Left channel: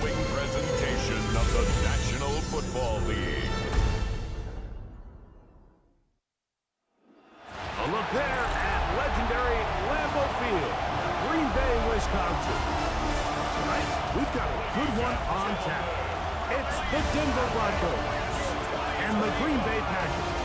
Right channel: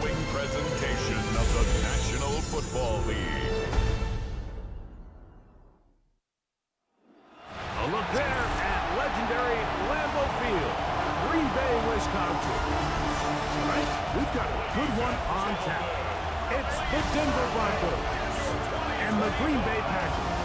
following presentation of the National Football League. A look there at legendary Lambeau Field, Green Bay, Wisconsin. Tonight, we've got a good one on tap. It's the Denver Broncos and the Green Bay Packers.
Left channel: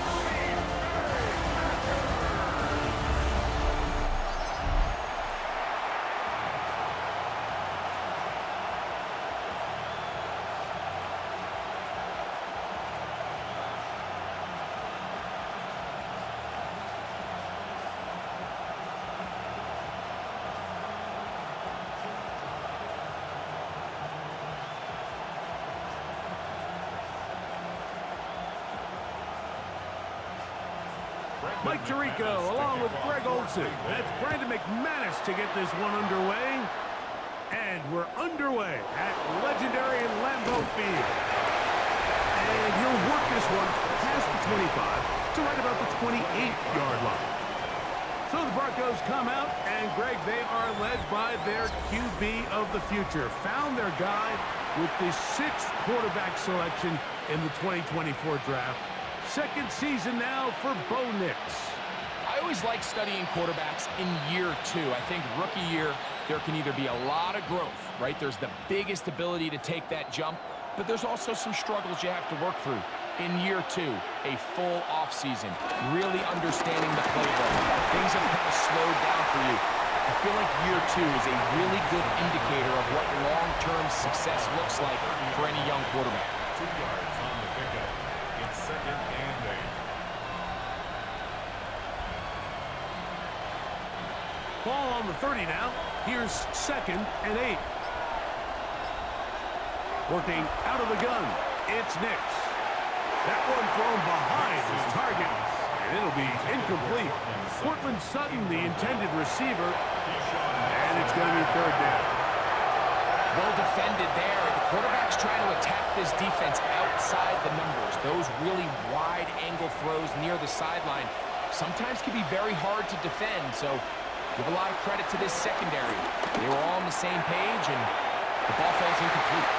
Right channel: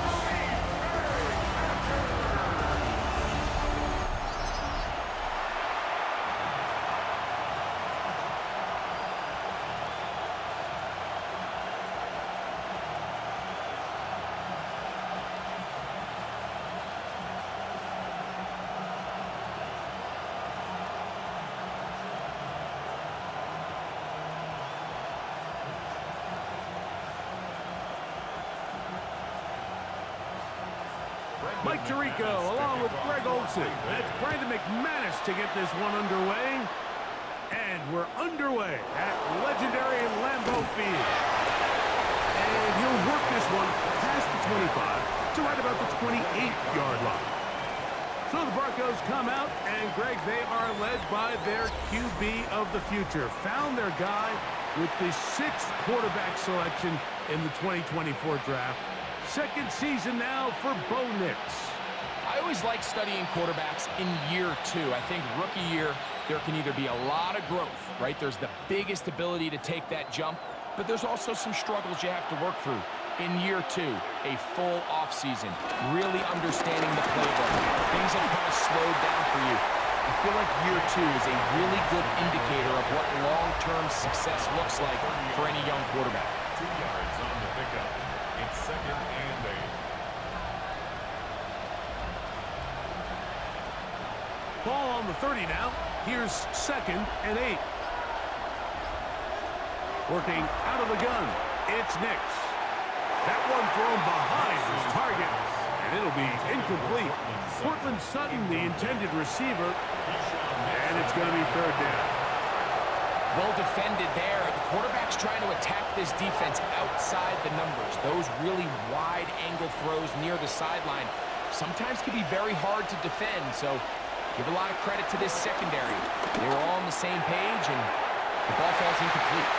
Mike Tirico along with Greg Olsen. That's Brandon McManus to get this one underway. And we're underway at legendary Lambeau Field. And he'll work this one past the 25 to right about the 28-yard line. So the Broncos come out, and Greg, they are led by their QB of the future. Found their guy with the 6th quarterback selection in the 2024 draft. Second season now for Bo Nix. I always like studying quarterbacks in year 2. I think rookie year, there can either be a lot of growth, right? There's the biggest ability to take that jump, but there's also some struggles you have to work through. In year 2, a full offseason, really understanding the playbook. Things have kind of slowed down for you. I feel like year 2 is a really good indicator of what long-term success looks like for any young quarterback. 2 yards on the pickup. It's 2nd and 8. Ball on the 30 now. Here's 2nd and 8. Working out of the gun. It's Nix. That one thrown behind his target, and it'll be incomplete. Cortland Sutton, the intended receiver, and it's going to be 3rd down. Well defended there. The quarterback's trying to attack this defense outside the numbers. Those really wide angle throws near the sideline sometimes can be very hard to defend, so give a lot of credit to this secondary. They were all on the same page, and the ball falls incomplete.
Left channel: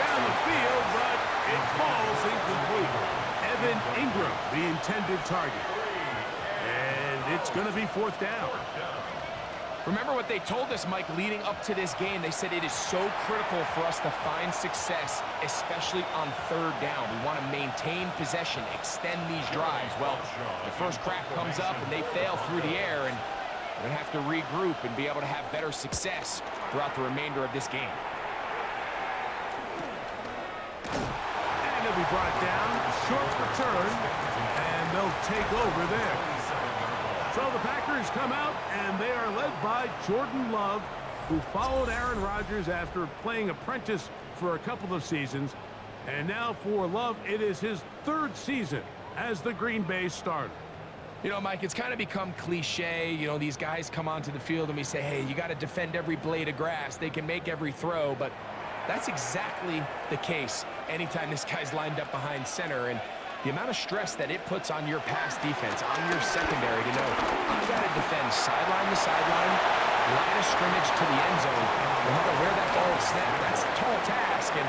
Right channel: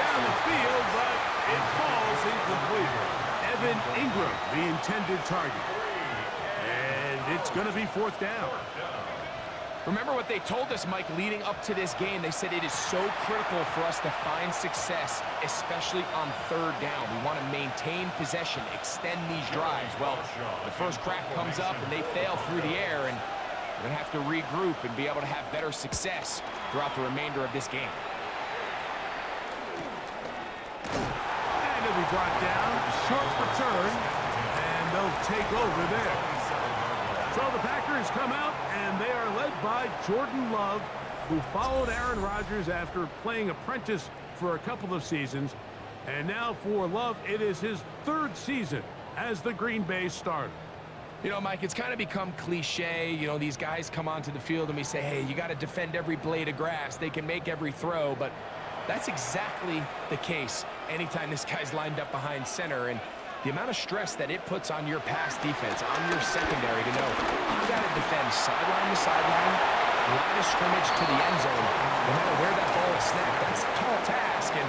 Down the field, but it falls incomplete. Evan Ingram, the intended target. And it's going to be 4th down. Remember what they told us, Mike, leading up to this game. They said it is so critical for us to find success, especially on 3rd down. We want to maintain possession, extend these drives. Well, the first crack comes up, and they fail through the air, and we're going to have to regroup and be able to have better success throughout the remainder of this game. And he'll be brought down, short return, and they'll take over there. So the Packers come out, and they are led by Jordan Love, who followed Aaron Rodgers after playing apprentice for a couple of seasons. And now for Love, it is his 3rd season as the Green Bay starter. You know, Mike, it's kind of become cliche. You know, these guys come onto the field and we say, hey, you got to defend every blade of grass. They can make every throw, but that's exactly the case anytime this guy's lined up behind center. And the amount of stress that it puts on your pass defense, on your secondary to know you got to defend sideline to sideline, line of scrimmage to the end zone, no matter where that ball is snapped. That's a tall task, and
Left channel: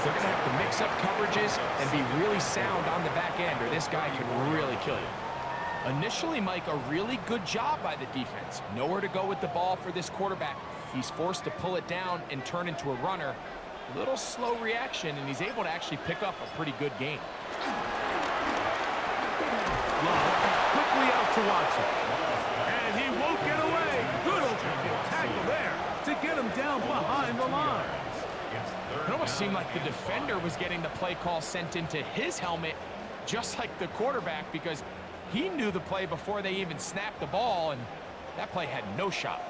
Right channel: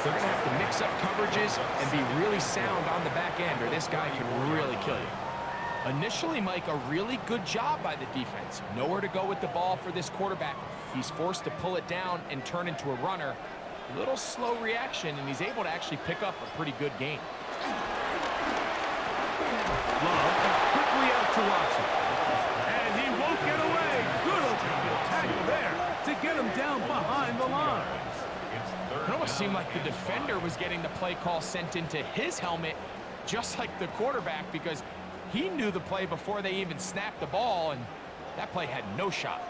they're going to have to mix up coverages and be really sound on the back end, or this guy could really kill you. Initially, Mike, a really good job by the defense. Nowhere to go with the ball for this quarterback. He's forced to pull it down and turn into a runner. A little slow reaction, and he's able to actually pick up a pretty good game. Love quickly out to Watson. And he won't get away. Good open field tackle there to get him down behind the line. It almost seemed like the defender was getting the play call sent into his helmet, just like the quarterback, because he knew the play before they even snapped the ball, and that play had no shot.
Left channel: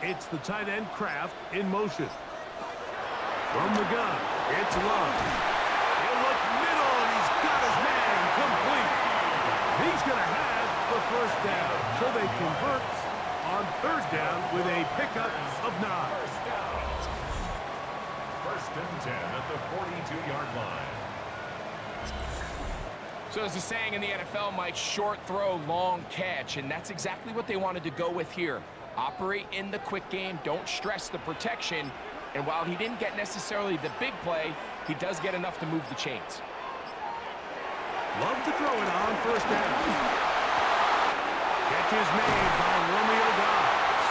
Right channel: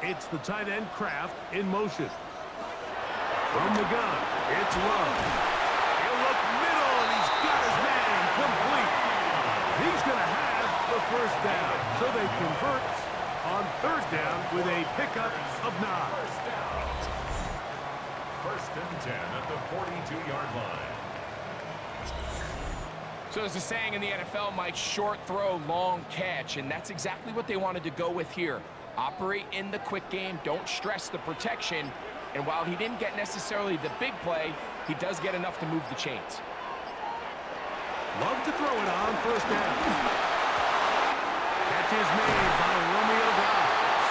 It's the tight end Kraft in motion. From the gun, it's Love. He'll look middle, and he's got his man complete. He's going to have the 1st down. So they convert on 3rd down with a pickup of 9. 1st and 10 at the 42-yard line. So there's a saying in the NFL, Mike, short throw, long catch, and that's exactly what they wanted to go with here. Operate in the quick game. Don't stress the protection. And while he didn't get necessarily the big play, he does get enough to move the chains. Love to throw it on first down. Catch is made by Romeo Dobbs.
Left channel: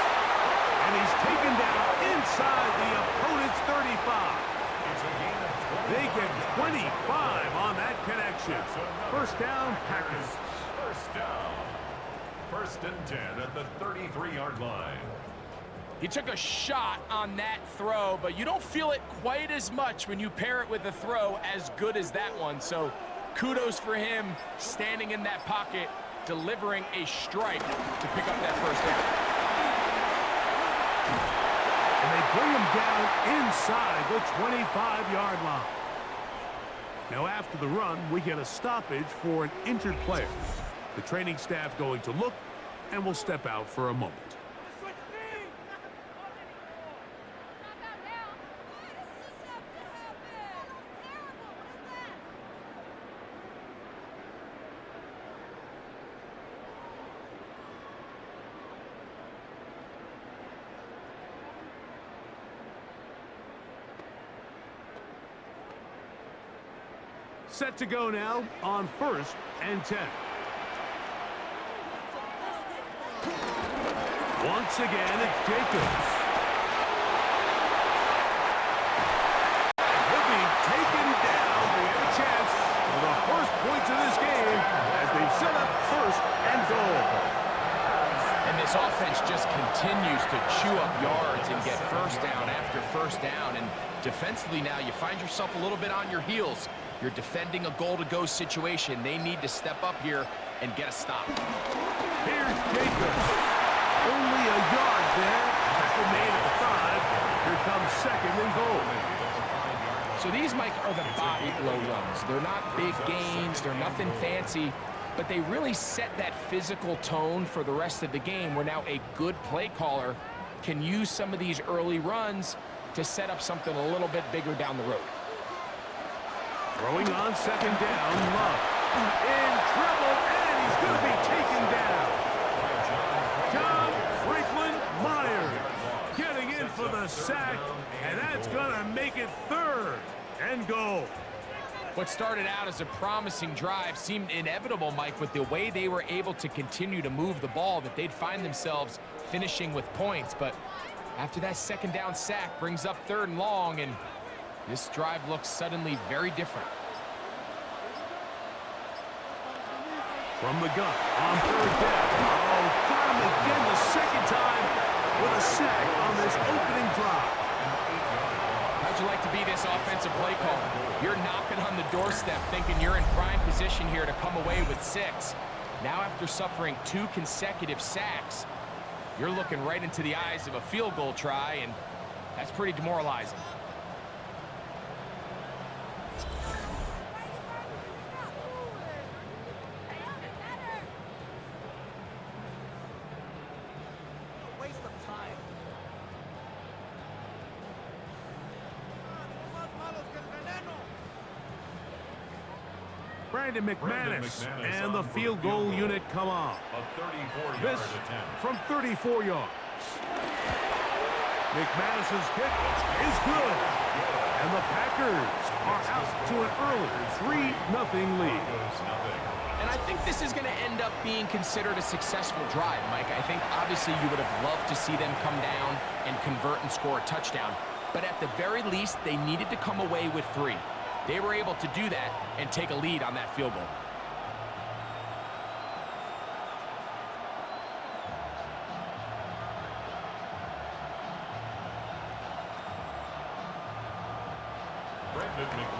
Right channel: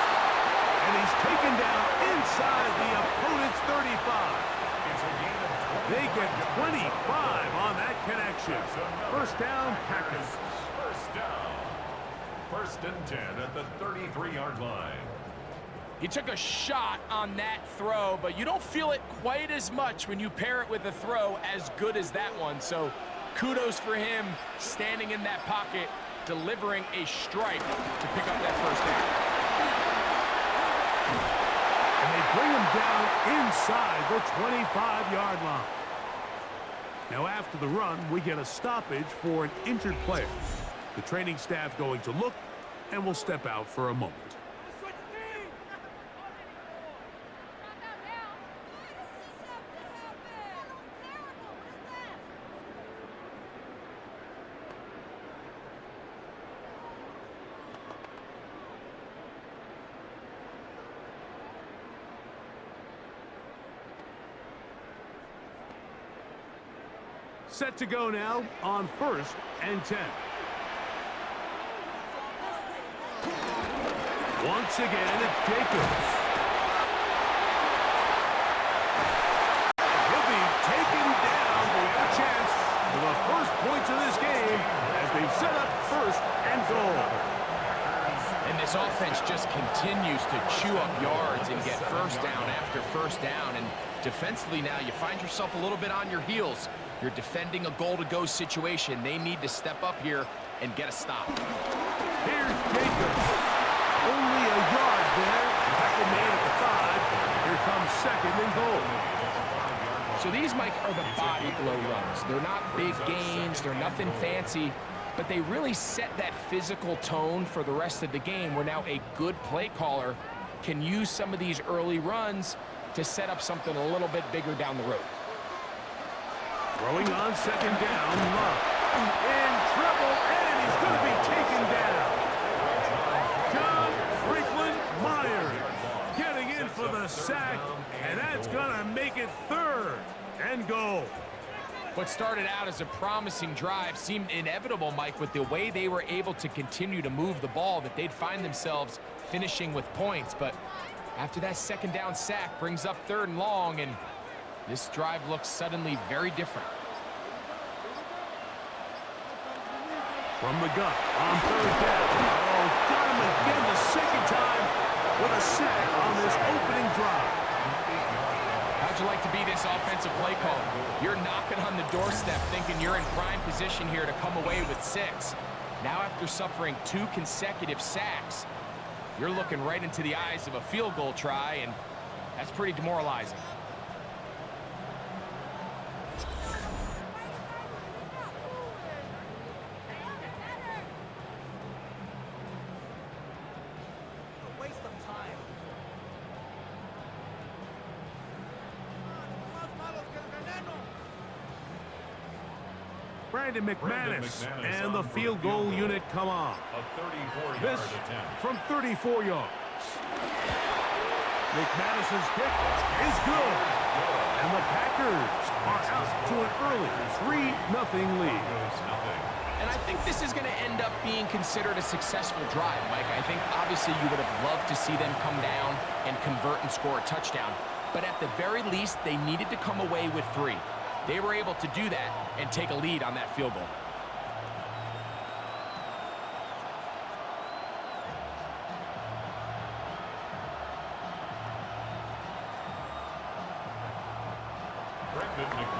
And he's taken down inside the opponent's 35. They get 25 on that connection. First down, Packers. First down. 1st and 10 at the 33-yard line. He took a shot on that throw, but you don't feel it quite as much when you pair it with a throw as good as that one. So kudos for him standing in that pocket, delivering a strike to pick up that first down. And they bring him down inside the 25-yard line. Now after the run, we get a stoppage for an injured player. The training staff going to look, and will step out for a moment. Set to go now on 1st and 10. Once again, it's Jacobs. And he'll be taken down. We have a chance for the first points of this game as they've set up 1st and goal. And this offense just continues to chew up yards and get first down after first down. And defensively now, you find yourself a little bit on your heels. You're defending a goal-to-go situation. They need to step up here and get a stop. Here's Jacobs. Only a yard there. Tackle made at the 5. Here comes 2nd and goal. So these, Mike, are the body blow runs. They're not big gains. They're nothing fancy. But they really set that physical tone for the rest of the game where now a good play caller can use some of these early runs to set up something a little bit bigger down the road. Throwing on 2nd down, Love. In trouble, and he's going to be taken down. John Franklin Myers getting in for the sack, and that's going to make it 3rd and goal. What started out as a promising drive seemed inevitable, Mike, with the way they were able to continue to move the ball, that they'd find themselves finishing with points. But after that 2nd down sack brings up 3rd and long, and this drive looks suddenly very different. From the gun on 3rd down. Oh, got him again the 2nd time with a sack on this opening drive. How'd you like to be this offensive play caller? You're knocking on the doorstep thinking you're in prime position here to come away with 6. Now after suffering 2 consecutive sacks, you're looking right into the eyes of a field goal try, and that's pretty demoralizing. Brandon McManus and the field goal unit come on. This from 34 yards. McManus's kick is good. And the Packers are out to an early 3-0 lead. And I think this is going to end up being considered a successful drive, Mike. I think obviously you would have loved to see them come down and convert and score a touchdown. But at the very least, they needed to come away with 3. They were able to do that and take a lead on that field goal.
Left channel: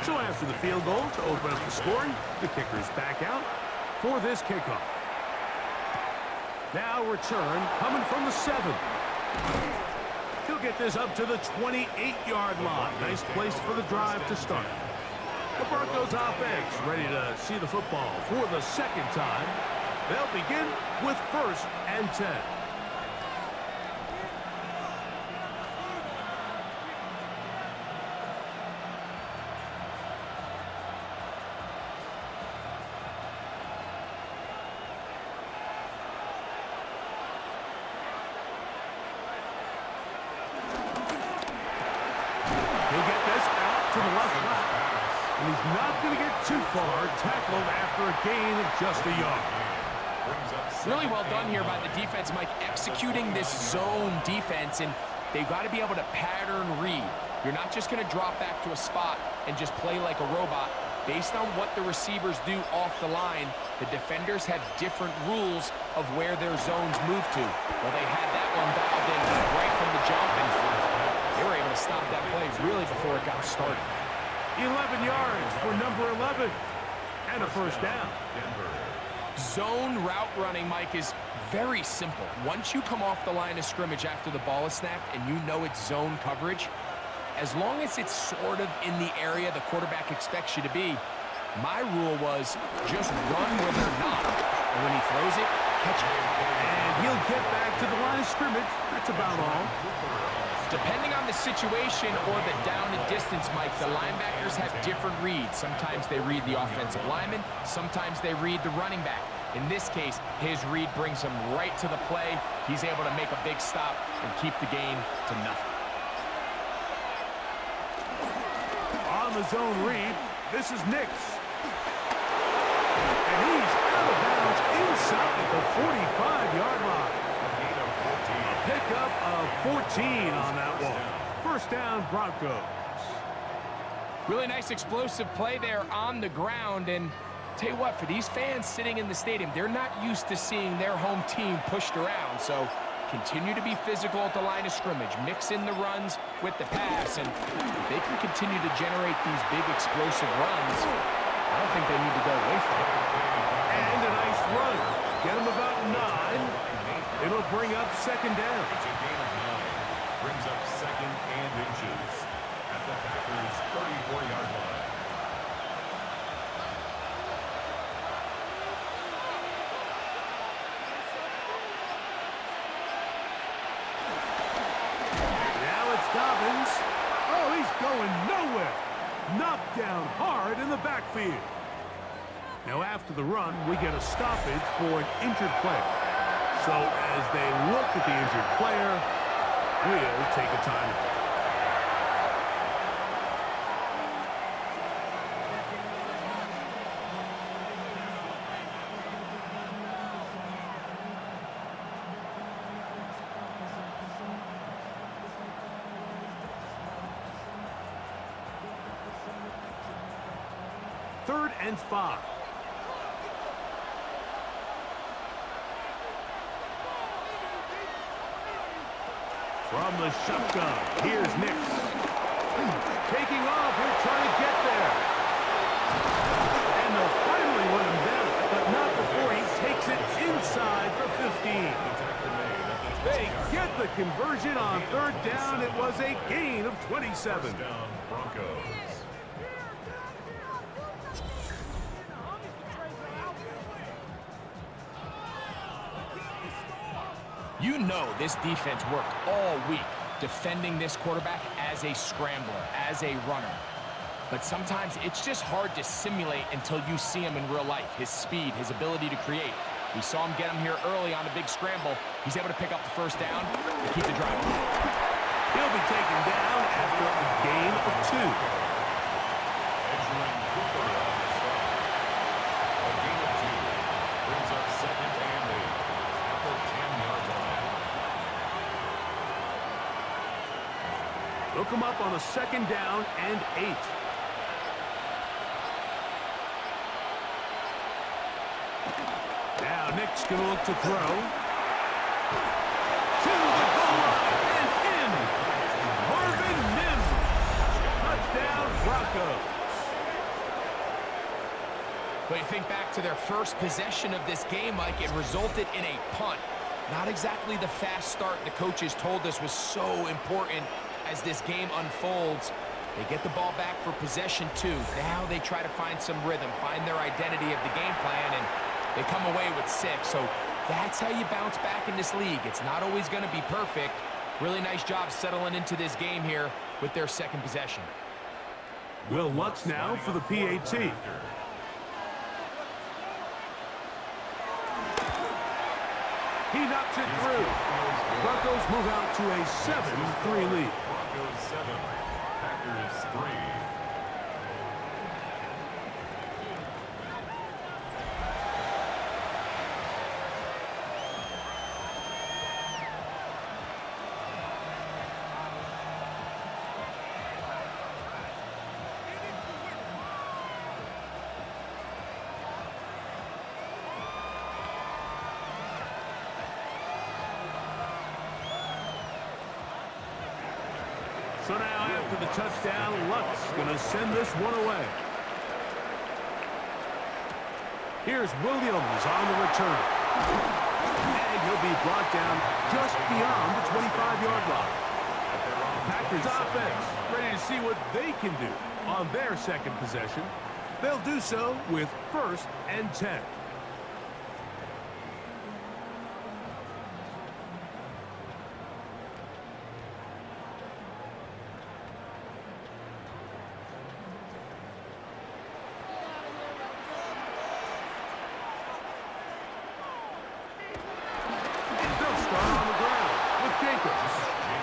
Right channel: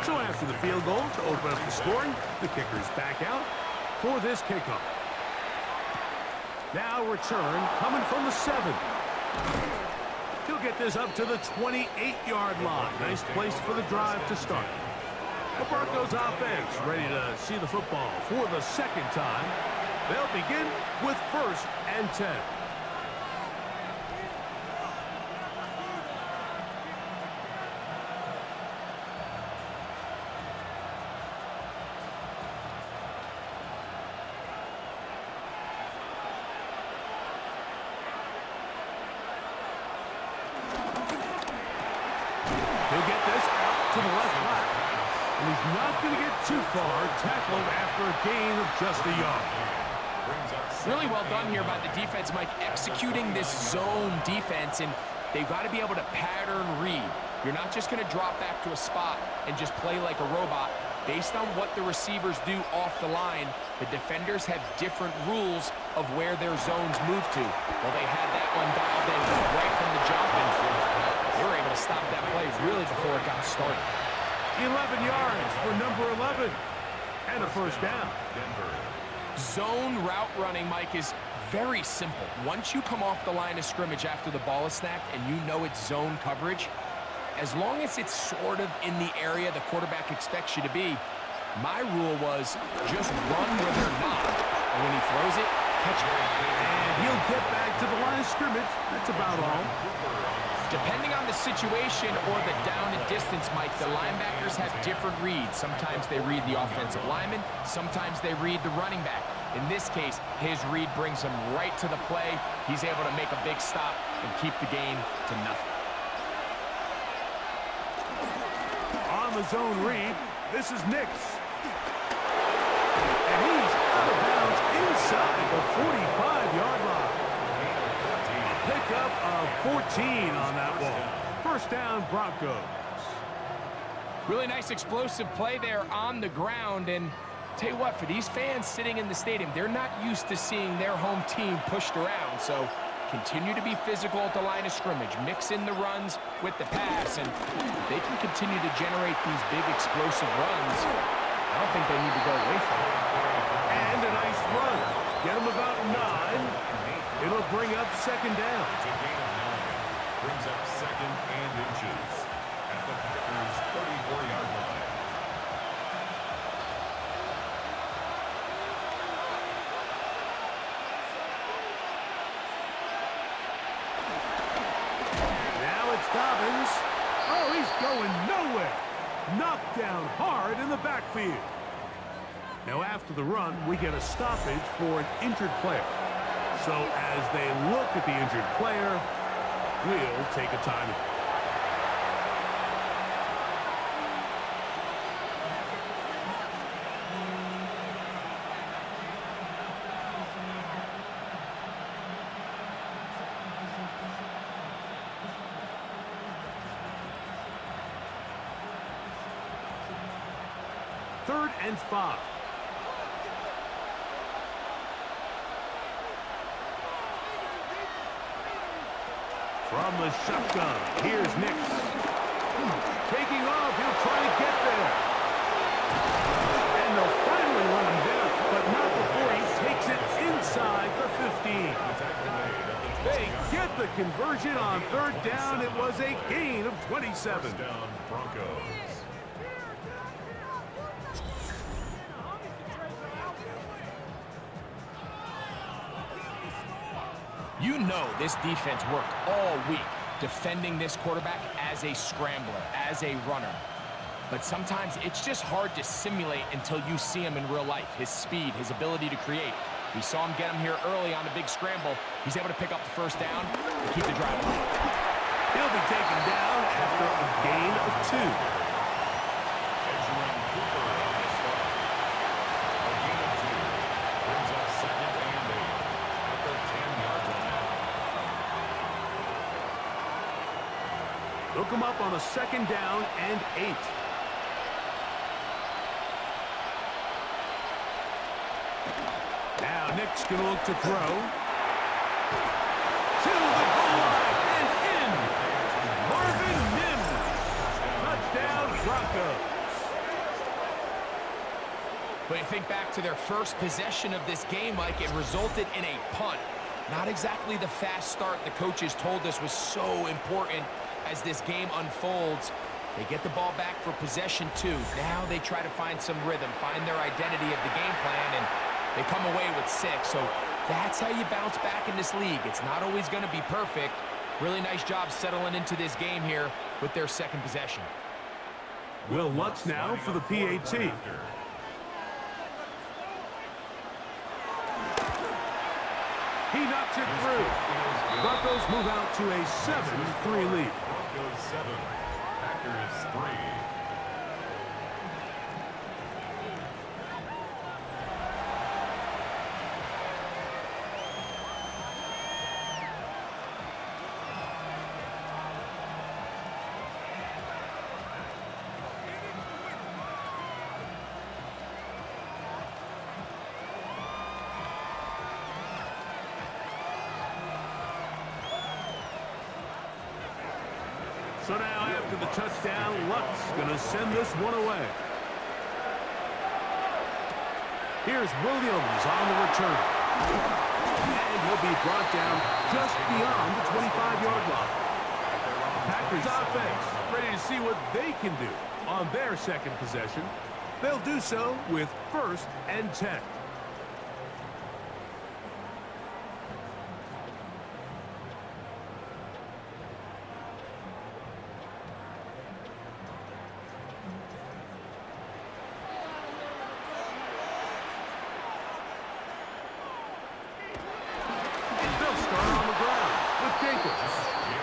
So after the field goal to open up the scoring, the kicker's back out for this kickoff. Now return coming from the 7. He'll get this up to the 28-yard line. Nice place for the drive to start. The Broncos offense ready to see the football for the 2nd time. They'll begin with 1st and 10. He'll get this out to the left flat. And he's not going to get too far, tackled after a gain of just a yard. Really well done here by the defense, Mike, executing this zone defense, and they've got to be able to pattern read. You're not just going to drop back to a spot and just play like a robot. Based on what the receivers do off the line, the defenders have different rules of where their zones move to. Well, they had that one dialed in right from the jump, and they were able to stop that play really before it got started. 11 yards for number 11, and a first down. Zone route running, Mike, is very simple. Once you come off the line of scrimmage after the ball is snapped and you know it's zone coverage, as long as it's sort of in the area the quarterback expects you to be, my rule was just run where they're not. And when he throws it, catch it. And he'll get back to the line of scrimmage. That's about all. Depending on the situation or the down and distance, Mike, the linebackers have different reads. Sometimes they read the offensive lineman. Sometimes they read the running back. In this case, his read brings him right to the play. He's able to make a big stop and keep the gain to nothing. On the zone read, this is Nix. And he's out of bounds inside the 45-yard line. A pickup of 14 on that one. First down, Broncos. Really nice explosive play there on the ground. And tell you what, for these fans sitting in the stadium, they're not used to seeing their home team pushed around. So continue to be physical at the line of scrimmage. Mix in the runs with the pass. And if they can continue to generate these big explosive runs, I don't think they need to go away from it. And a nice run. Get him about 9. It'll bring up second down. It's a gain of 9. Brings up second and inches at the Packers' 34-yard line. Now it's Dobbins. Oh, he's going nowhere. Knocked down hard in the backfield. Now after the run, we get a stoppage for an injured player. So as they look at the injured player, we'll take a timeout. Third and 5. From the shotgun, here's Nix. Taking off, he'll try to get there. And they'll finally run him down, but not before he takes it inside the 15. They get the conversion on third down. It was a gain of 27. First down, Broncos. You know this defense worked all week defending this quarterback as a scrambler, as a runner. But sometimes it's just hard to simulate until you see him in real life. His speed, his ability to create. We saw him get him here early on a big scramble. He's able to pick up the first down and keep the drive alive. He'll be taken down after a gain of 2. Cooper on the stop. A gain of 2 brings up second and 8 at the 10-yard line. Look him up on a second down and 8. Now Nick's going to look to throw. To the goal line and in. Marvin Mims. Touchdown, Broncos. But you think back to their first possession of this game, Mike, it resulted in a punt. Not exactly the fast start the coaches told us was so important as this game unfolds. They get the ball back for possession 2. Now they try to find some rhythm, find their identity of the game plan, and they come away with 6. So that's how you bounce back in this league. It's not always going to be perfect. Really nice job settling into this game here with their second possession. Will Lutz now for the PAT. He knocks it through. Broncos move out to a 7-3 lead. Broncos 7, Packers 3. So now after the touchdown, Luck's going to send this one away. Here's Williams on the return. And he'll be brought down just beyond the 25-yard line. Packers offense ready to see what they can do on their second possession. They'll do so with 1st and 10.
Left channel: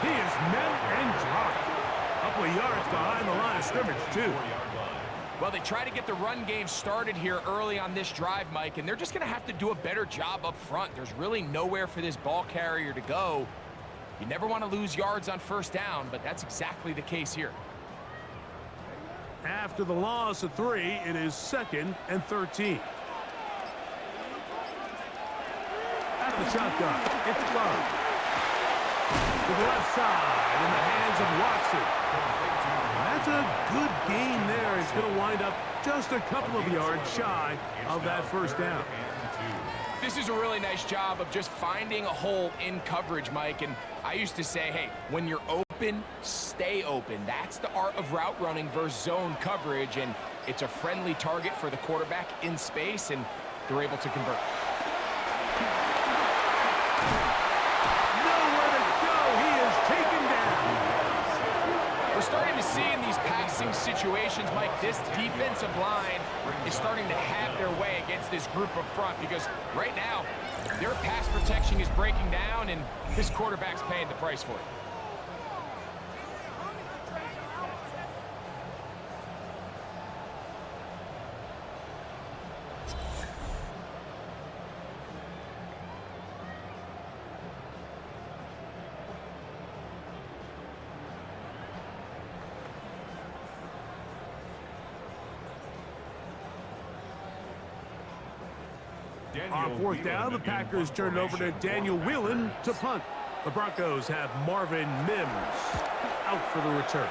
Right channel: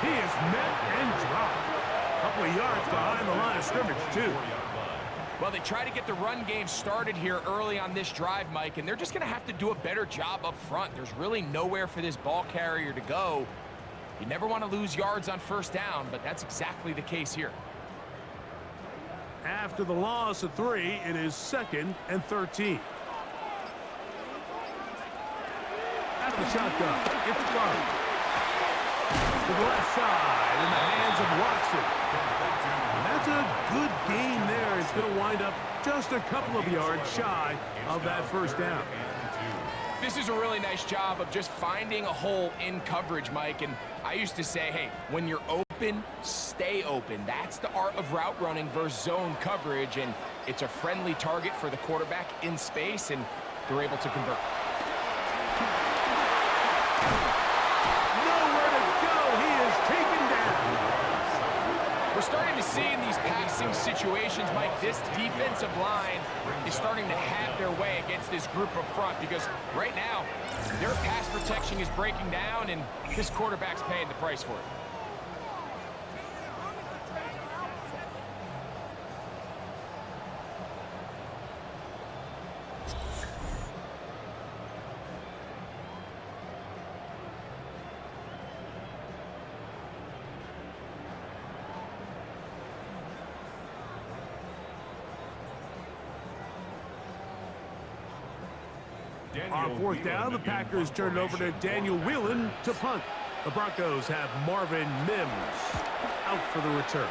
He is met and dropped. A couple of yards behind the line of scrimmage, too. Well, they try to get the run game started here early on this drive, Mike, and they're just going to have to do a better job up front. There's really nowhere for this ball carrier to go. You never want to lose yards on 1st down, but that's exactly the case here. After the loss of 3, it is 2nd and 13. Out of the shotgun, it's Love. To the left side in the hands of Watson. And that's a good gain there. It's going to wind up just a couple of yards shy of that 1st down. This is a really nice job of just finding a hole in coverage, Mike. And I used to say, hey, when you're open, stay open. That's the art of route running versus zone coverage. And it's a friendly target for the quarterback in space, and they're able to convert. Taken down. We're starting to see in these passing situations, Mike, this defensive line is starting to have their way against this group up front, because right now their pass protection is breaking down and this quarterback's paying the price for it. On 4th down, the Packers turned over to Daniel Whelan to punt. The Broncos have Marvin Mims out for the return.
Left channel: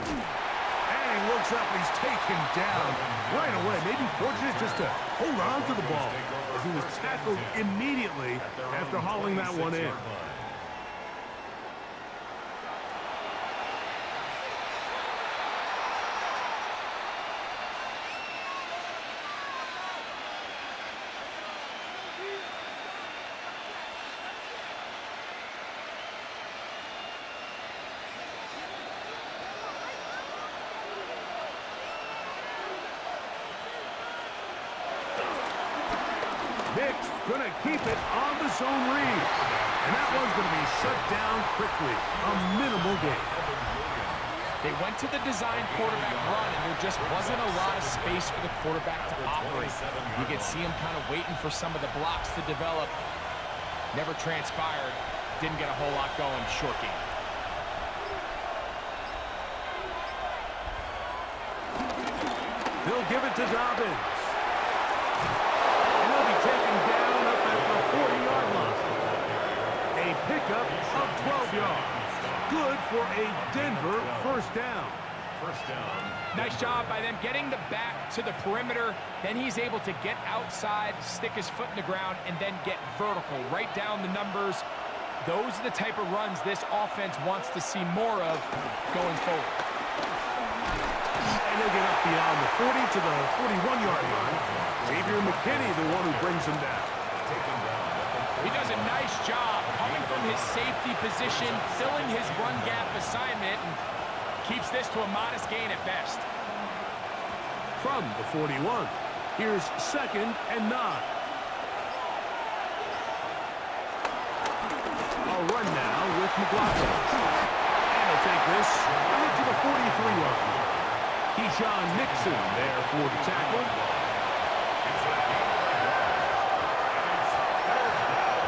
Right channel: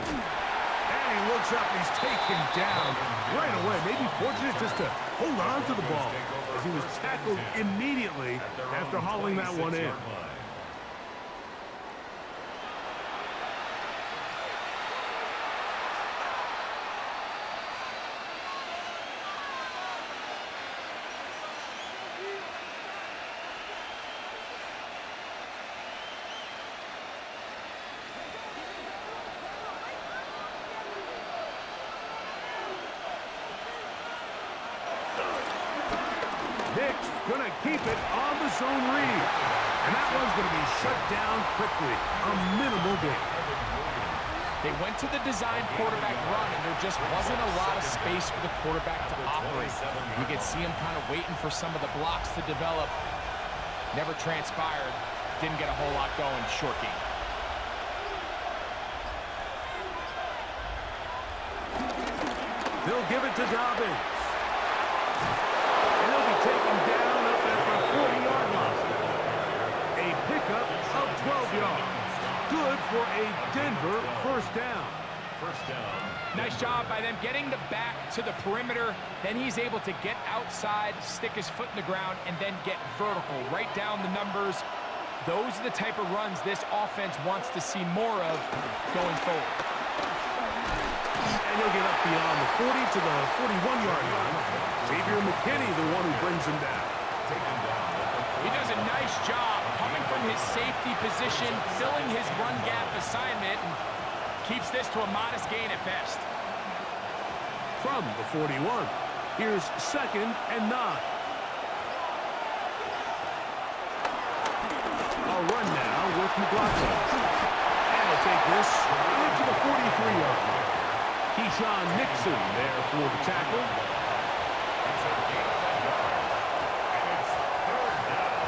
And he looks up and he's taken down right away. Maybe fortunate just to hold on to the ball as he was tackled immediately after hauling that one in. Nick's going to keep it on the zone read. And that one's going to be shut down quickly. A minimal gain. They went to the design quarterback run, and there just wasn't a lot of space for the quarterback to operate. You could see him kind of waiting for some of the blocks to develop. Never transpired. Didn't get a whole lot going. Short game. They'll give it to Dobbins. And he'll be taken down up at the 40-yard line. A pickup of 12 yards. Good for a Denver 1st down. First down. Nice job by them getting the back to the perimeter. Then he's able to get outside, stick his foot in the ground, and then get vertical. Right down the numbers. Those are the type of runs this offense wants to see more of going forward. And he'll get up beyond the 40 to the 41-yard line. Xavier McKinney, the one who brings him down. He does a nice job coming from his safety position, filling his run gap assignment, and keeps this to a modest gain at best. From the 41, here's 2nd and 9. A they'll run now with McLaughlin. And they'll take this out to the 43-yard line. Keyshawn Nixon there for the tackle. It's a gain of a yard. And it's third down.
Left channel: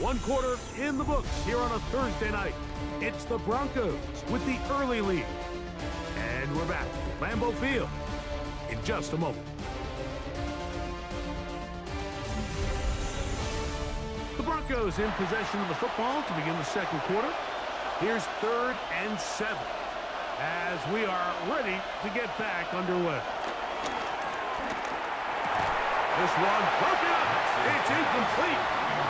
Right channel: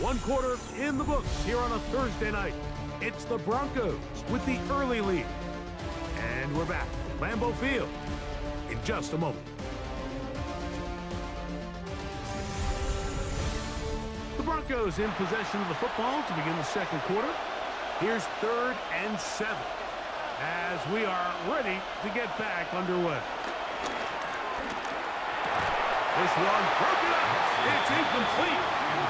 One quarter in the books here on a Thursday night. It's the Broncos with the early lead. And we're back at Lambeau Field in just a moment. The Broncos in possession of the football to begin the second quarter. Here's 3rd and 7 as we are ready to get back underway. This one broken up. It's incomplete.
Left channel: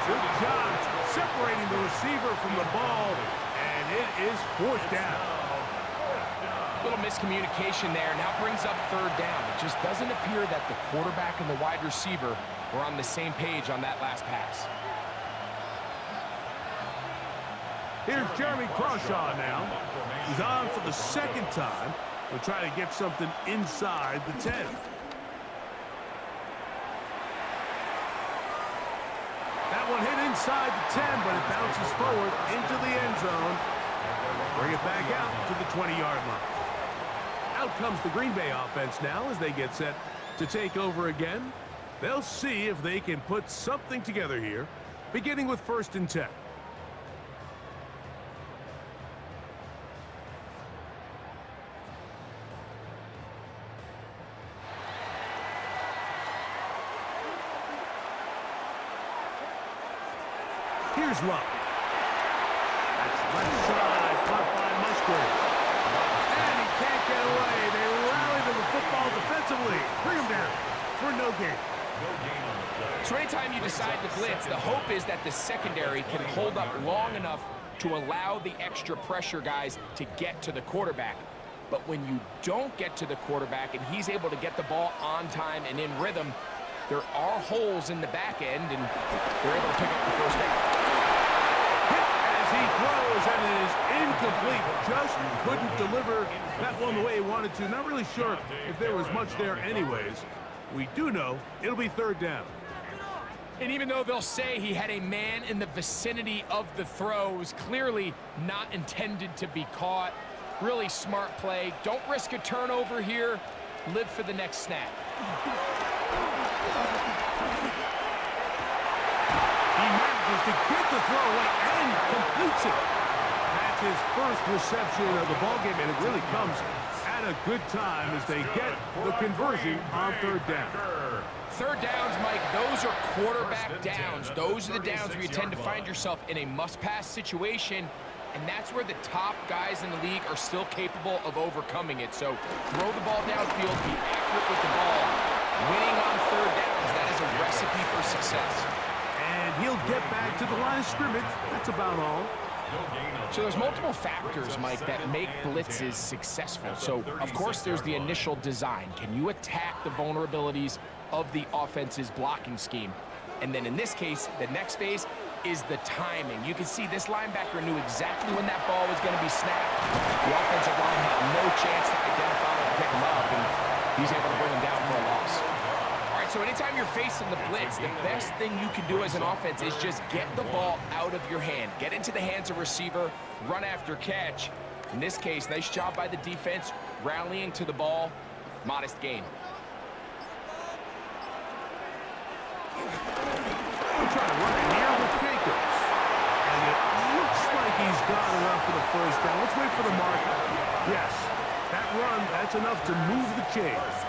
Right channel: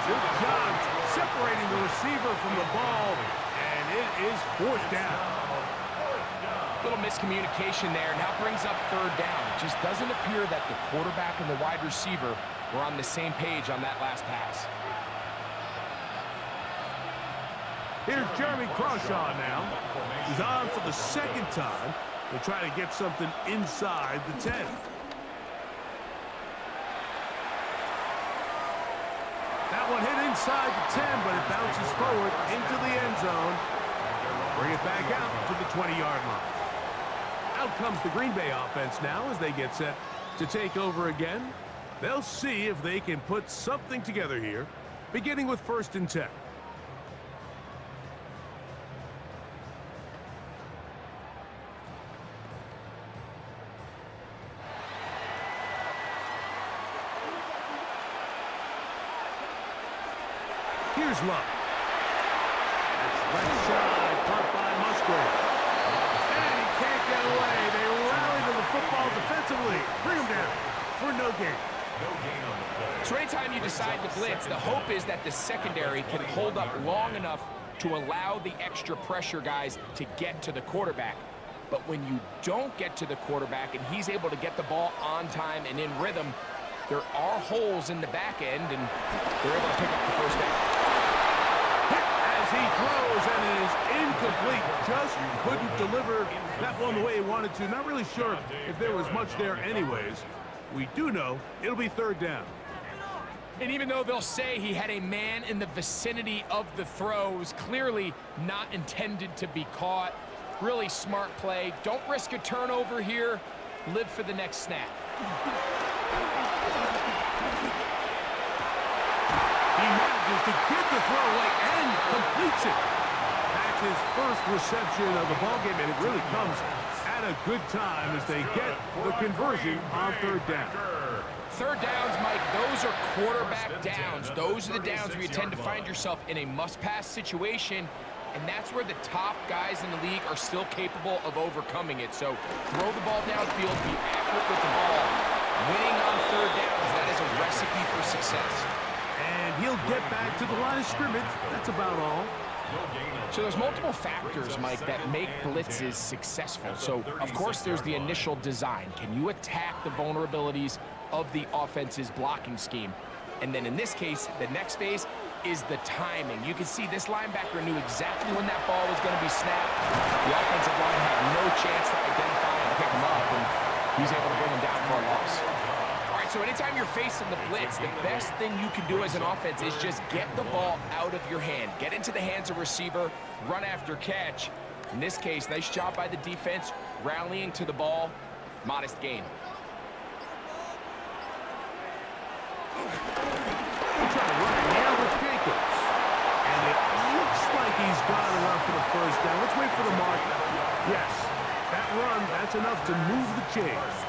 Good job separating the receiver from the ball, and it is 4th down. Little miscommunication there. Now brings up 3rd down. It just doesn't appear that the quarterback and the wide receiver were on the same page on that last pass. Here's Jeremy Crawshaw now. He's on for the 2nd time. He'll try to get something inside the 10. That one hit inside the 10, but it bounces forward into the end zone. Bring it back out to the 20-yard line. Out comes the Green Bay offense now as they get set to take over again. They'll see if they can put something together here, beginning with 1st and 10. Here's Love. That's left side, caught by Musgrave. And he can't get away. They rally to the football defensively. Bring him down for no gain. No gain on the play. So anytime you decide to blitz, the hope is that the secondary can hold up long enough to allow the extra pressure guys to get to the quarterback. But when you don't get to the quarterback and he's able to get the ball on time and in rhythm, there are holes in the back end, and they're able to pick up the 1st down. He throws, and it is incomplete. Just couldn't deliver that one the way he wanted to. Not really sure if there was much there anyways. We do know it'll be 3rd down. And even though they'll say he had a man in the vicinity of the throw, it was clearly not intended to be caught. Really smart play. Don't risk a turnover here. Live for the next snap. He manages to get the throw away and completes it. That's his first reception of the ballgame, and it really comes at a good time as they get the conversion on 3rd down. 3rd downs, Mike, those are quarterback downs. Those are the downs where you tend to find yourself in a must-pass situation, and that's where the top guys in the league are still capable of overcoming it. So throw the ball downfield, be accurate with the ball. Winning on 3rd downs, that is a recipe for success. And he'll get back to the line of scrimmage. That's about all. So there's multiple factors, Mike, that make blitzes successful. So, of course, there's the initial design. Can you attack the vulnerabilities of the offense's blocking scheme? And then in this case, the next phase is the timing. You can see this linebacker knew exactly when that ball was going to be snapped. The offensive line had no chance to identify and pick him up, and he's able to bring him down for a loss. All right, so anytime you're facing the blitz, the best thing you can do as an offense is just get the ball out of your hand. Get into the hands of receiver, run after catch. In this case, nice job by the defense, rallying to the ball, modest gain. We'll try to run it here with Jacobs. And it looks like he's got enough for the 1st down. Let's wait for the mark. Yes, that run, that's enough to move the chains.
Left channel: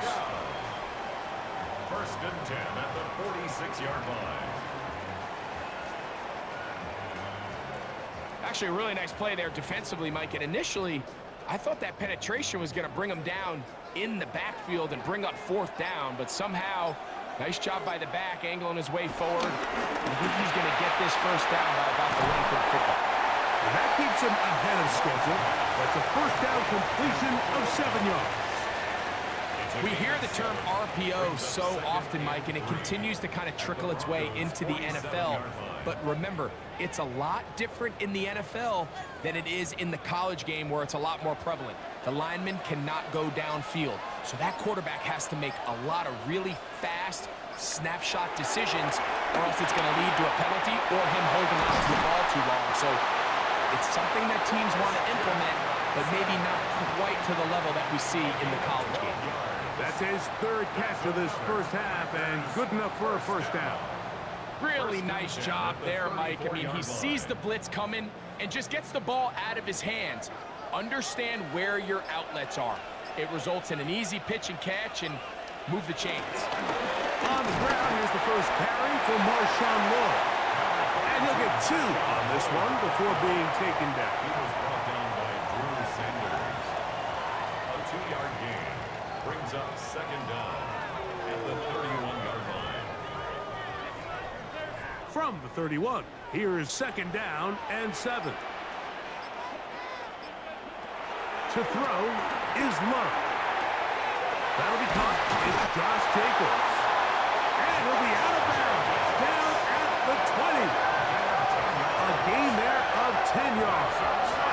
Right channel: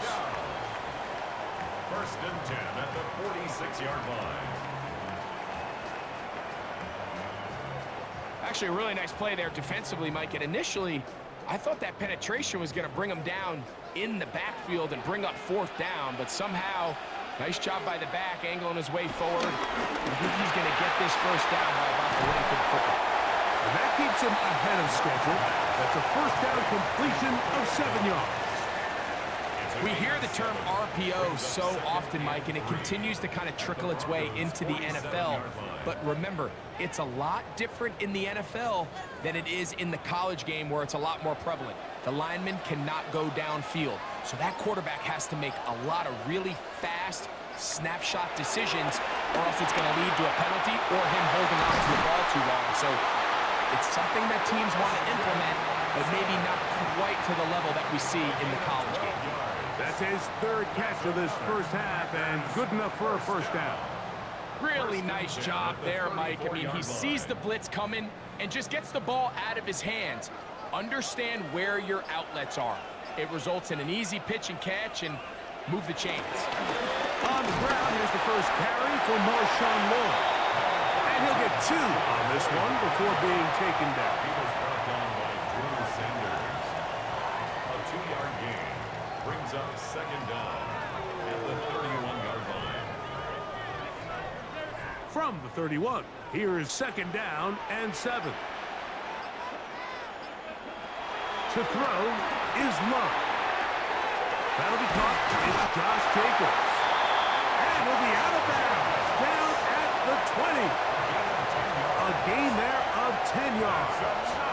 1st and 10 at the 46-yard line. Actually, a really nice play there defensively, Mike. And initially, I thought that penetration was going to bring him down in the backfield and bring up 4th down. But somehow, nice job by the back, angling his way forward. I think he's going to get this 1st down by about the length of the football. And that keeps him ahead of schedule. That's a 1st down completion of 7 yards. It's We hear the term RPO so often, Mike, and it continues to kind of trickle its way into the NFL. But remember, it's a lot different in the NFL than it is in the college game where it's a lot more prevalent. The lineman cannot go downfield. So that quarterback has to make a lot of really fast snapshot decisions, or else it's going to lead to a penalty or him holding on to the ball too long. So it's something that teams want to implement, but maybe not quite to the level that we see in the college game. That's his third catch of this first half, and good enough for a first down. Really nice job there, Mike. I mean, he sees the blitz coming and just gets the ball out of his hands. Understand where your outlets are. It results in an easy pitch and catch and move the chains. On the ground, here's the first carry for Marshawn Lloyd. And he'll get 2 on this one before being taken down. He was brought down by Drew Sanders. A 2-yard gain brings up second down at the 31-yard line. From the 31, here is second down and 7. To throw is Love. That'll be caught. It's Josh Jacobs. And he'll be out of bounds. Down at the 20. A gain there of 10 yards.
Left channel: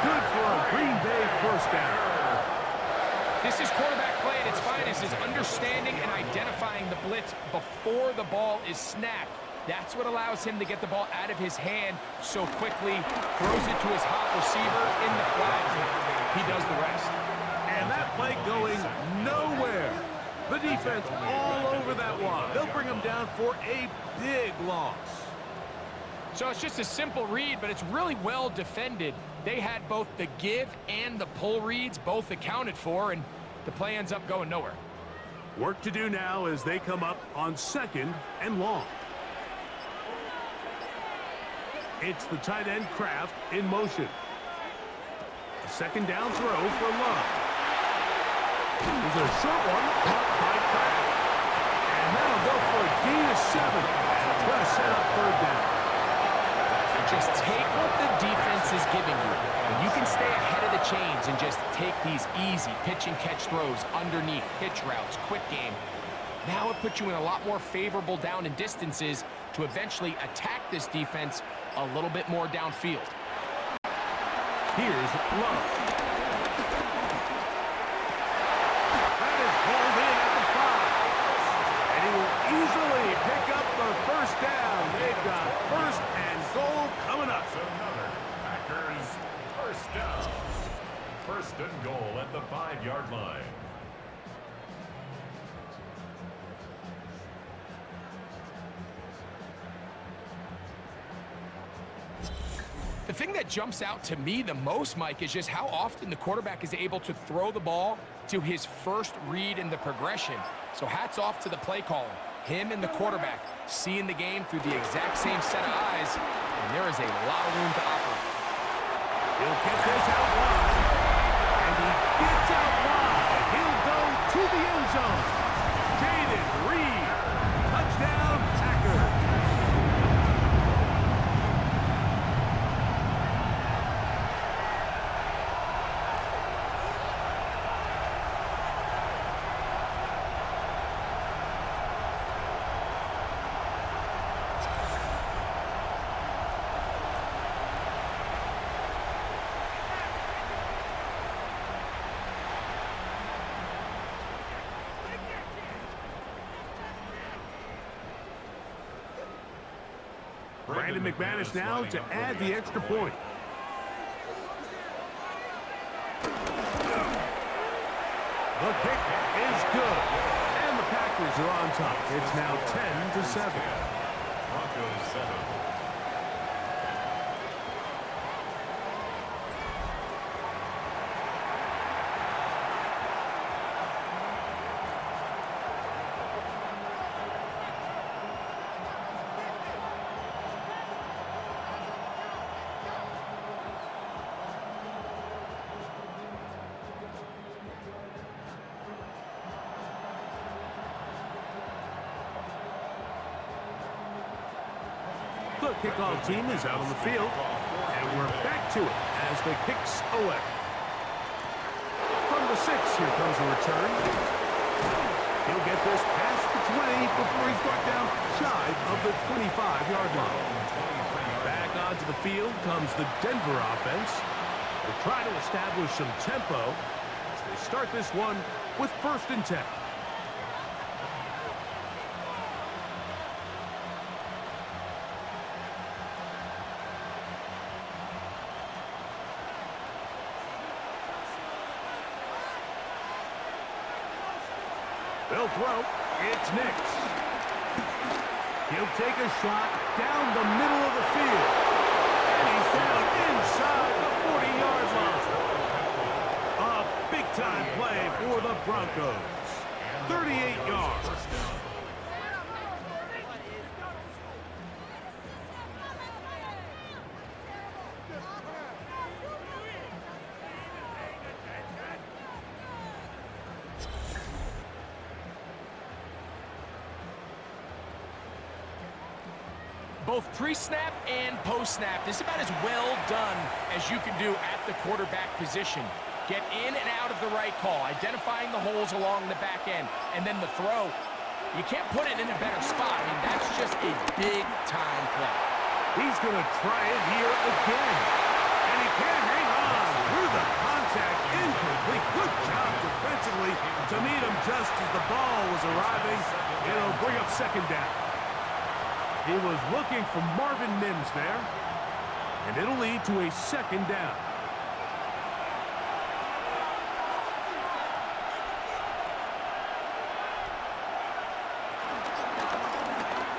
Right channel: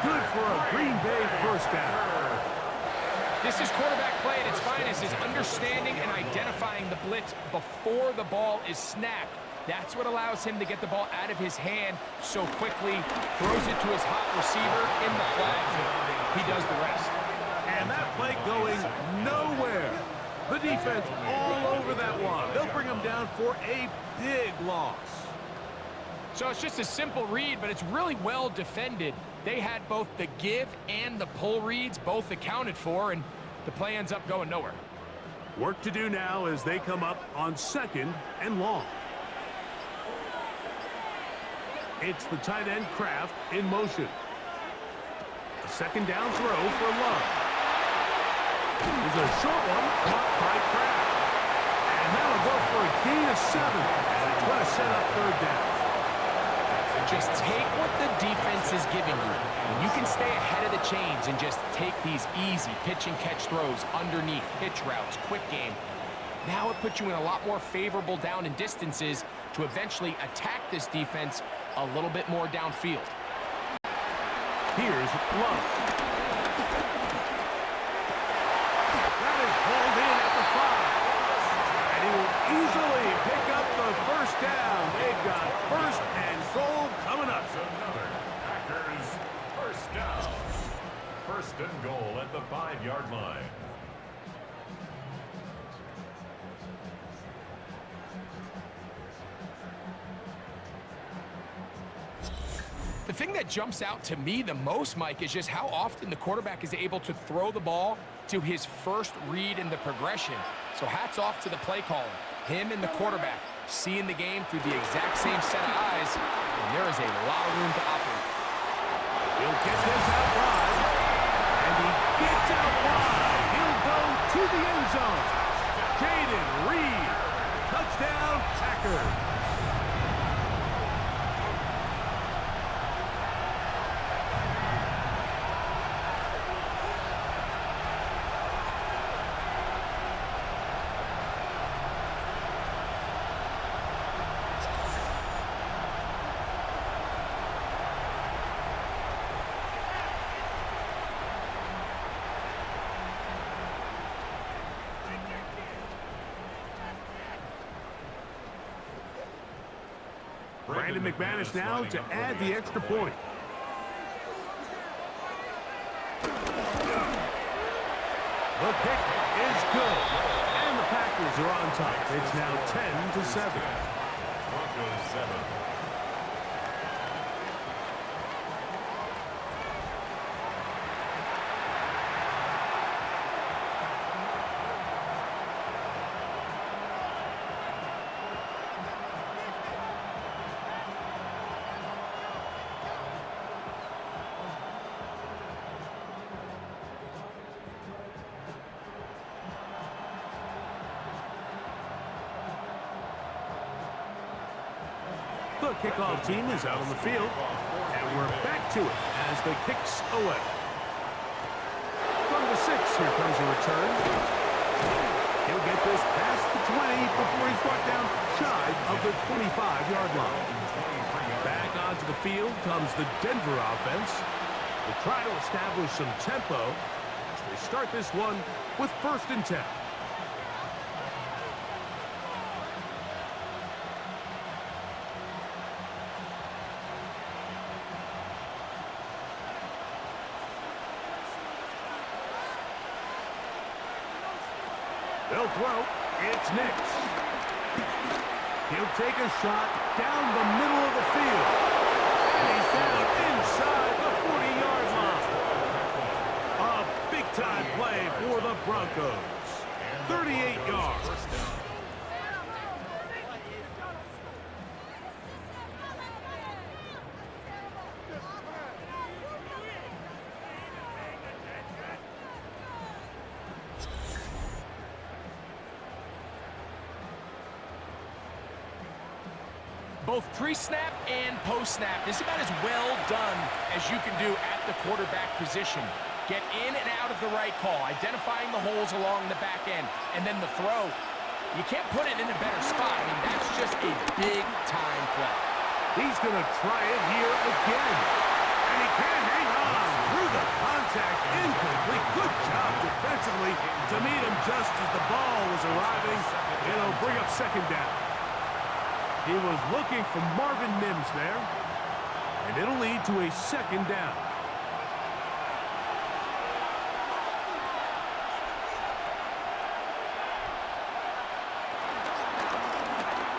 Good for a Green Bay first down. This is quarterback play at its finest, is understanding and identifying the blitz before the ball is snapped. That's what allows him to get the ball out of his hand so quickly, throws it to his hot receiver in the flat. He does the rest. And that play going nowhere. The defense all over that one. They'll bring him down for a big loss. So it's just a simple read, but it's really well defended. They had both the give and the pull reads both accounted for, and the play ends up going nowhere. Work to do now as they come up on second and long. It's the tight end Kraft in motion. A second down throw for Love. There's a short one caught by Kraft. And that'll go for a gain of 7. And it's going to set up third down. Just take what the defense is giving you. When you can stay ahead of the chains and just take these easy pitch and catch throws underneath, hitch routes, quick game, now it puts you in a lot more favorable down and distances to eventually attack this defense a little bit more downfield. Here's Love. That is hauled in at the 5. And he will easily pick up the first down. They've got first and goal coming up. Another Packers first down. First and goal at the 5-yard line. The thing that jumps out to me the most, Mike, is just how often the quarterback is able to throw the ball to his first read in the progression. So hats off to the play caller. Him and the quarterback seeing the game through the exact same set of eyes, and there is a lot of room to operate. He'll get this out wide, and he gets out wide. He'll go to the end zone. Jaden Reed, touchdown Packers. Brandon McManus now to add the extra point. The kick is good. And the Packers are on top. It's now 10-7. Broncos 7. The kickoff team is out on the field, and we're back to it as the kick's away. From the 6, here comes a return. He'll get this past the 20 before he's brought down shy of the 25-yard line. Back onto the field comes the Denver offense. They'll try to establish some tempo as they start this one with 1st and 10. They'll throw. It's Nix. He'll take a shot down the middle of the field. And he's down inside the 40-yard line. A big-time play for the Broncos. 38 yards. Both pre-snap and post-snap, this is about as well done as you can do at the quarterback position. Get in and out of the right call, identifying the holes along the back end, and then the throw. You can't put it in a better spot. I mean, that's just a big-time play. He's going to try it here again. And he can't hang on through the contact. Incomplete. Good job defensively to meet him just as the ball was arriving. It'll bring up 2nd down. He was looking for Marvin Mims there. And it'll lead to a 2nd down.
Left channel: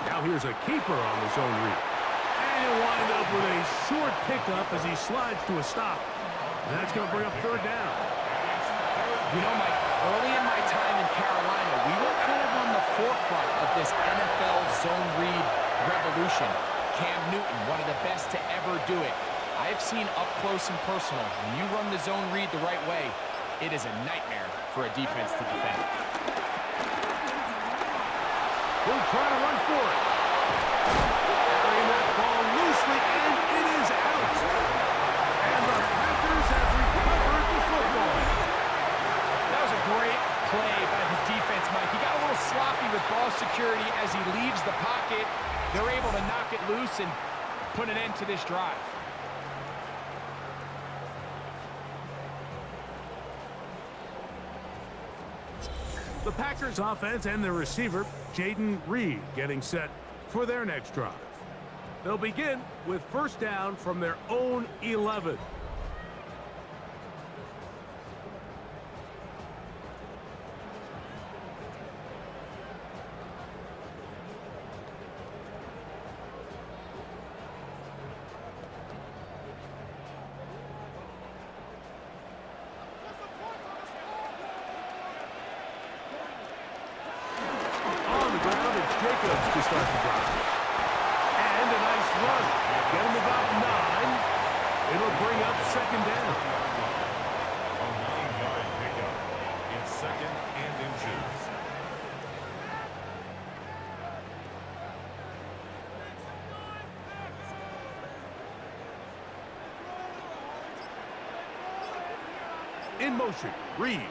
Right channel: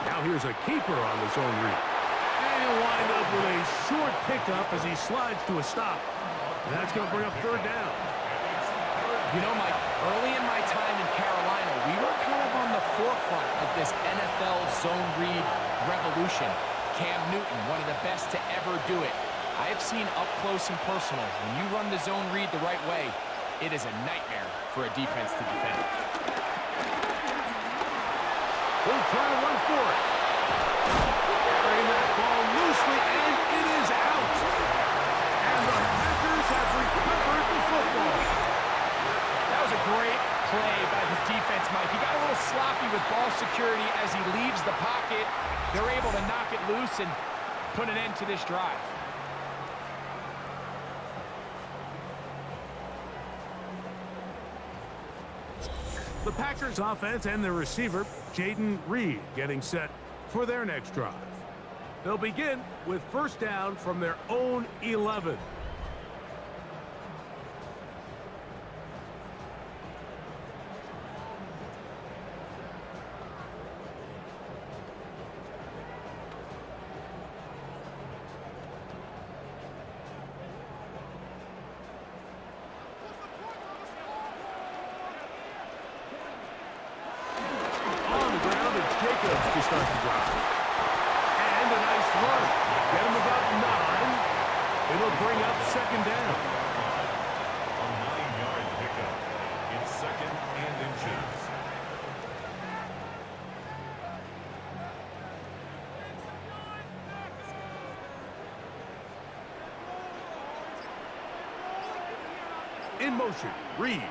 Now here's a keeper on the zone read. And he'll wind up with a short pickup as he slides to a stop. And that's going to bring up 3rd down. You know, Mike, early in my time in Carolina, we were kind of on the forefront of this NFL zone read revolution. Cam Newton, one of the best to ever do it. I have seen up close and personal, when you run the zone read the right way, it is a nightmare for a defense to defend. He'll try to run for it. Carrying that ball loosely, and it is out. And the Packers have recovered the football. That was a great play by the defense, Mike. He got a little sloppy with ball security as he leaves the pocket. They're able to knock it loose and put an end to this drive. The Packers offense and their receiver, Jaden Reed, getting set for their next drive. They'll begin with 1st down from their own 11. To start the drive. And a nice run. Get him about 9. It'll bring up 2nd down. A 9-yard pickup. It's 2nd and inches. In motion, Reed.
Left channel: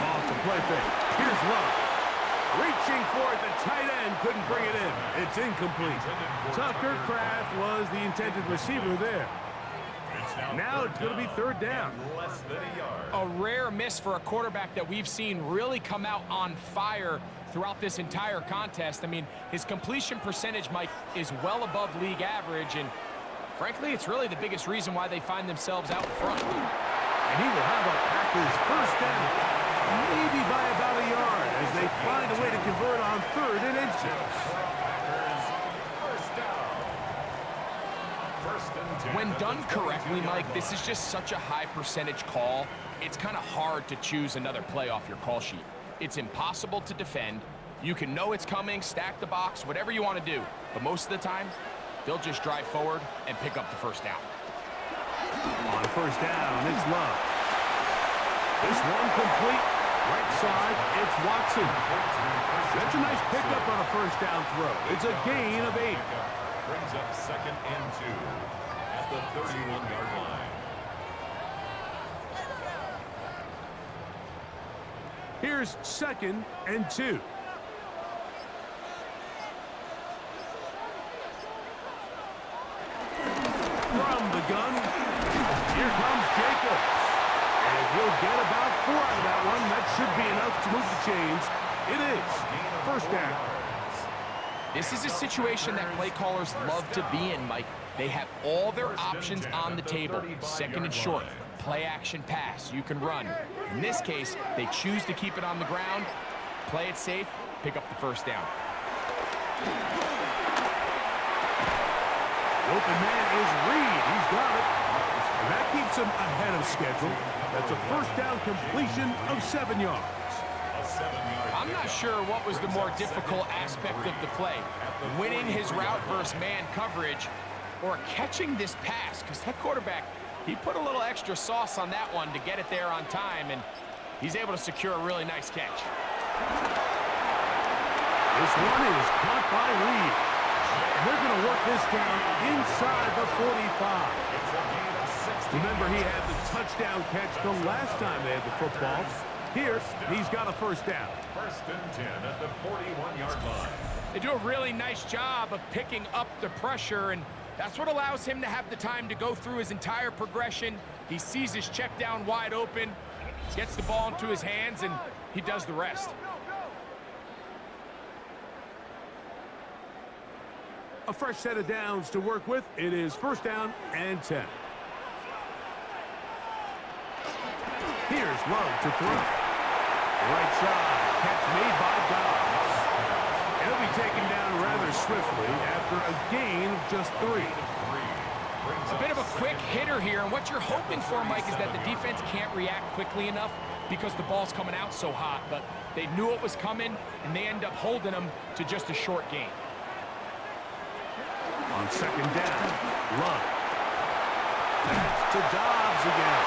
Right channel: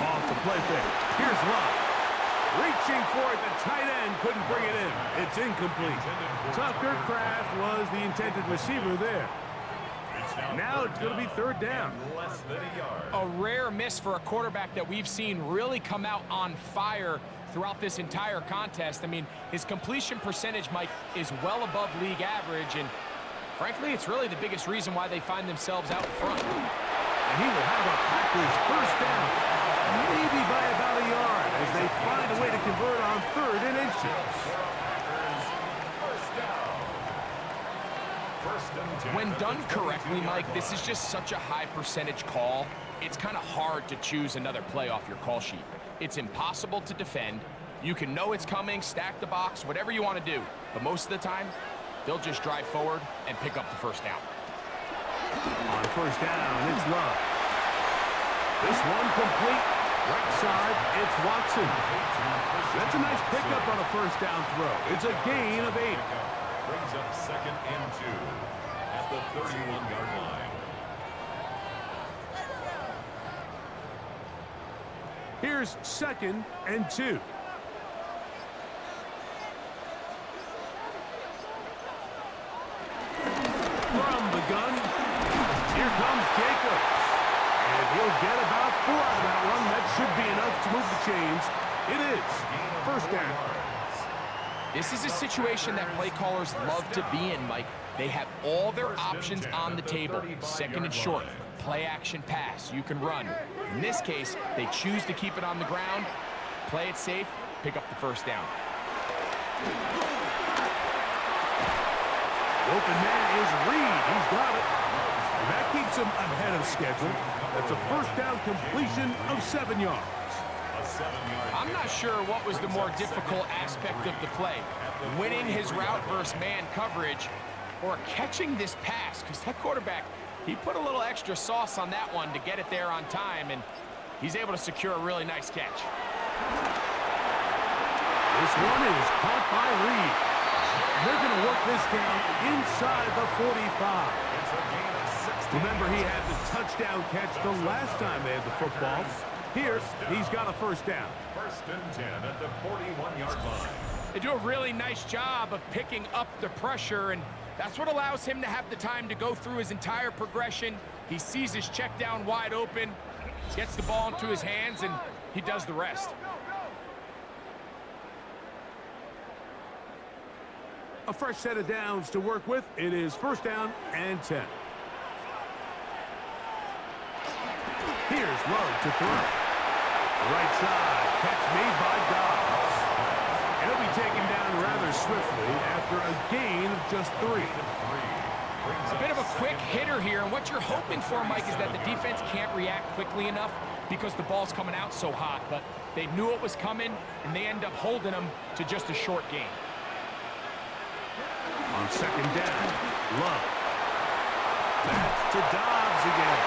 Off the play fake. Here's Love. Reaching for it, the tight end couldn't bring it in. It's incomplete. Tucker Kraft was the intended receiver there. Now it's going to be 3rd down. Less than a yard. A rare miss for a quarterback that we've seen really come out on fire throughout this entire contest. I mean, his completion percentage, Mike, is well above league average, and frankly, it's really the biggest reason why they find themselves out front. And he will have a Packers 1st down. Maybe by about a yard as they find a way to convert on 3rd and inches. When done correctly, Mike, this is just such a high percentage call. It's kind of hard to choose another play off your call sheet. It's impossible to defend. You can know it's coming, stack the box, whatever you want to do. But most of the time, they'll just drive forward and pick up the 1st down. On 1st down, it's Love. This one complete. Right side, it's Watson. That's a nice pickup on a 1st down throw. It's a gain of 8. Brings up 2nd and 2 at the 31-yard line. Here's 2nd and 2. From the gun, here comes Jacobs. And he'll get about 4 out of that one. That should be enough to move the chains. It is 1st down. This is a situation that play callers love to be in, Mike. They have all their options on the table. 2nd and short, play action pass, you can run. In this case, they choose to keep it on the ground, play it safe, pick up the 1st down. The open man is Reed. He's got it. And that keeps him ahead of schedule. That's a 1st down completion of 7 yards. I'm not sure what was the more difficult aspect of the play, winning his route versus man coverage or catching this pass, because that quarterback, he put a little extra sauce on that one to get it there on time, and he's able to secure a really nice catch. This one is caught by Reed. And they're going to work this down inside the 45. Remember, he had the touchdown catch the last time they had the football. Here, he's got a 1st down. 1st and 10 at the 41-yard line. They do a really nice job of picking up the pressure, and that's what allows him to have the time to go through his entire progression. He sees his check down wide open, gets the ball into his hands, and he does the rest. A fresh set of downs to work with. It is 1st down and 10. Here's Love to throw. Right side, catch made by Dobbs. And he'll be taken down rather swiftly after a gain of just 3. A bit of a quick hitter here, and what you're hoping for, Mike, is that the defense can't react quickly enough because the ball's coming out so hot, but they knew it was coming, and they end up holding them to just a short gain. On 2nd down, Love. That's to Dobbs again.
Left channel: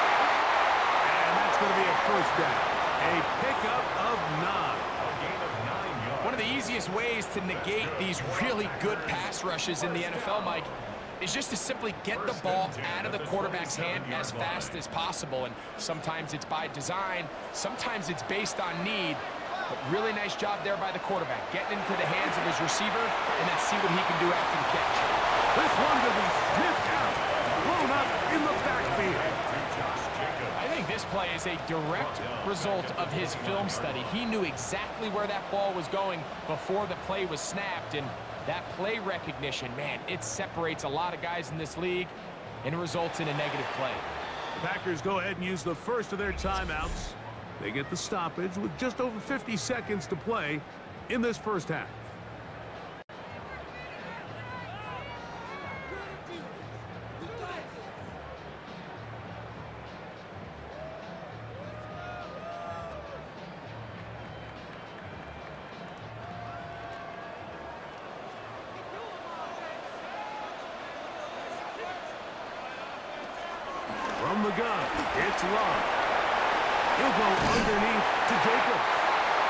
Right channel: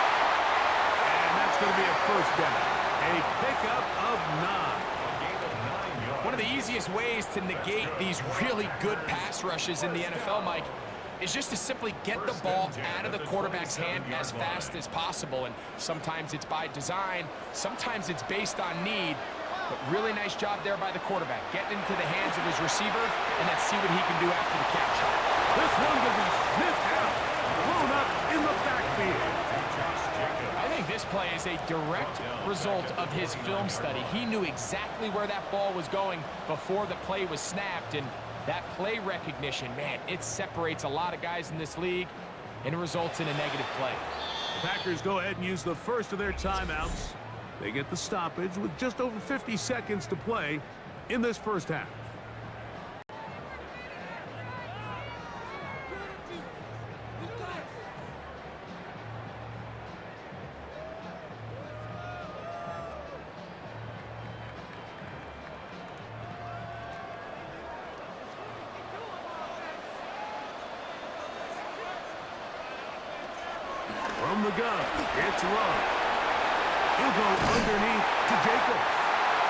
And that's going to be a 1st down. A pickup of 9. A gain of 9 yards. One of the easiest ways to negate these really good pass rushes in the NFL, Mike, is just to simply get the ball out of the quarterback's hand as fast as possible. And sometimes it's by design, sometimes it's based on need. But really nice job there by the quarterback, getting into the hands of his receiver, and then see what he can do after the catch. This one going to be sniffed out, blown up in the backfield. I think this play is a direct result of his film study. He knew exactly where that ball was going before the play was snapped, and that play recognition, man, it separates a lot of guys in this league, and it results in a negative play. The Packers go ahead and use the first of their timeouts. They get the stoppage with just over 50 seconds to play in this 1st half. From the gun, it's Love. He'll go underneath to Jacobs.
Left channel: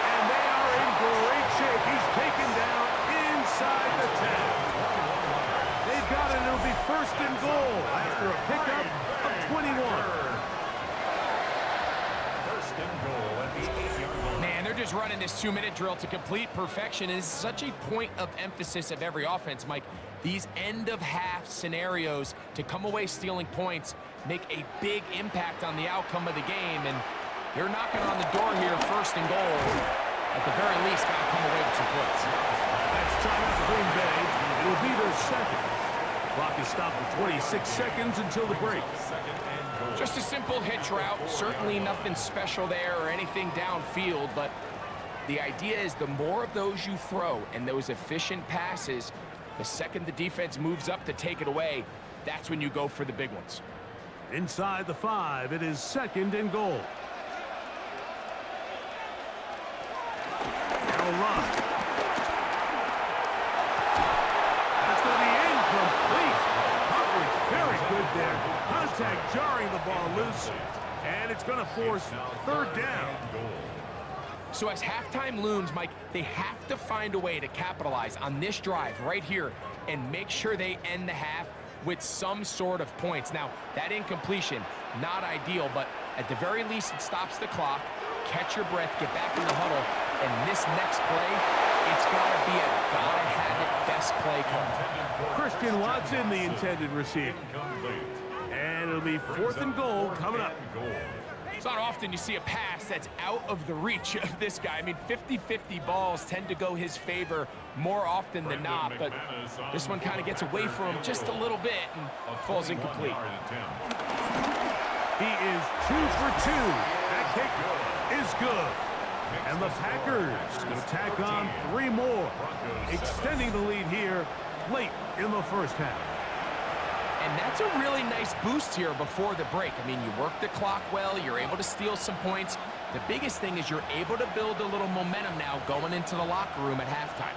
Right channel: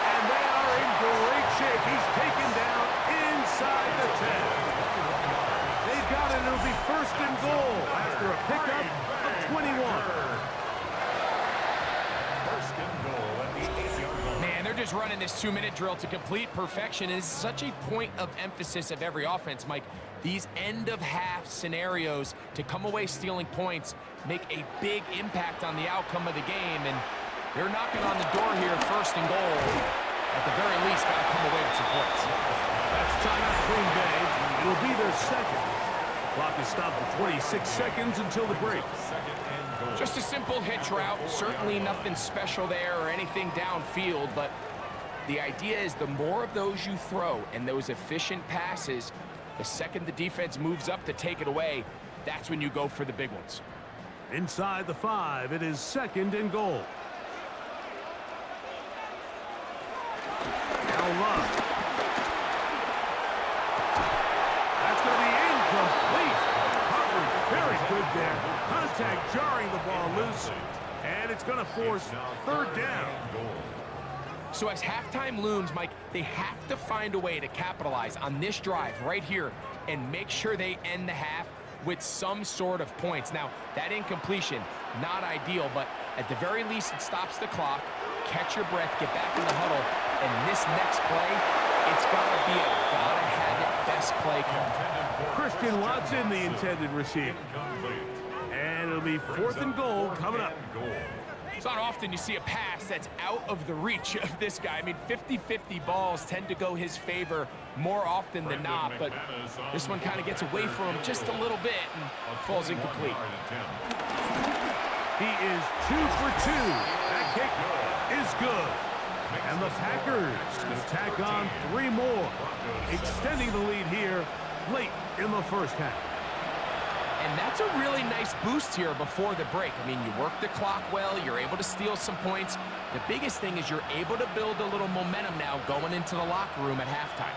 And they are in great shape. He's taken down inside the 10. They've got it. It'll be 1st and goal after a pickup of 21. 1st and goal at the 8-yard line. Man, they're just running this 2-minute drill to complete perfection. It's such a point of emphasis of every offense, Mike. These end-of-half scenarios to come away stealing points make a big impact on the outcome of the game, and they're knocking on the door here, 1st and goal. At the very least, got to come away with some points. That's timeout Green Bay. It'll be their 2nd. The clock is stopped at 26 seconds until the break. 2nd and goal. Just a simple hitch route. Certainly nothing special there or anything downfield, but the idea is the more of those you throw and those efficient passes, the second the defense moves up to take it away, that's when you go for the big ones. Inside the 5, it is 2nd and goal. Now Love. That's going to be incomplete. Coverage very good there. Contact jarring the ball loose. And it's going to force 3rd down. So as halftime looms, Mike, they have to find a way to capitalize on this drive right here and make sure they end the half with some sort of points. Now, that incompletion, not ideal, but at the very least, it stops the clock. Catch your breath, get back in the huddle, and this next play, it's got to be a gotta-have-it best play call. Christian Watson, the intended receiver. And it'll be 4th and goal coming up. It's not often you see a pass that's out of the reach of this guy. I mean, 50-50 balls tend to go his favor more often than not, but this one kind of gets away from him just a little bit and falls incomplete. He is 2 for 2. That kick is good. And the Packers going to tack on 3 more, extending the lead here late in the first half. And that's a really nice boost here before the break. I mean, you work the clock well, you're able to steal some points. The biggest thing is you're able to build a little momentum now going into the locker room at halftime.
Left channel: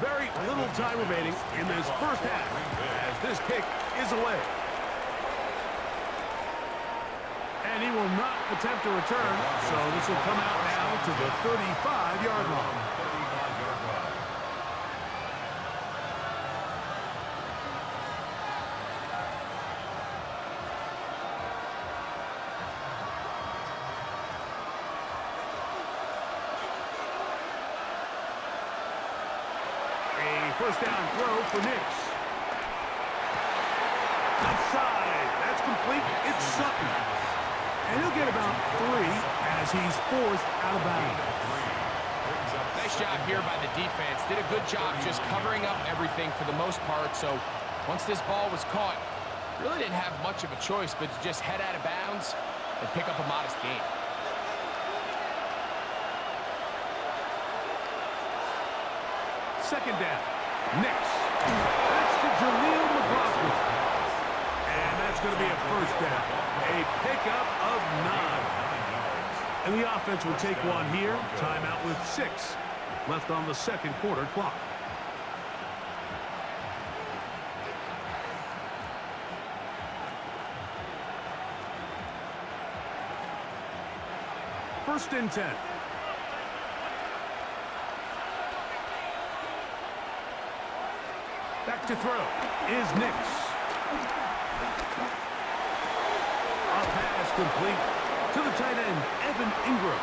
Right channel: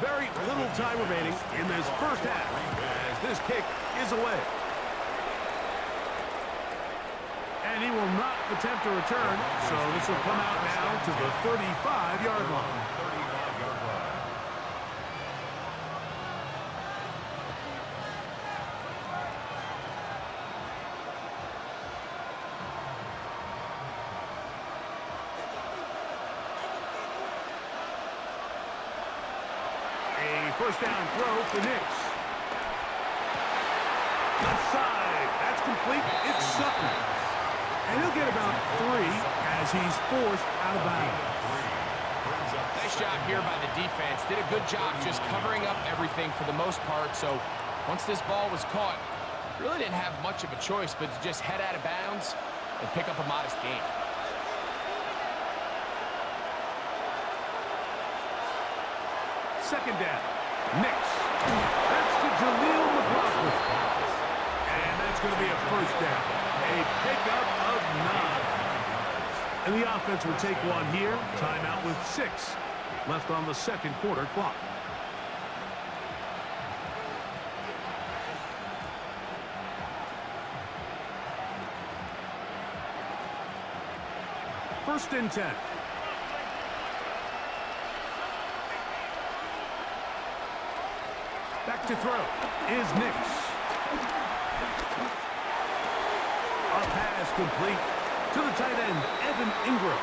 Very little time remaining in this first half as this kick is away. And he will not attempt to return, so this will come out now to the 35-yard line. A first down throw for Nix. Left side, that's complete. It's Sutton. And he'll get about 3 as he's forced out of bounds. Nice job here by the defense. Did a good job just covering up everything for the most part. So once this ball was caught, really didn't have much of a choice but to just head out of bounds and pick up a modest gain. Second down. Nix. That's to Jaleel McLaughlin. And that's going to be a first down. A pickup of 9. And the offense will take one here. Timeout with 6 left on the second quarter clock. First and 10. Back to throw is Nix. A pass complete to the tight end, Evan Ingram.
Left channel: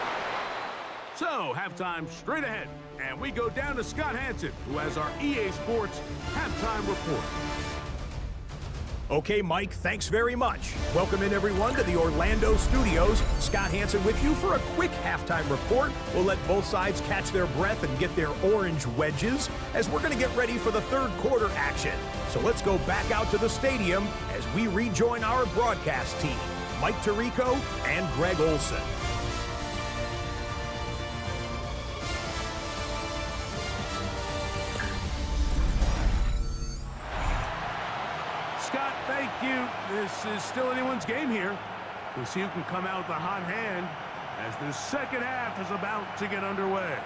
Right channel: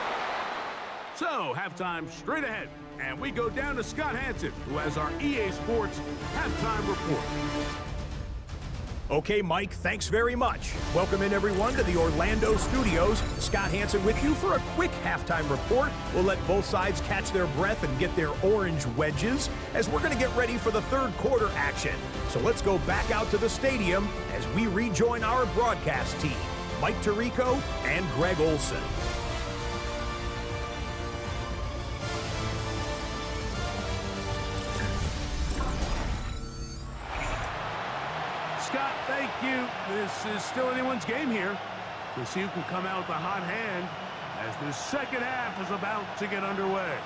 So, halftime straight ahead. And we go down to Scott Hansen, who has our EA Sports halftime report. Okay, Mike, thanks very much. Welcome in, everyone, to the Orlando studios. Scott Hansen with you for a quick halftime report. We'll let both sides catch their breath and get their orange wedges as we're going to get ready for the third quarter action. So let's go back out to the stadium as we rejoin our broadcast team, Mike Tirico and Greg Olson. Scott, thank you. This is still anyone's game here. We'll see who can come out with a hot hand as the second half is about to get underway.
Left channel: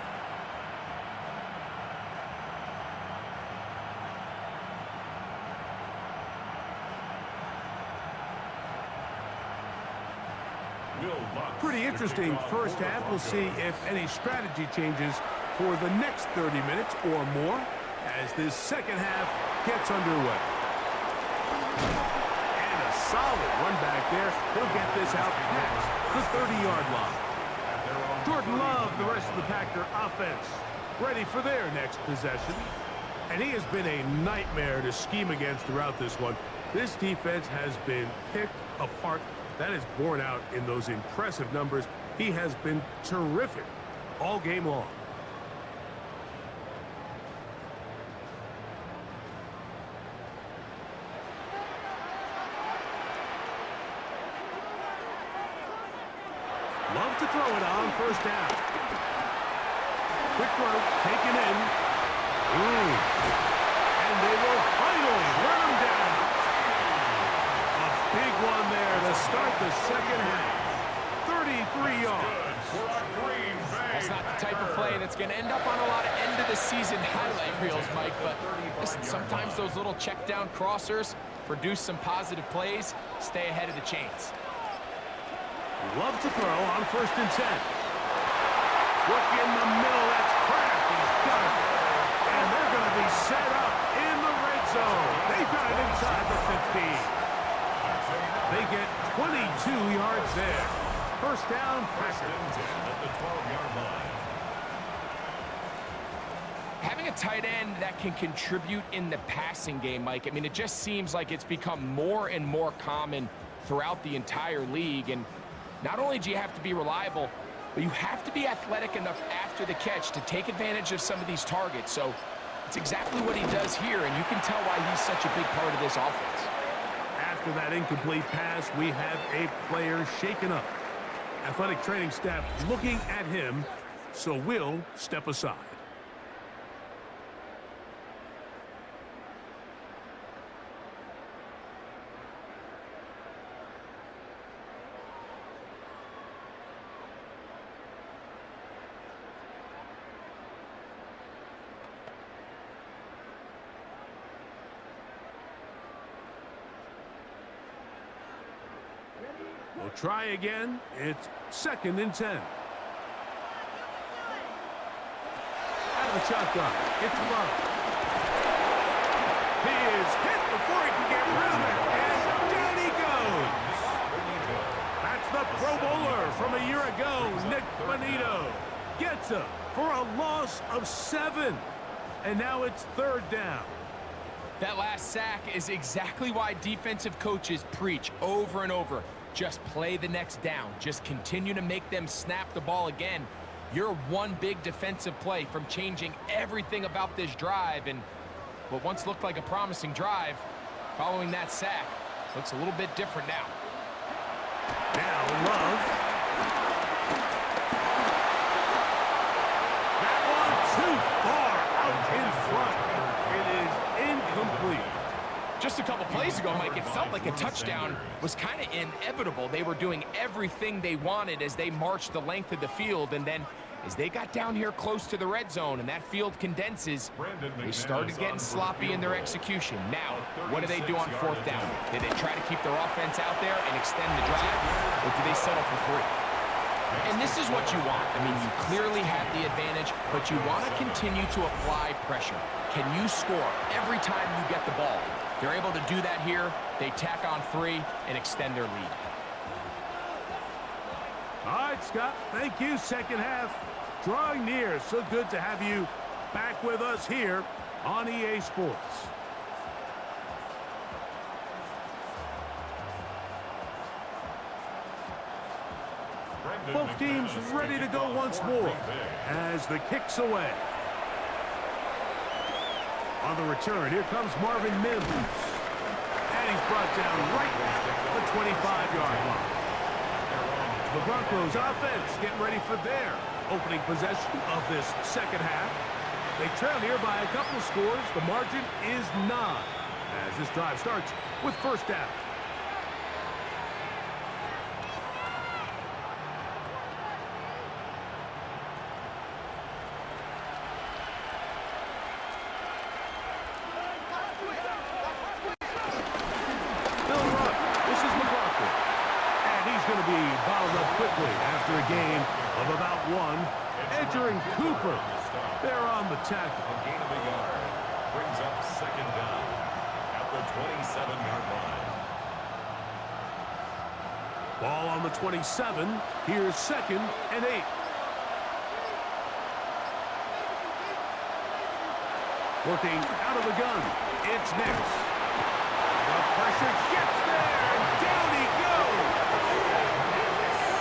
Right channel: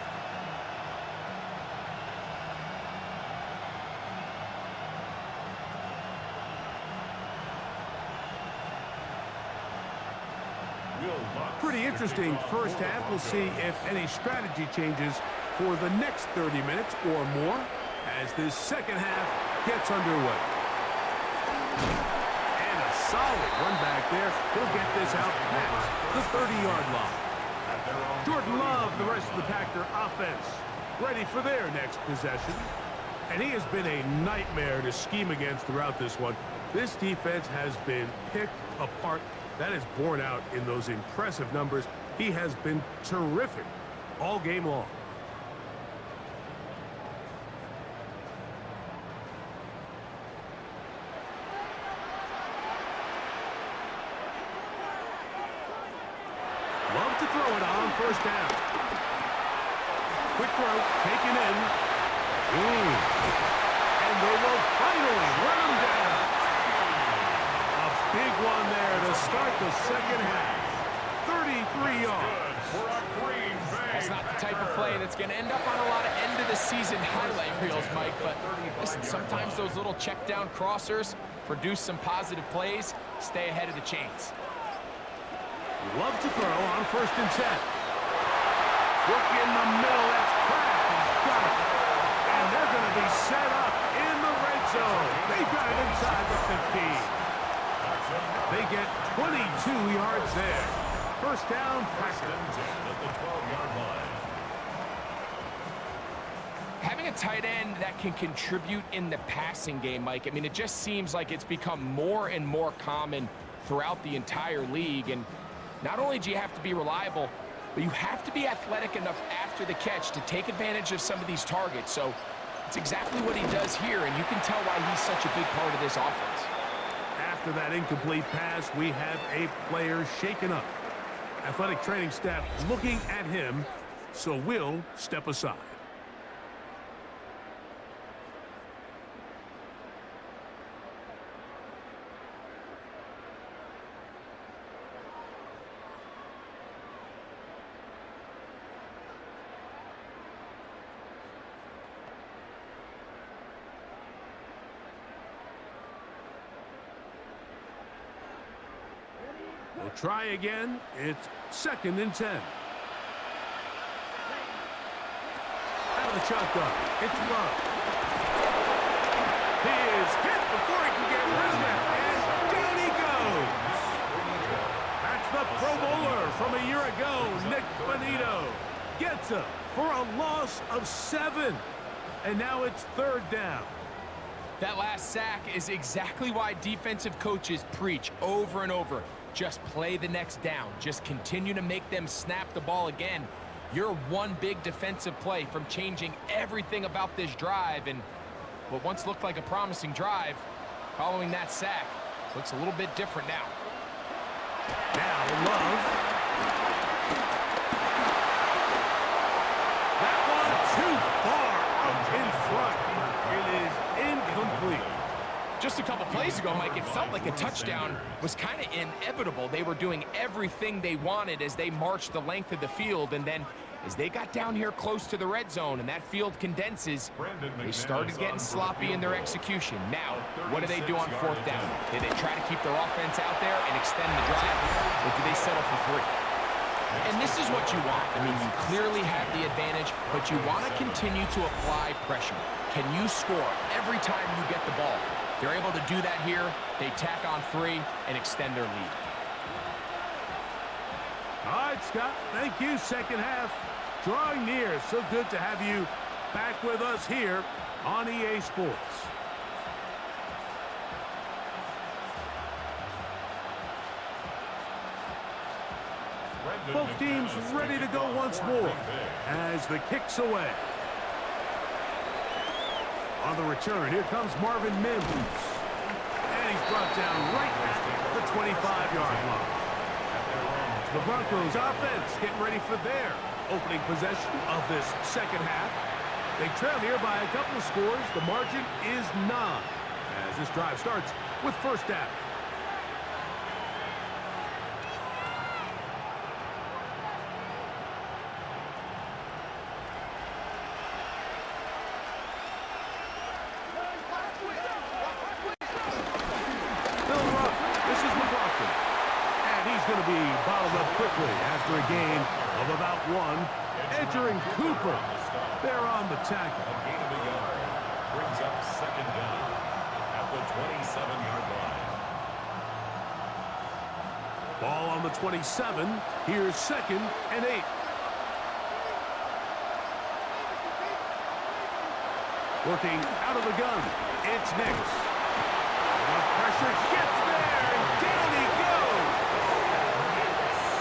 Pretty interesting first half. We'll see if any strategy changes for the next 30 minutes or more as this second half gets underway. And a solid run back there. He'll get this out past the 30-yard line. Jordan Love, the rest of the Packer offense, ready for their next possession. And he has been a nightmare to scheme against throughout this one. This defense has been picked apart. That is borne out in those impressive numbers. He has been terrific all game long. Love to throw it on first down. Quick throw, taken in. And they will finally run him down. A big one there to start the second half. 33 yards. That's not the type of play that's going to end up on a lot of end-of-the-season highlight reels, Mike. But listen, sometimes those little check-down crossers produce some positive plays. Stay ahead of the chains. Love to throw on 1st and 10. Work in the middle. That's Kraft. He's got it. And they're going to be set up in the red zone. They've got it inside the 15. They get 22 yards there. First down, Packers. 1st and 10 at the 12-yard line. Having a tight end that can contribute in the passing game, Mike, I mean, it just seems like it's become more and more common throughout the entire league. And not only do you have to be reliable, but you have to be athletic enough after the catch to take advantage of some of these targets. So it's exactly what he does here, and you can tell why he's such a big part of this offense. After that incomplete pass, we have a player shaken up. Athletic training staff looking at him, so we'll step aside. We'll try again. It's 2nd and 10. Out of the shotgun. It's Love. He is hit before he can get rid of it. And down he goes. That's the Pro Bowler from a year ago, Nick Bonito. Gets him for a loss of 7. And now it's 3rd down. That last sack is exactly why defensive coaches preach over and over. Just play the next down. Just continue to make them snap the ball again. You're one big defensive play from changing everything about this drive. And what once looked like a promising drive, following that sack, looks a little bit different now. Now Love. That one too far out in front. It is incomplete. Just a couple plays ago, Mike, it felt like a touchdown was kind of inevitable. They were doing everything they wanted as they marched the length of the field, and then as they got down here close to the red zone and that field condenses, they started getting sloppy in their execution. Now, what do they do on 4th down? Did they try to keep their offense out there and extend the drive, or do they settle for 3? And this is what you want. I mean, you clearly have the advantage, but you want to continue to apply pressure. Can you score every time you get the ball? They're able to do that here. They tack on 3 and extend their lead. All right, Scott, thank you. Second half drawing near. So good to have you back with us here on EA Sports. Both teams ready to go once more as the kick's away. On the return, here comes Marvin Mims. And he's brought down right at the 25-yard line. The Broncos offense getting ready for their opening possession of this second half. They trail here by a couple of scores. The margin is 9 as this drive starts with 1st down. Going to be bottled up quickly after a gain of about 1. Entering Cooper. They're on the tackle. A gain of a yard brings up 2nd down at the 27-yard line. Ball on the 27. Here's 2nd and 8. Working out of the gun. It's Nix. The pressure gets there, and down he goes.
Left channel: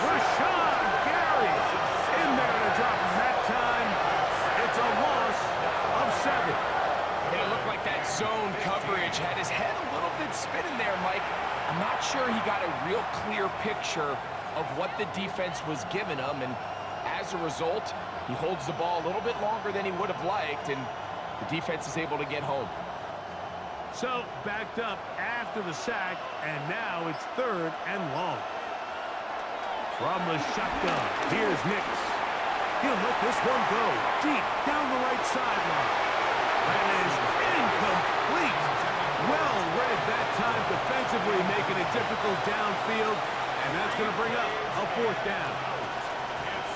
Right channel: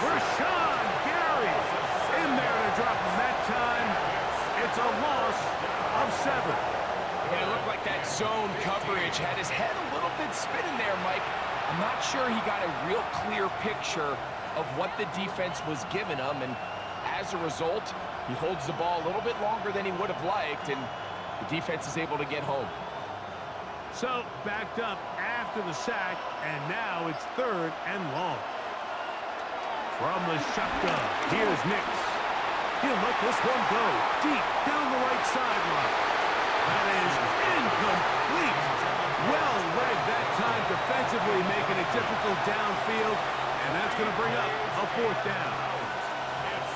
Rashawn Gary in there to drop him that time. It's a loss of 7. And it looked like that zone coverage had his head a little bit spinning there, Mike. I'm not sure he got a real clear picture of what the defense was giving him, and as a result, he holds the ball a little bit longer than he would have liked, and the defense is able to get home. So, backed up after the sack, and now it's 3rd and long. From the shotgun, here's Nix. He'll let this one go deep down the right sideline. That is incomplete. Well read that time defensively, making it difficult downfield. And And that's going to bring up a 4th down.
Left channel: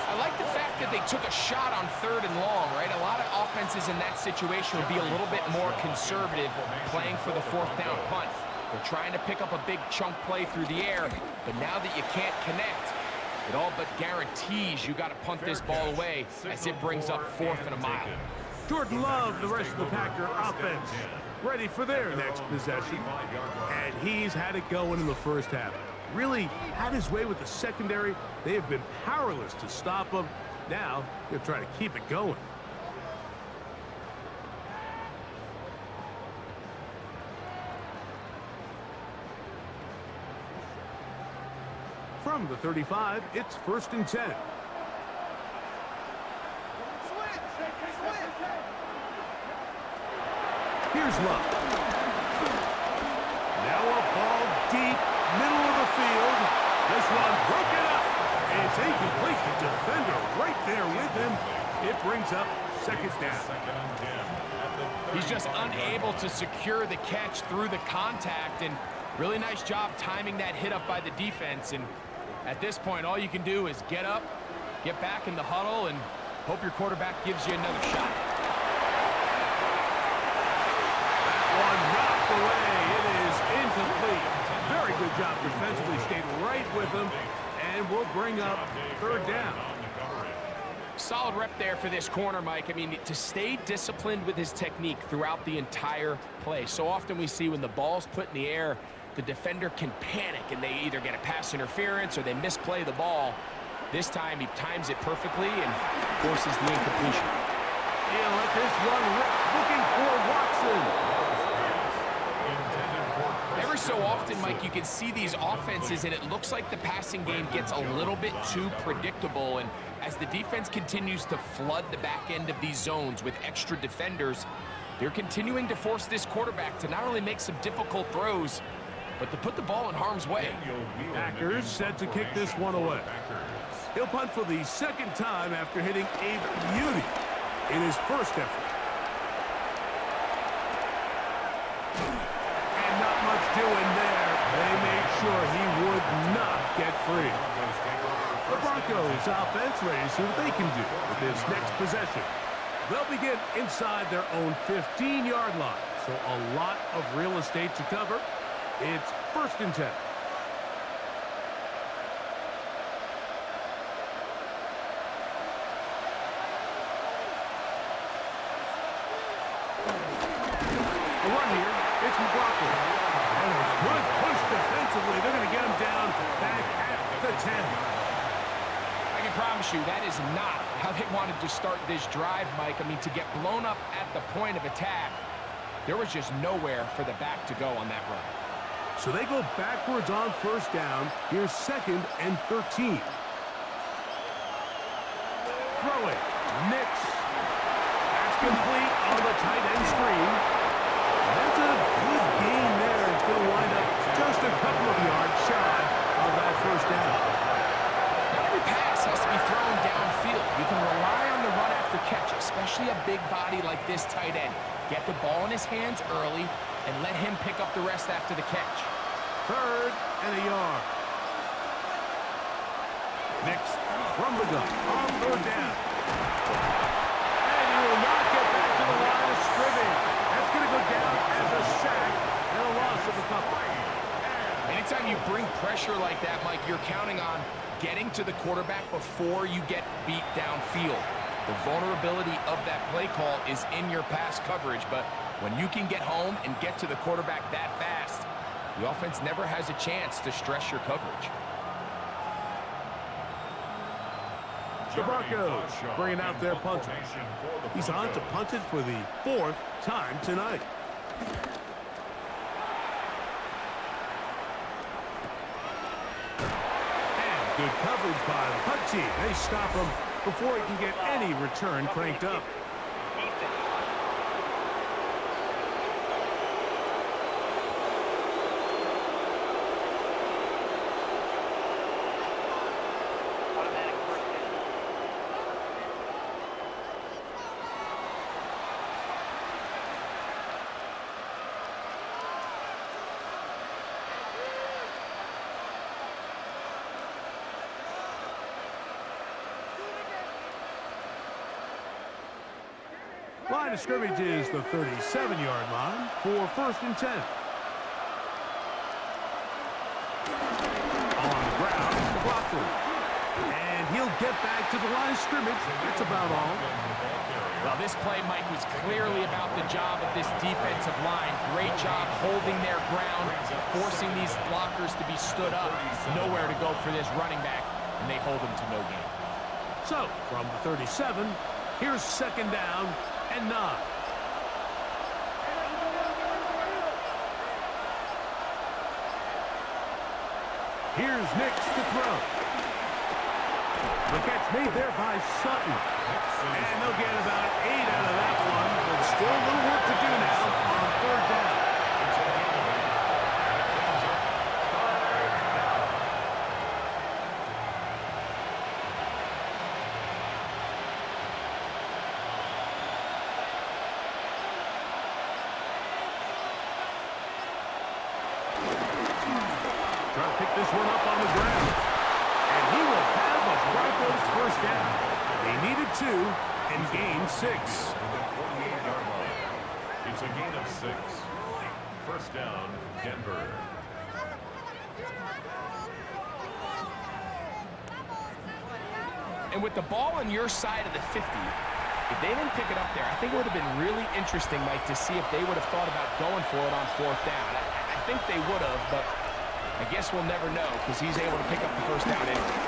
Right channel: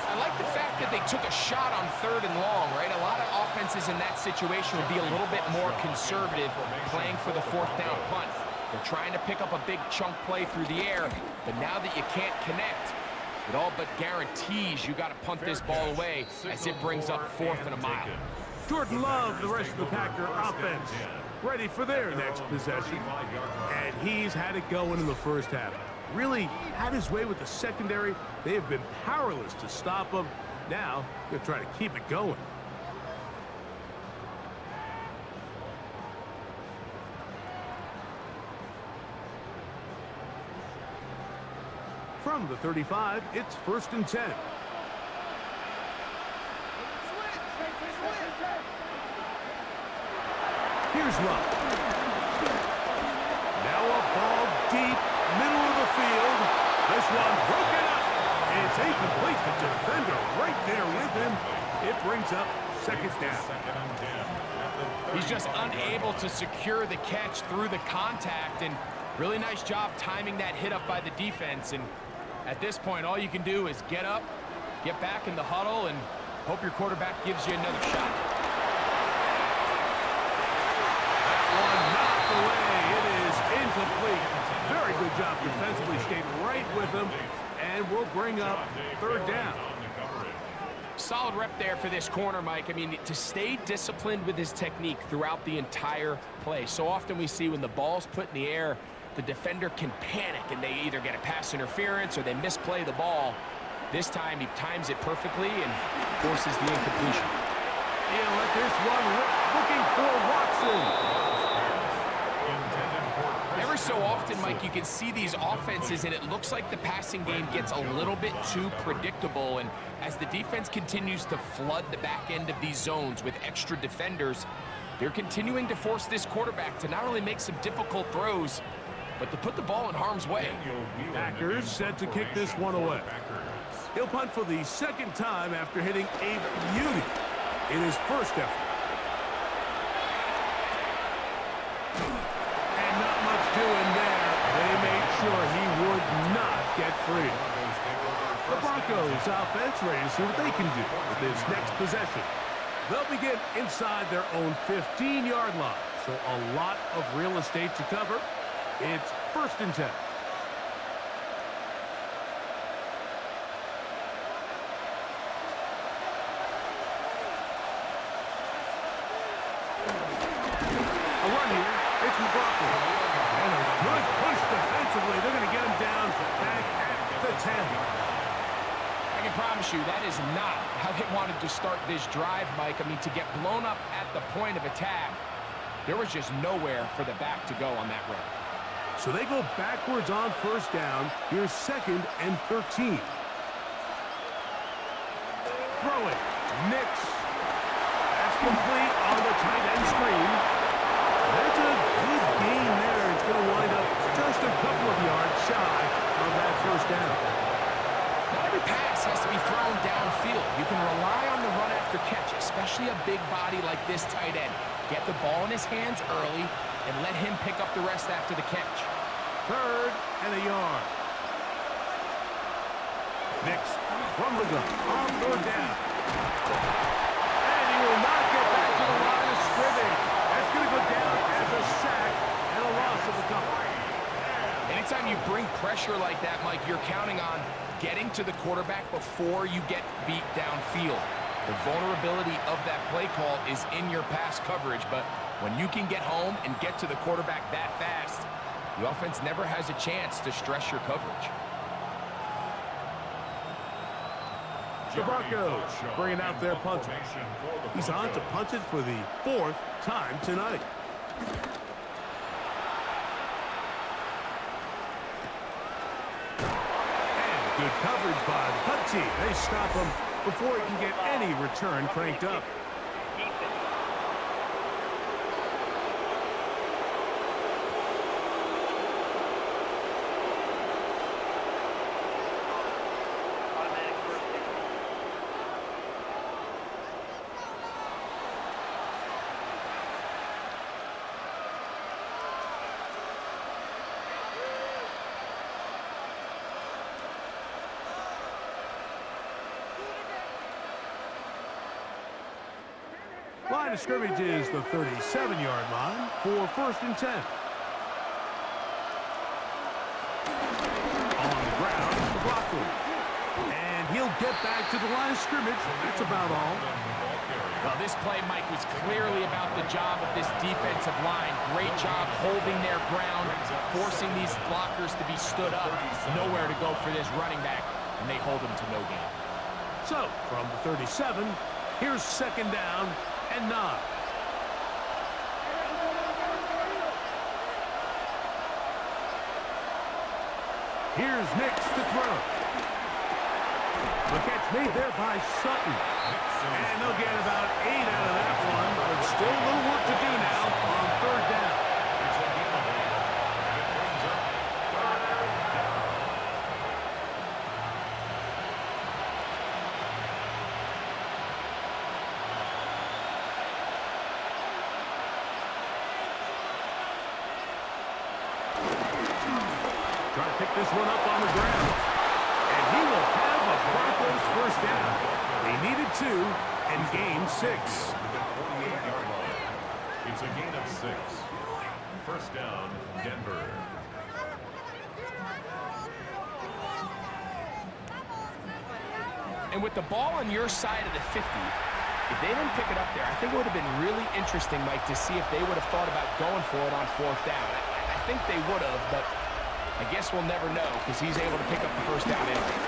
I like the fact that they took a shot on 3rd and long, right? A lot of offenses in that situation would be a little bit more conservative playing for the 4th down punt. They're trying to pick up a big chunk play through the air, but now that you can't connect, it all but guarantees you got to punt this ball away as it brings up 4th and a mile. Jordan Love, the rest of the Packer offense, ready for their next possession. And he's had it going in the first half. Really had his way with the secondary. They have been powerless to stop him. Now, they'll try to keep it going. From the 35, it's 1st and 10. Here's Love. Now a ball deep, middle of the field. This one broken up. It's incomplete. The defender right there with him. It brings up 2nd down. He's just unable to secure the catch through the contact, and really nice job timing that hit up by the defense. And at this point, all you can do is get up, get back in the huddle, and hope your quarterback gives you another shot. One knocked away. It is incomplete. Very good job defensively. Stayed right with him, and will bring up 3rd down. Solid rep there for this corner, Mike. I mean, to stay disciplined with his technique throughout the entire play. So often we see when the ball's put in the air, the defender can panic, and they either get a pass interference or they misplay the ball. This time, he times it perfectly and forces the incompletion. He'll let this one rip, looking for Watson. Every so often, Mike, you can see these offenses, and it looks like the passing game gets a little bit too predictable. And as the defense continues to flood the back end of these zones with extra defenders, they're continuing to force this quarterback to not only make some difficult throws, but to put the ball in harm's way. Packers set to kick this one away. He'll punt for the 2nd time after hitting a beauty in his first effort. And not much doing there. They made sure he would not get free. The Broncos offense ready to see what they can do with this next possession. They'll begin inside their own 15-yard line, so a lot of real estate to cover. It's 1st and 10. A run here. It's McLaughlin. And a good push defensively. They're going to get him down back at the 10. I can promise you that is not how they wanted to start this drive, Mike. I mean, to get blown up at the point of attack, there was just nowhere for the back to go on that run. So they go backwards on 1st down. Here's 2nd and 13. Throw it. Nix. That's complete on the tight end screen. That's a good gain there. It's going to wind up just a couple of yards shy of that 1st down. Not every pass has to be thrown downfield. You can rely on the run after catch, especially a big body like this tight end. Get the ball in his hands early and let him pick up the rest after the catch. 3rd and a yard. Nix from the gun on 3rd down. And he will not get back to the line of scrimmage. That's going to go down as a sack and a loss of a couple. Anytime you bring pressure like that, Mike, you're counting on getting to the quarterback before you get beat downfield. The vulnerability of that play call is in your pass coverage, but when you can get home and get to the quarterback that fast, the offense never has a chance to stress your coverage. The Broncos bringing out their punter. He's on to punt it for the 4th time tonight. And good coverage by the punt team. They stop him before he can get any return cranked up. line of scrimmage is the 37-yard line for 1st and 10. On the ground, McLaughlin. And he'll get back to the line of scrimmage. That's about all. Well, this play, Mike, was clearly about the job of this defensive line. Great job holding their ground, forcing these blockers to be stood up. Nowhere to go for this running back, and they hold him to no gain. So, from the 37, here's 2nd down and 9. Here's Nix to throw. The catch made there by Sutton. And they'll get about 8 out of that one, but still a little work to do now on 3rd down. It's a gain of 8, and it brings up 3rd down. Trying to pick this one up on the ground. And he will have a Broncos 1st down. They needed 2 and gained 6. To the 48-yard line. It's a gain of 6. 1st down, Denver. And with the ball on your side of the 50, if they didn't pick it up there, I think it would have been really interesting, Mike, to see if they would have thought about going for it on 4th down. I think they would have, but I guess we'll never know because he's able to pick up the 1st down anyway.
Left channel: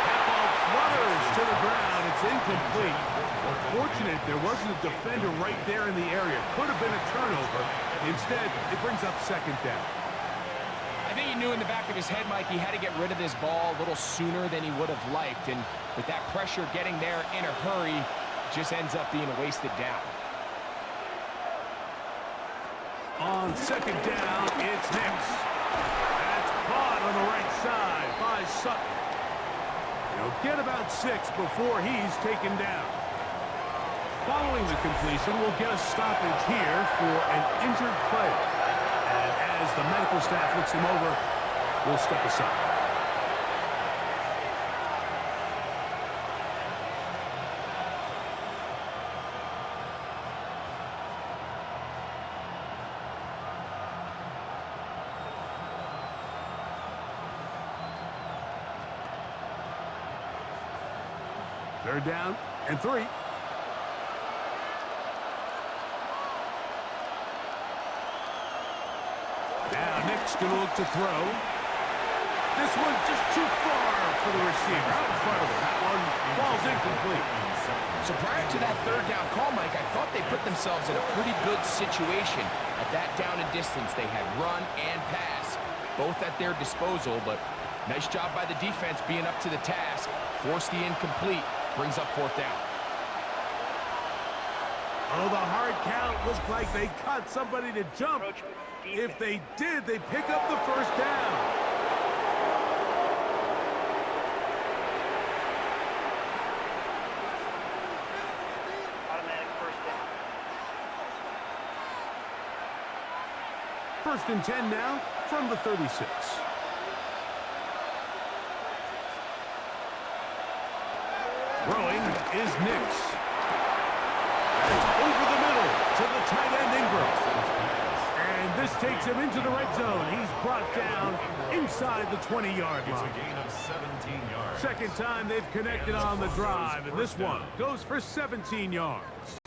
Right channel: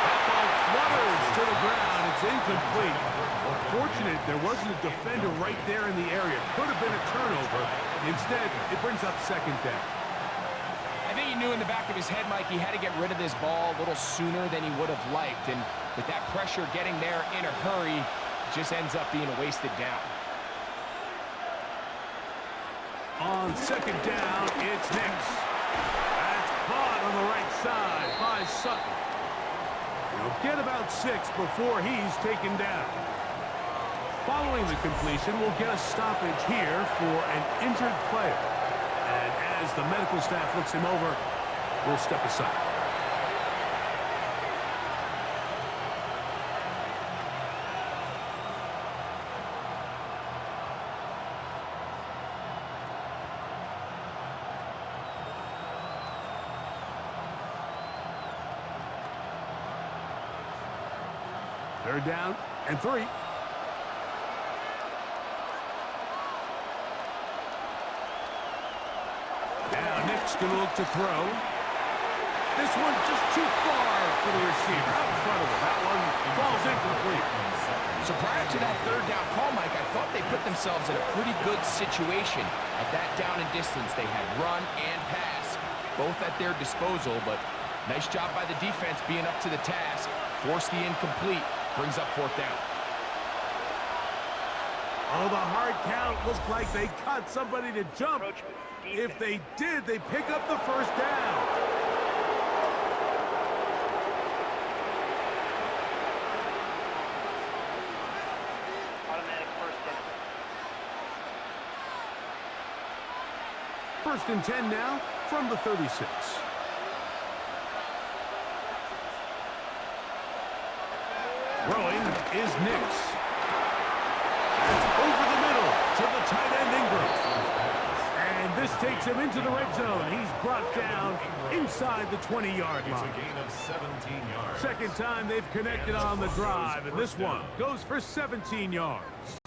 That ball flutters to the ground. It's incomplete. Well, fortunate there wasn't a defender right there in the area. Could have been a turnover. Instead, it brings up 2nd down. I think he knew in the back of his head, Mike, he had to get rid of this ball a little sooner than he would have liked. And with that pressure getting there in a hurry, it just ends up being a wasted down. On 2nd down, it's Nix. That's caught on the right side by Sutton. He'll get about 6 before he's taken down. Following the completion, we'll get a stoppage here for an injured player. And as the medical staff looks him over, we'll step aside. Third down and 3. Now Nick's going to look to throw. This one just too far for the receiver. Out in front of him. That one falls incomplete. So prior to that 3rd down call, Mike, I thought they put themselves in a pretty good situation at that down and distance. They had run and pass, both at their disposal, but nice job by the defense being up to the task. Forced the incomplete. Brings up 4th down. Oh, the hard count looked like they caught somebody to jump. If they did, they pick up the 1st down. Automatic 1st down. 1st and 10 now from the 36. Throwing is Nix. That's over the middle to the tight end Ingram. And this takes him into the red zone. He's brought down inside the 20-yard line. It's a gain of 17 yards. 2nd time they've connected on the drive, and this one goes for 17 yards.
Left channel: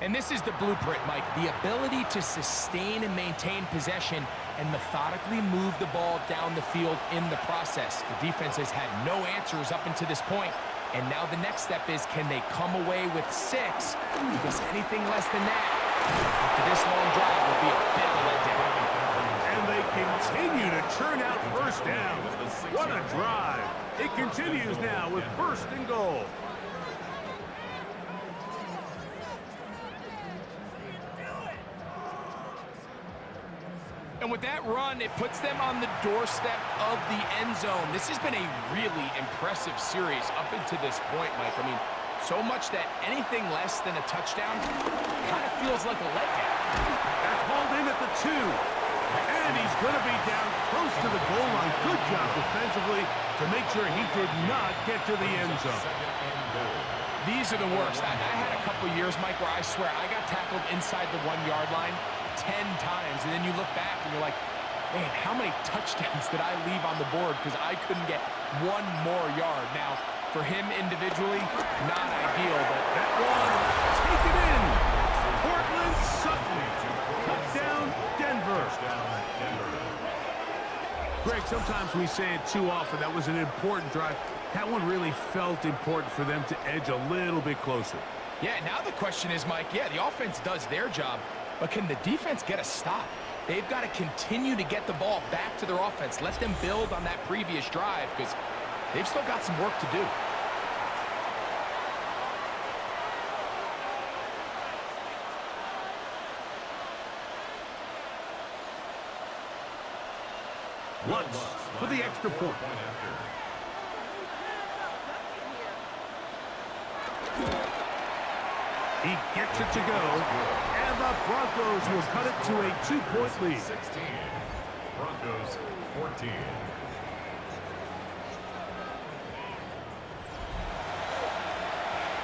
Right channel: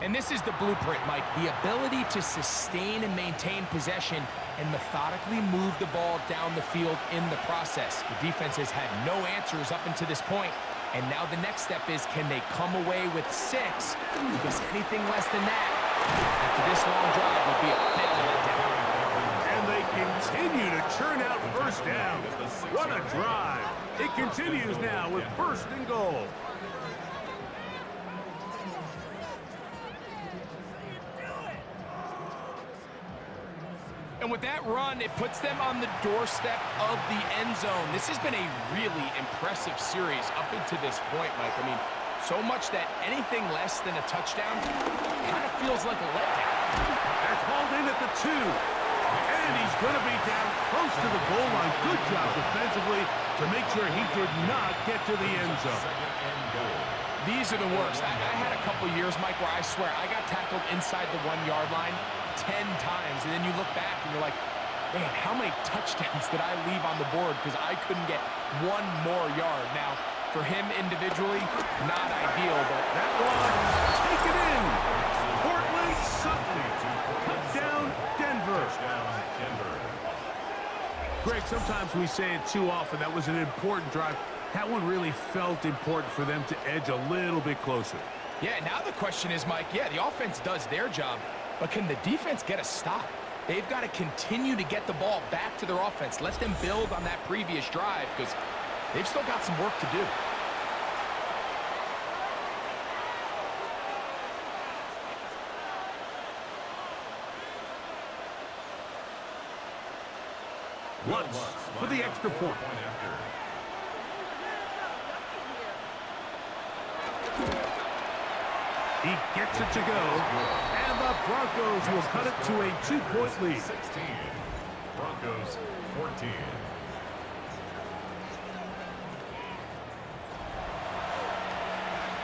And this is the blueprint, Mike. The ability to sustain and maintain possession and methodically move the ball down the field in the process. The defense has had no answers up until this point, and now the next step is, can they come away with 6? Because anything less than that, after this long drive, will be a bit of a letdown. And they continue to churn out 1st down. What a drive. It continues now with 1st and goal. And with that run, it puts them on the doorstep of the end zone. This has been a really impressive series up into this point, Mike. I mean, so much that anything less than a touchdown kind of feels like a letdown. That's hauled in at the 2. And he's going to be down close to the goal line. Good job defensively to make sure he did not get to the end zone. These are the worst. I had a couple years, Mike, where I swear I got tackled inside the 1-yard line 10 times. And then you look back and you're like, man, how many touchdowns did I leave on the board because I couldn't get one more yard? Now, for him individually, not ideal, but that one, take it in. Portland Sutton, touchdown Denver. Greg, sometimes we say it too often. That was an important drive. That one really felt important for them to edge a little bit closer. Yeah, now the question is, Mike, yeah, the offense does their job, but can the defense get a stop? They've got to continue to get the ball back to their offense. Let them build on that previous drive because they've still got some work to do. Lutz for the extra point. He gets it to go, and the Broncos will cut it to a 2-point lead. 16. Broncos 14.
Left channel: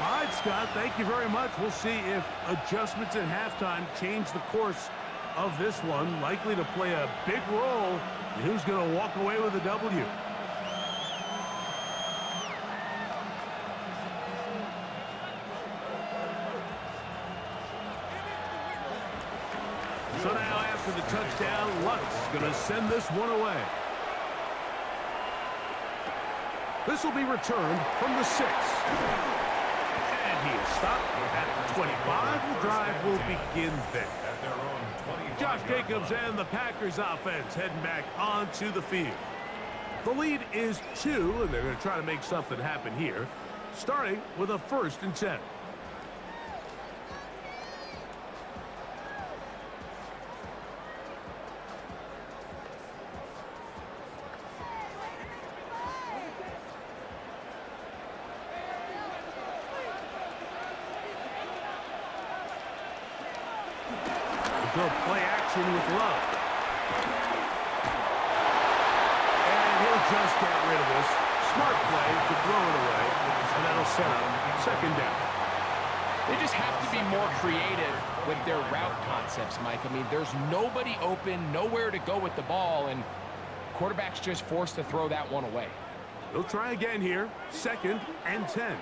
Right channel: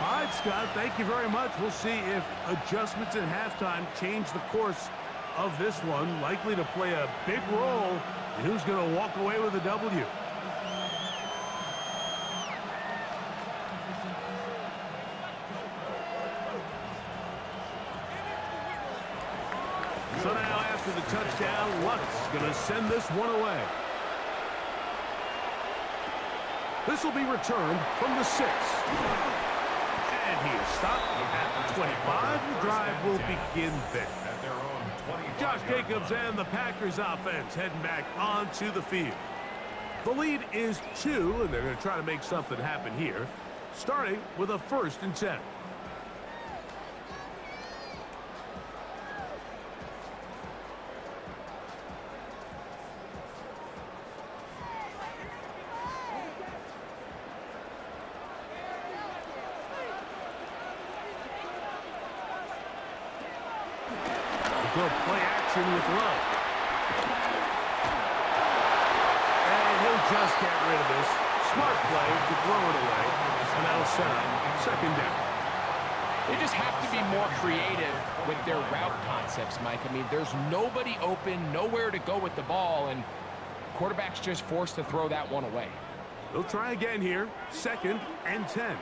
All right, Scott, thank you very much. We'll see if adjustments at halftime change the course of this one. Likely to play a big role in who's going to walk away with a W. So now after the touchdown, Lutz going to send this one away. This will be returned from the 6. And he is stopped at the 25. The drive will begin there. Josh Jacobs and the Packers offense heading back onto the field. The lead is 2, and they're going to try to make something happen here, starting with a 1st and 10. Go play action with Love. And he'll just get rid of this. Smart play to throw it away, and that'll set up 2nd down. They just have to be more creative with their route concepts, Mike. I mean, there's nobody open, nowhere to go with the ball, and quarterback's just forced to throw that one away. They'll try again here, 2nd and 10.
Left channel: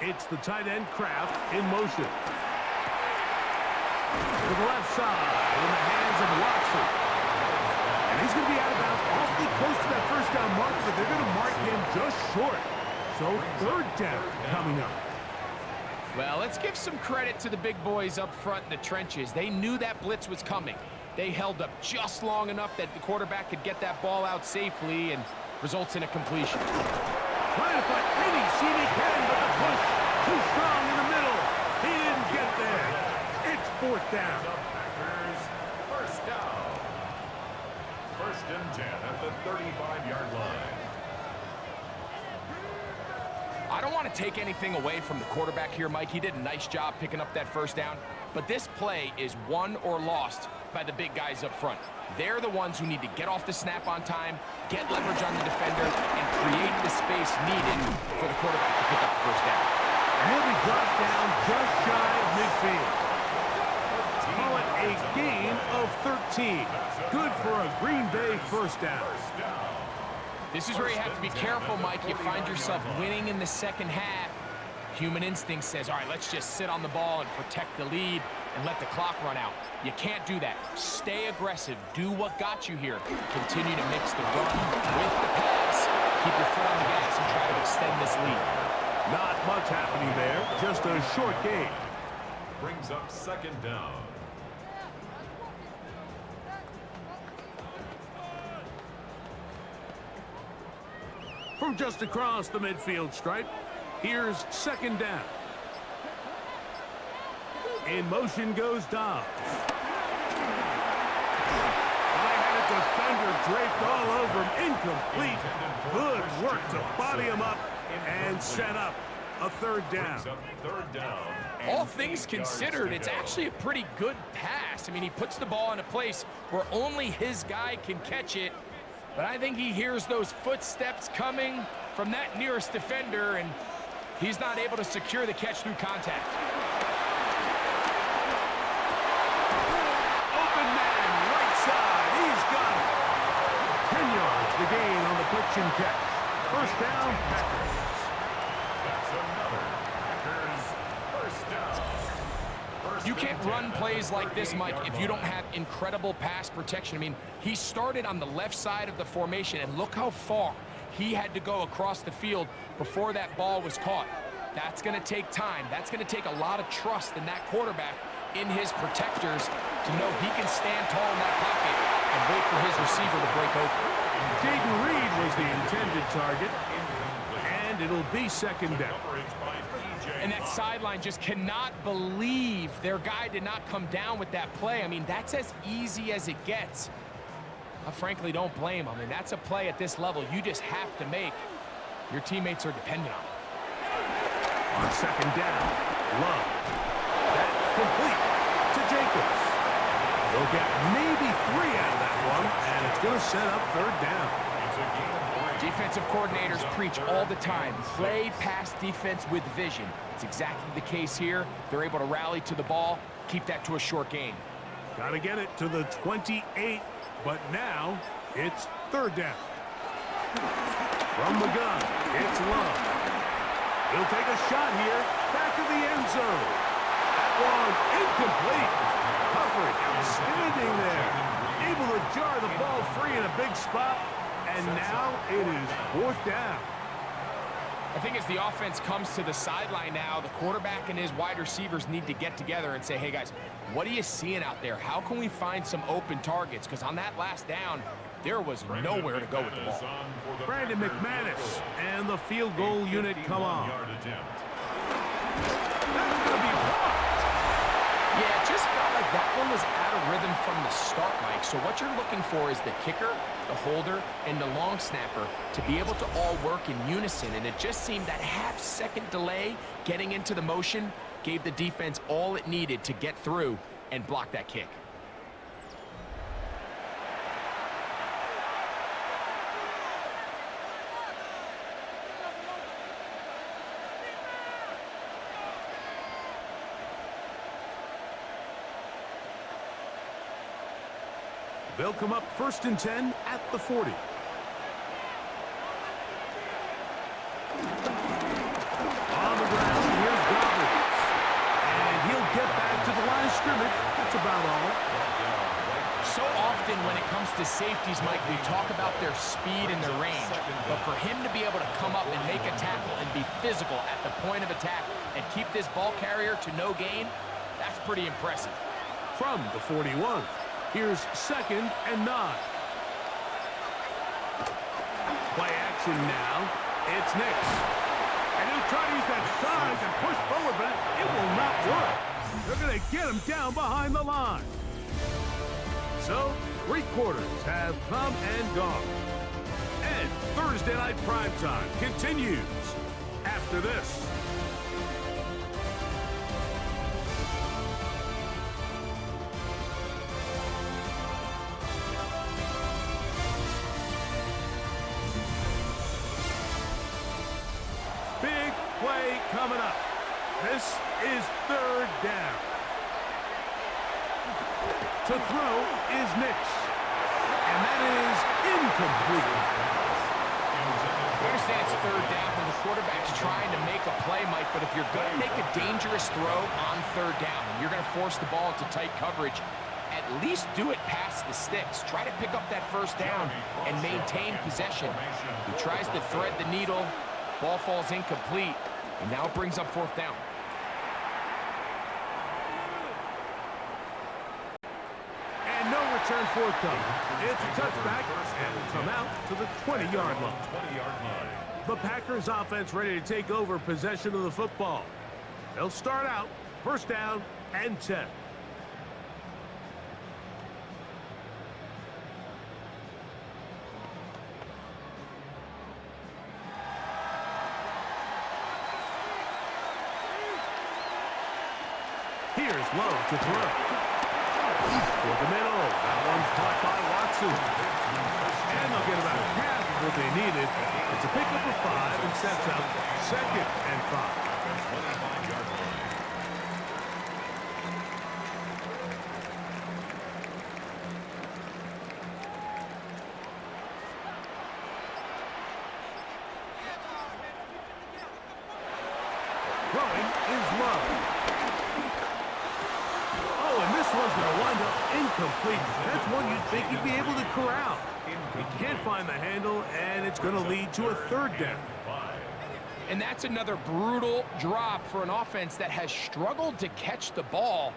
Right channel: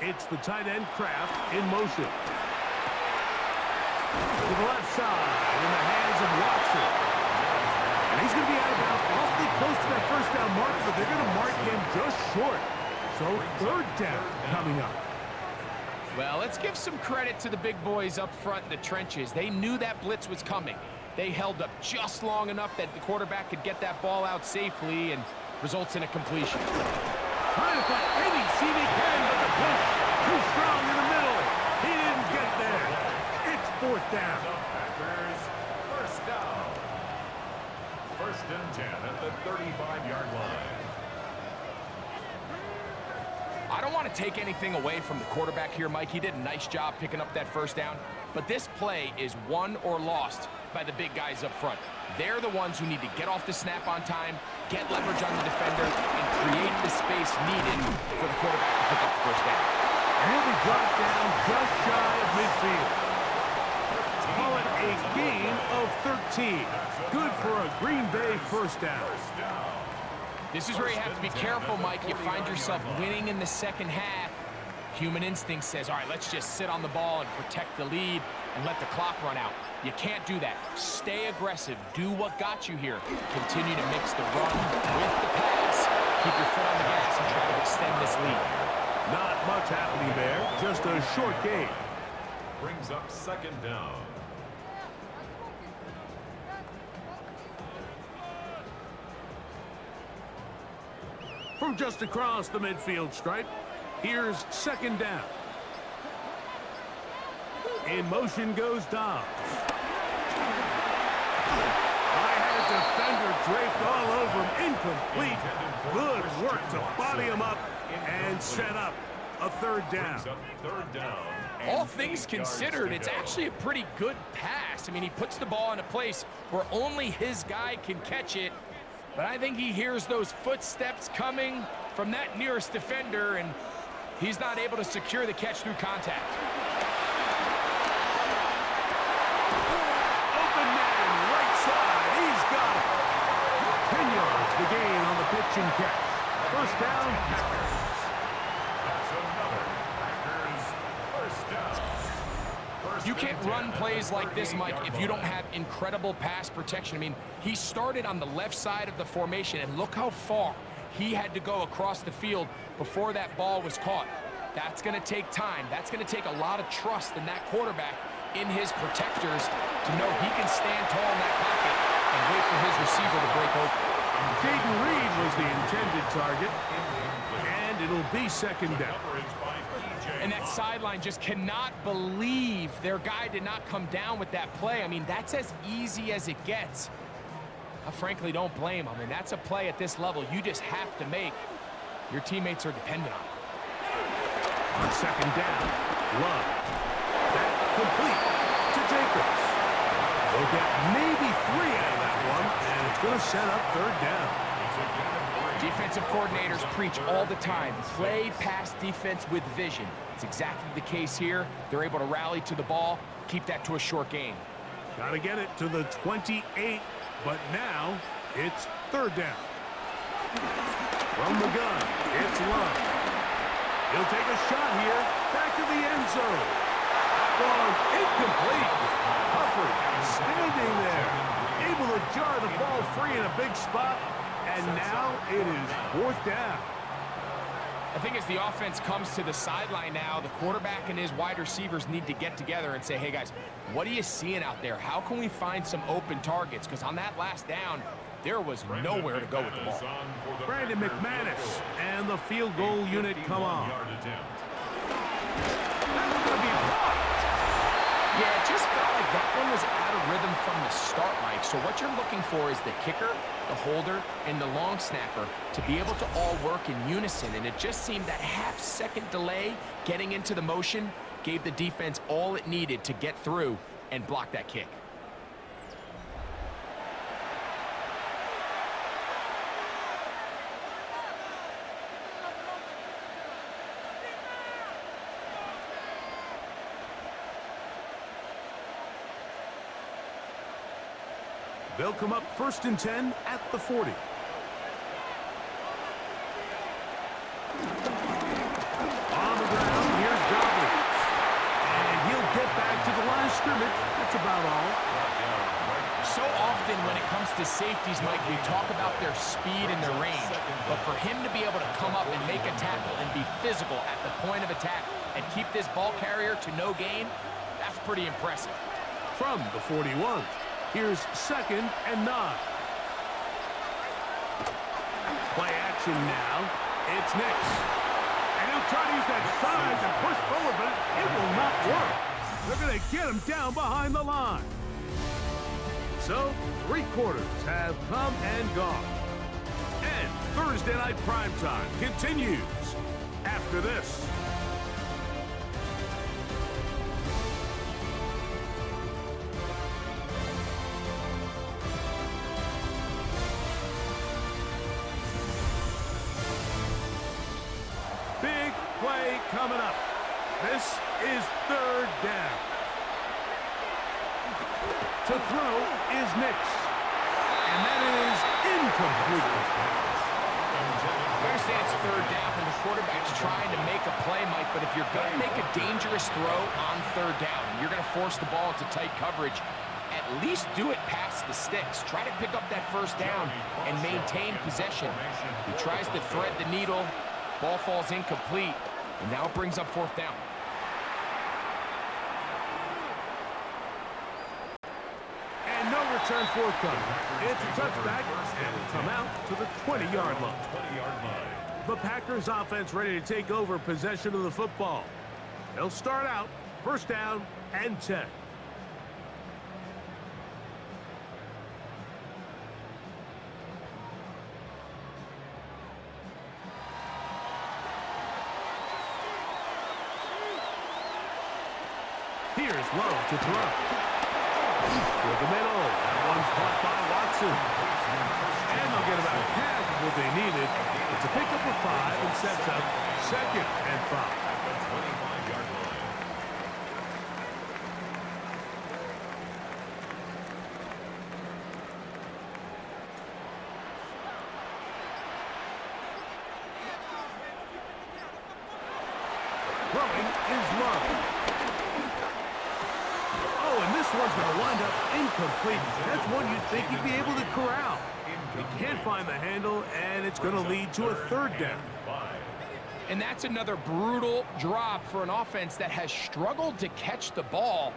It's the tight end Kraft in motion. To the left side in the hands of Watson. And he's going to be out of bounds awfully close to that 1st down mark, but they're going to mark him just short. So 3rd down coming up. Well, let's give some credit to the big boys up front in the trenches. They knew that blitz was coming. They held up just long enough that the quarterback could get that ball out safely and results in a completion. Trying to find any seam he can, but the push too strong in the middle. He didn't get there. It's 4th down. The Packers, 1st down. 1st and 10 at the 35-yard line. I don't want to take anything away from the quarterback here, Mike. He did a nice job picking up that 1st down. But this play is won or lost by the big guys up front. They're the ones who need to get off the snap on time, get leverage on the defender, and create the space needed for the quarterback to pick up the 1st down. And he'll be dropped down just shy of midfield. Call it a gain of 13. Good for a Green Bay 1st down. This is where you have to be careful, Mike. You find yourself winning in the 2nd half. Human instinct says, all right, let's just sit on the ball and protect the lead and let the clock run out. You can't do that. Stay aggressive. Do what got you here. Continue to mix the run with the pass. Keep your foot on the gas and try to extend this lead. Not much happening there. Just a short gain. Brings up 2nd down. From just across the midfield stripe, here's 2nd down. In motion goes Dobbs. I had a defender draped all over him. Incomplete. Good work to body him up and set up a third down. Brings up third down. All things considered, it's actually a pretty good pass. I mean, he puts the ball in a place where only his guy can catch it. But I think he hears those footsteps coming from that nearest defender, and he's not able to secure the catch through contact. Open man, right side. He's got it. 10 yards the gain on the pitch and catch. First down, Packers. That's another Packers first down. You can't run plays like this, Mike, if you don't have incredible pass protection. I mean, he started on the left side of the formation, and look how far he had to go across the field before that ball was caught. That's going to take time. That's going to take a lot of trust in that quarterback, in his protectors, to know he can stand tall in that pocket and wait for his receiver to break open. Jaden Reed was the intended target, and it'll be second down. And that sideline just cannot believe their guy did not come down with that play. I mean, that's as easy as it gets. I frankly don't blame him. I mean, that's a play at this level you just have to make. Your teammates are dependent on it. On second down, Love. That complete to Jacobs. They'll get maybe 3 out of that one, and it's going to set up third down. It's a gain of 3. Defensive coordinators preach all the time, play pass defense with vision. It's exactly the case here. They're able to rally to the ball, keep that to a short gain. Got to get it to the 28, but now it's third down. From the gun, it's Love. He'll take a shot here, back to the end zone. That one incomplete. Humphrey outstanding there. Able to jar the ball free in a big spot, and now it is fourth down. I think as the offense comes to the sideline now, the quarterback and his wide receivers need to get together and say, hey guys, what are you seeing out there? How can we find some open targets? Because on that last down, there was nowhere to go with the ball. Brandon McManus and the field goal unit come on. That's going to be blocked. Yeah, it just felt like that one was out of rhythm from the start, Mike. So what you're looking for is the kicker, the holder, and the long snapper to be able to all work in unison. And it just seemed that half-second delay getting into the motion gave the defense all it needed to get through and block that kick. They'll come up 1st and 10 at the 40. On the ground, here's Dobbins. And he'll get back to the line of scrimmage. That's about all. So often when it comes to safeties, Mike, we talk about their speed and their range. But for him to be able to come up and make a tackle and be physical at the point of attack and keep this ball carrier to no gain, that's pretty impressive. From the 41. Here's 2nd and 9. Play action now. It's Nix. And he'll try to use that size and push forward, but it will not work. They're going to get him down behind the line. So, 3 quarters have come and gone. And Thursday Night Primetime continues after this. Big play coming up. This is third down. To throw is Nix. And that is incomplete. I understand it's third down and the quarterback's trying to make a play, Mike, but if you're going to make a dangerous throw on third down and you're going to force the ball into tight coverage, at least do it past the sticks. Try to pick up that first down and maintain possession. He tries to thread the needle. Ball falls incomplete, and now it brings up fourth down. And no return forthcoming. It's a touchback, and will come out to the 20-yard line. The Packers offense ready to take over possession of the football. They'll start out first down and 10. Here's Love to throw. For the middle. That one caught by Watson. And they'll get about half of what they needed. It's a pickup of 5 and sets up 2nd and 5. At the 25-yard line. Throwing is Love. Oh, and this one's going to wind up incomplete. That's one you'd think he'd be able to corral. He can't find the handle, and it's going to lead to a 3rd down. And that's another brutal drop for an offense that has struggled to catch the ball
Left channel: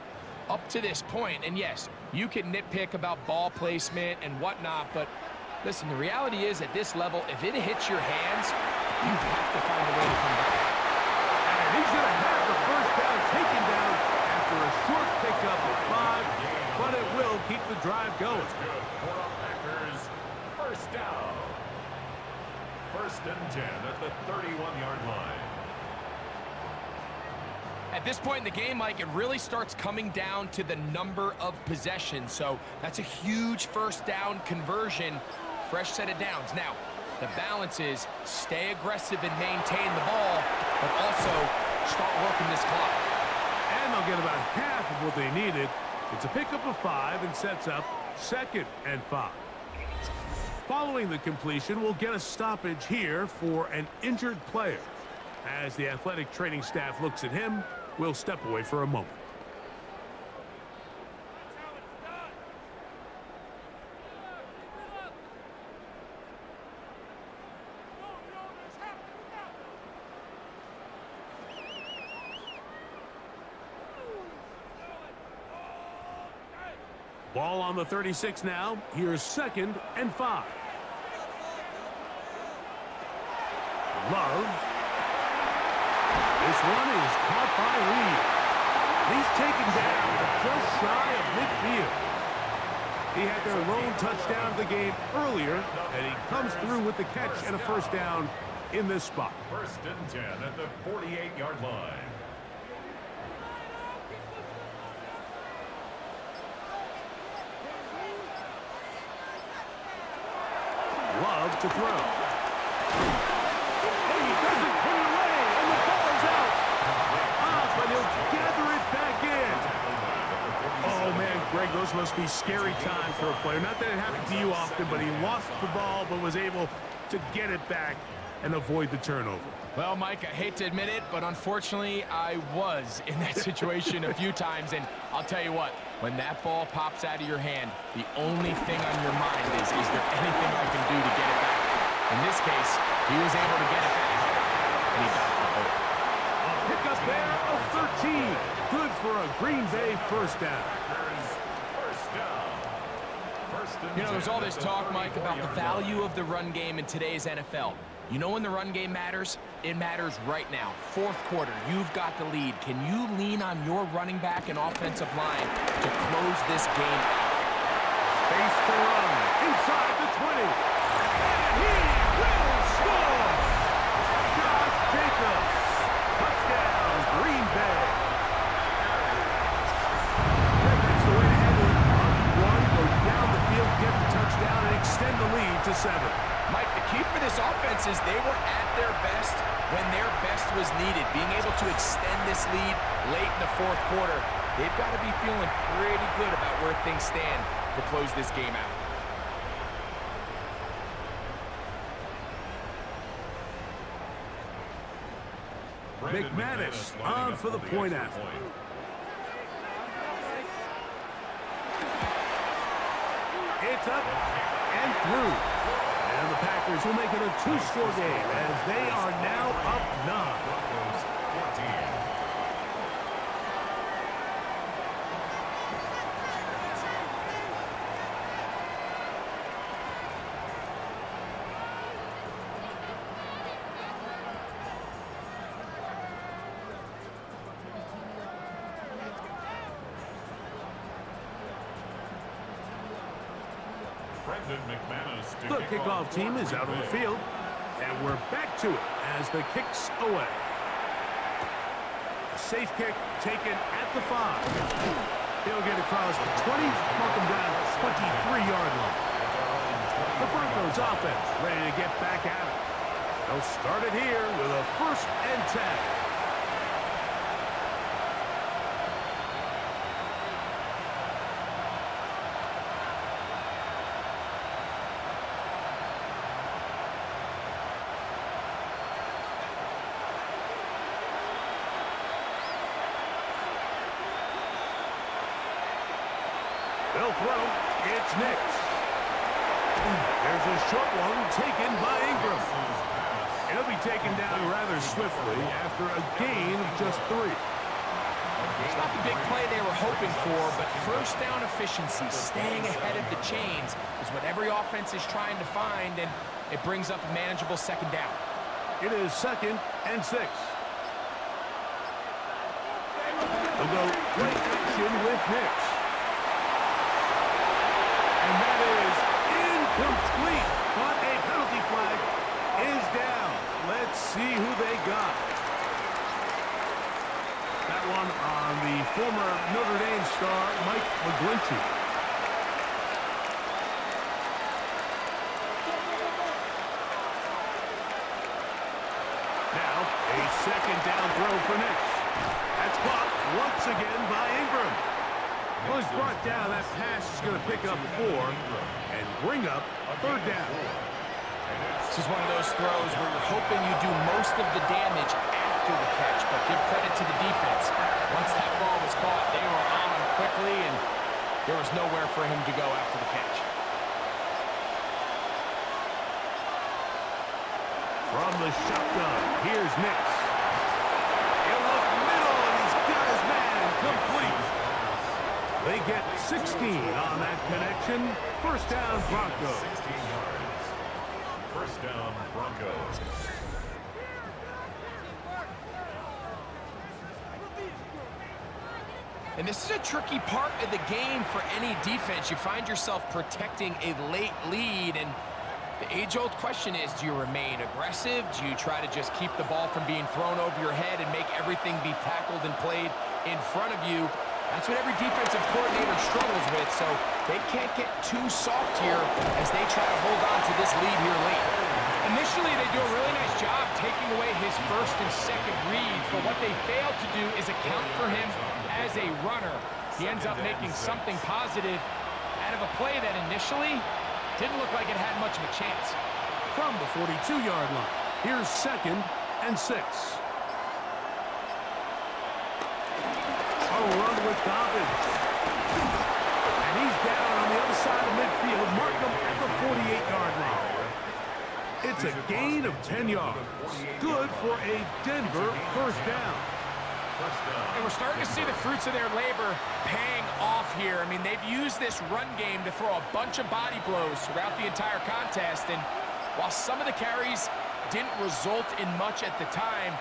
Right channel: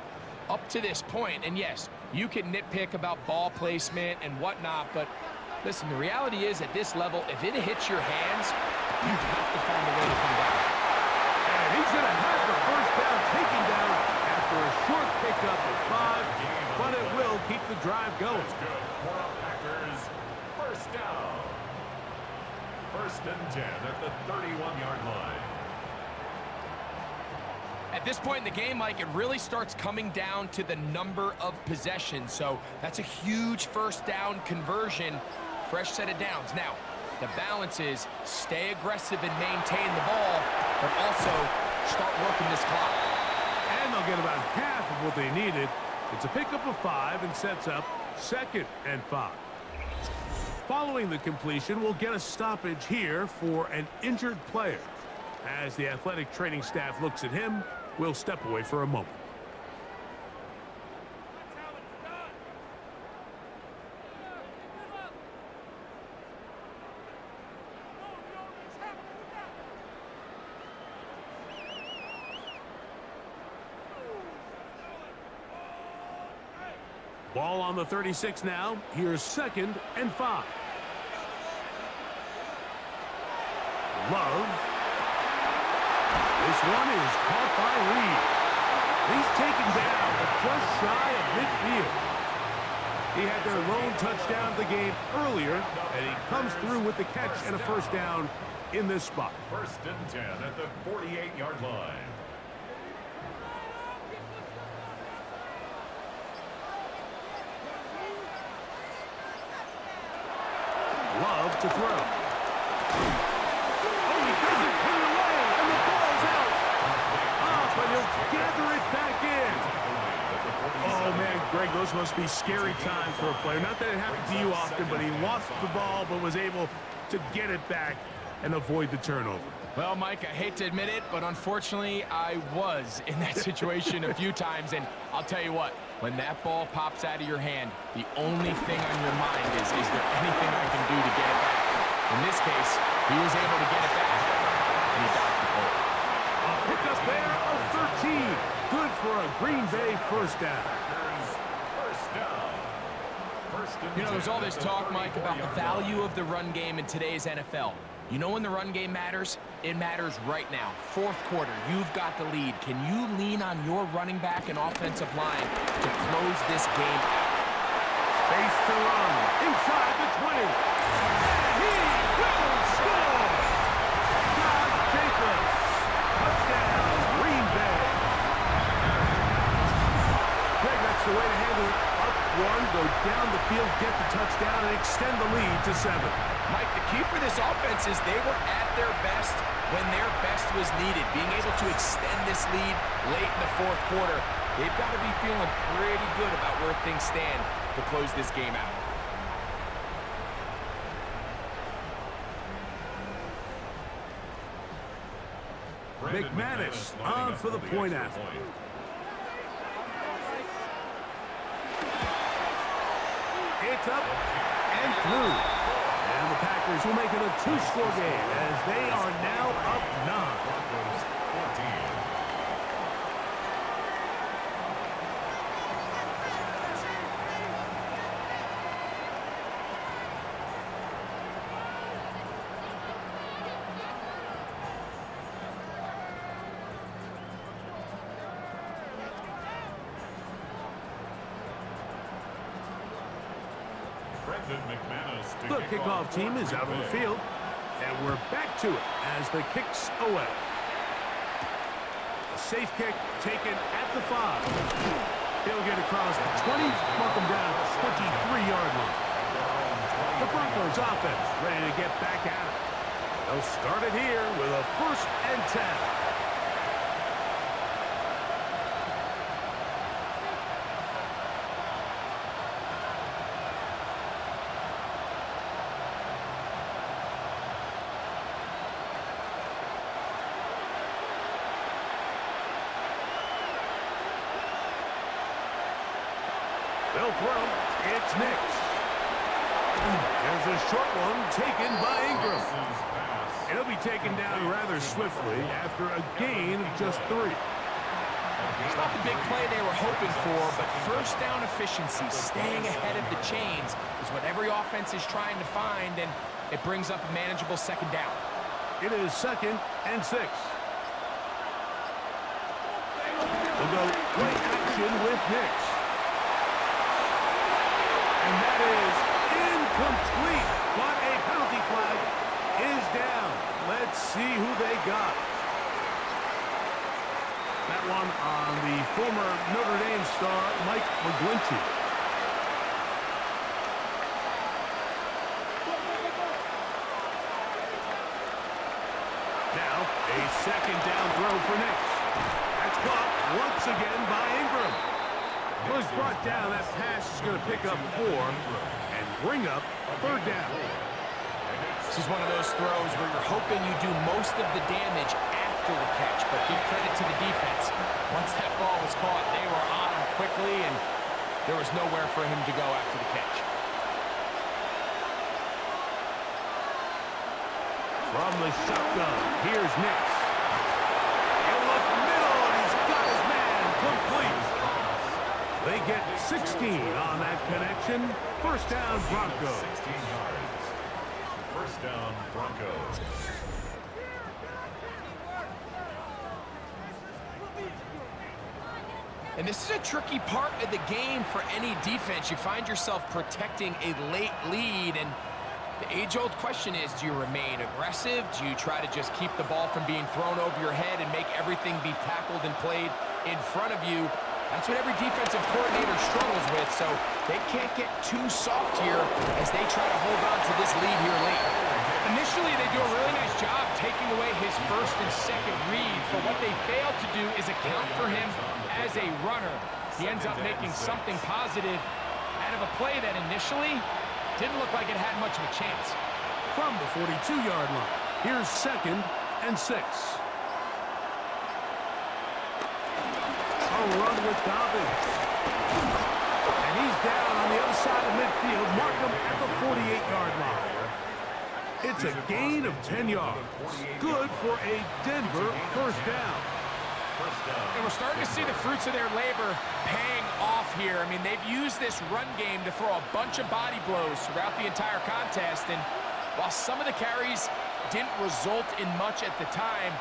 up to this point. And yes, you can nitpick about ball placement and whatnot, but listen, the reality is at this level, if it hits your hands, you have to find a way to come back. And he's going to have the 1st down taken down after a short pickup of 5, but it will keep the drive going. That's good for our Packers. 1st down. 1st and 10 at the 31-yard line. At this point in the game, Mike, it really starts coming down to the number of possessions. So that's a huge 1st down conversion, fresh set of downs. Now, the balance is stay aggressive and maintain the ball, but also start working this clock. And they'll get about half of what they needed. It's a pickup of 5 and sets up 2nd and 5. Following the completion, we'll get a stoppage here for an injured player. As the athletic training staff looks at him, we'll step away for a moment. Ball on the 36 now. Here's 2nd and 5. Love. This one is caught by Reed. He's taken down just shy of midfield. He had their lone touchdown of the game earlier, and he comes through with the catch and a 1st down in this spot. 1st and 10 at the 48-yard line. Love to throw. Oh, he doesn't put it away, and the ball's out. But he'll gather it back in. Oh, man, Greg, those must be scary times for a player. Not that it happened to you often, but he lost the ball but was able to get it back and avoid the turnover. Well, Mike, I hate to admit it, but unfortunately, I was in that situation a few times, and I'll tell you what, when that ball pops out of your hand, the only thing on your mind is there anything I can do to get it back? In this case, he was able to get it back, and he dodged the ball. A pickup there of 13. Good for a Green Bay 1st down. You know, there's all this talk, Mike, about the value of the run game in today's NFL. You know when the run game matters? It matters right now. 4th quarter, you've got the lead. Can you lean on your running back and offensive line to close this game out? Space to run inside the 20. And he will score! Josh Jacobs. Touchdown, Green Bay. Greg, that's the way to handle it. Up 1, go down the field, get the touchdown, and extend the lead to 7. Mike, the key for this offense is they were at their best when their best was needed. Being able to extend this lead late in the 4th quarter, they've got to be feeling pretty good about where things stand to close this game out. McManus on for the point after. It's up and through. And the Packers will make it a 2-score game as they are now up 9. Broncos 14. The kickoff team is out on the field, and we're back to it as the kick's away. safe kick taken at the 5. He'll get across the 20, mark him down 23-yard line. The Broncos offense ready to get back at it. They'll start it here with a 1st and 10. They'll throw. It's Nix. There's a short one taken by Ingram. It'll be taken down rather swiftly after a gain of just 3. It's not the big play they were hoping for, but first down efficiency, staying ahead of the chains, is what every offense is trying to find, and it brings up a manageable 2nd down. It is 2nd and 6. They'll go play action with Nix. And that is incomplete, but a penalty flag is down. Let's see who they got. That one on the former Notre Dame star, Mike McGlinchey. Now, a 2nd down throw for Nix. That's caught once again by Ingram. Well, he's brought down. That pass is going to pick up 4 and bring up 3rd down. This is one of those throws where you're hoping you do most of the damage after the catch, but give credit to the defense. Once that ball was caught, they were on him quickly, and there was nowhere for him to go after the catch. From the shotgun, here's Nix. He'll look middle, and he's got his man complete. They get 16 on that connection. 1st down, Broncos. 16 yards. 1st down, Broncos. And this is a tricky part of the game for any defense. You find yourself protecting a late lead, and the age-old question is, do you remain aggressive? Do you try to just keep the ball from being thrown over your head and make everything be tackled and played in front of you? That's what every defensive coordinator struggles with, so they can't get too soft here as they try to hold on to this lead here late. Initially, they do a really nice job taking away his 1st and 2nd reads, but what they fail to do is account for him as a runner. He ends up making something positive out of a play that initially didn't look like it had much of a chance. From the 42-yard line, here's 2nd and 6. A run with Dobbins. And he's down on the other side of midfield. Mark him at the 48-yard line. It's a gain of 10 yards. Good for a Denver 1st down. And we're starting to see the fruits of their labor paying off here. I mean, they've used this run game to throw a bunch of body blows throughout the entire contest. And while some of the carries didn't result in much at the time,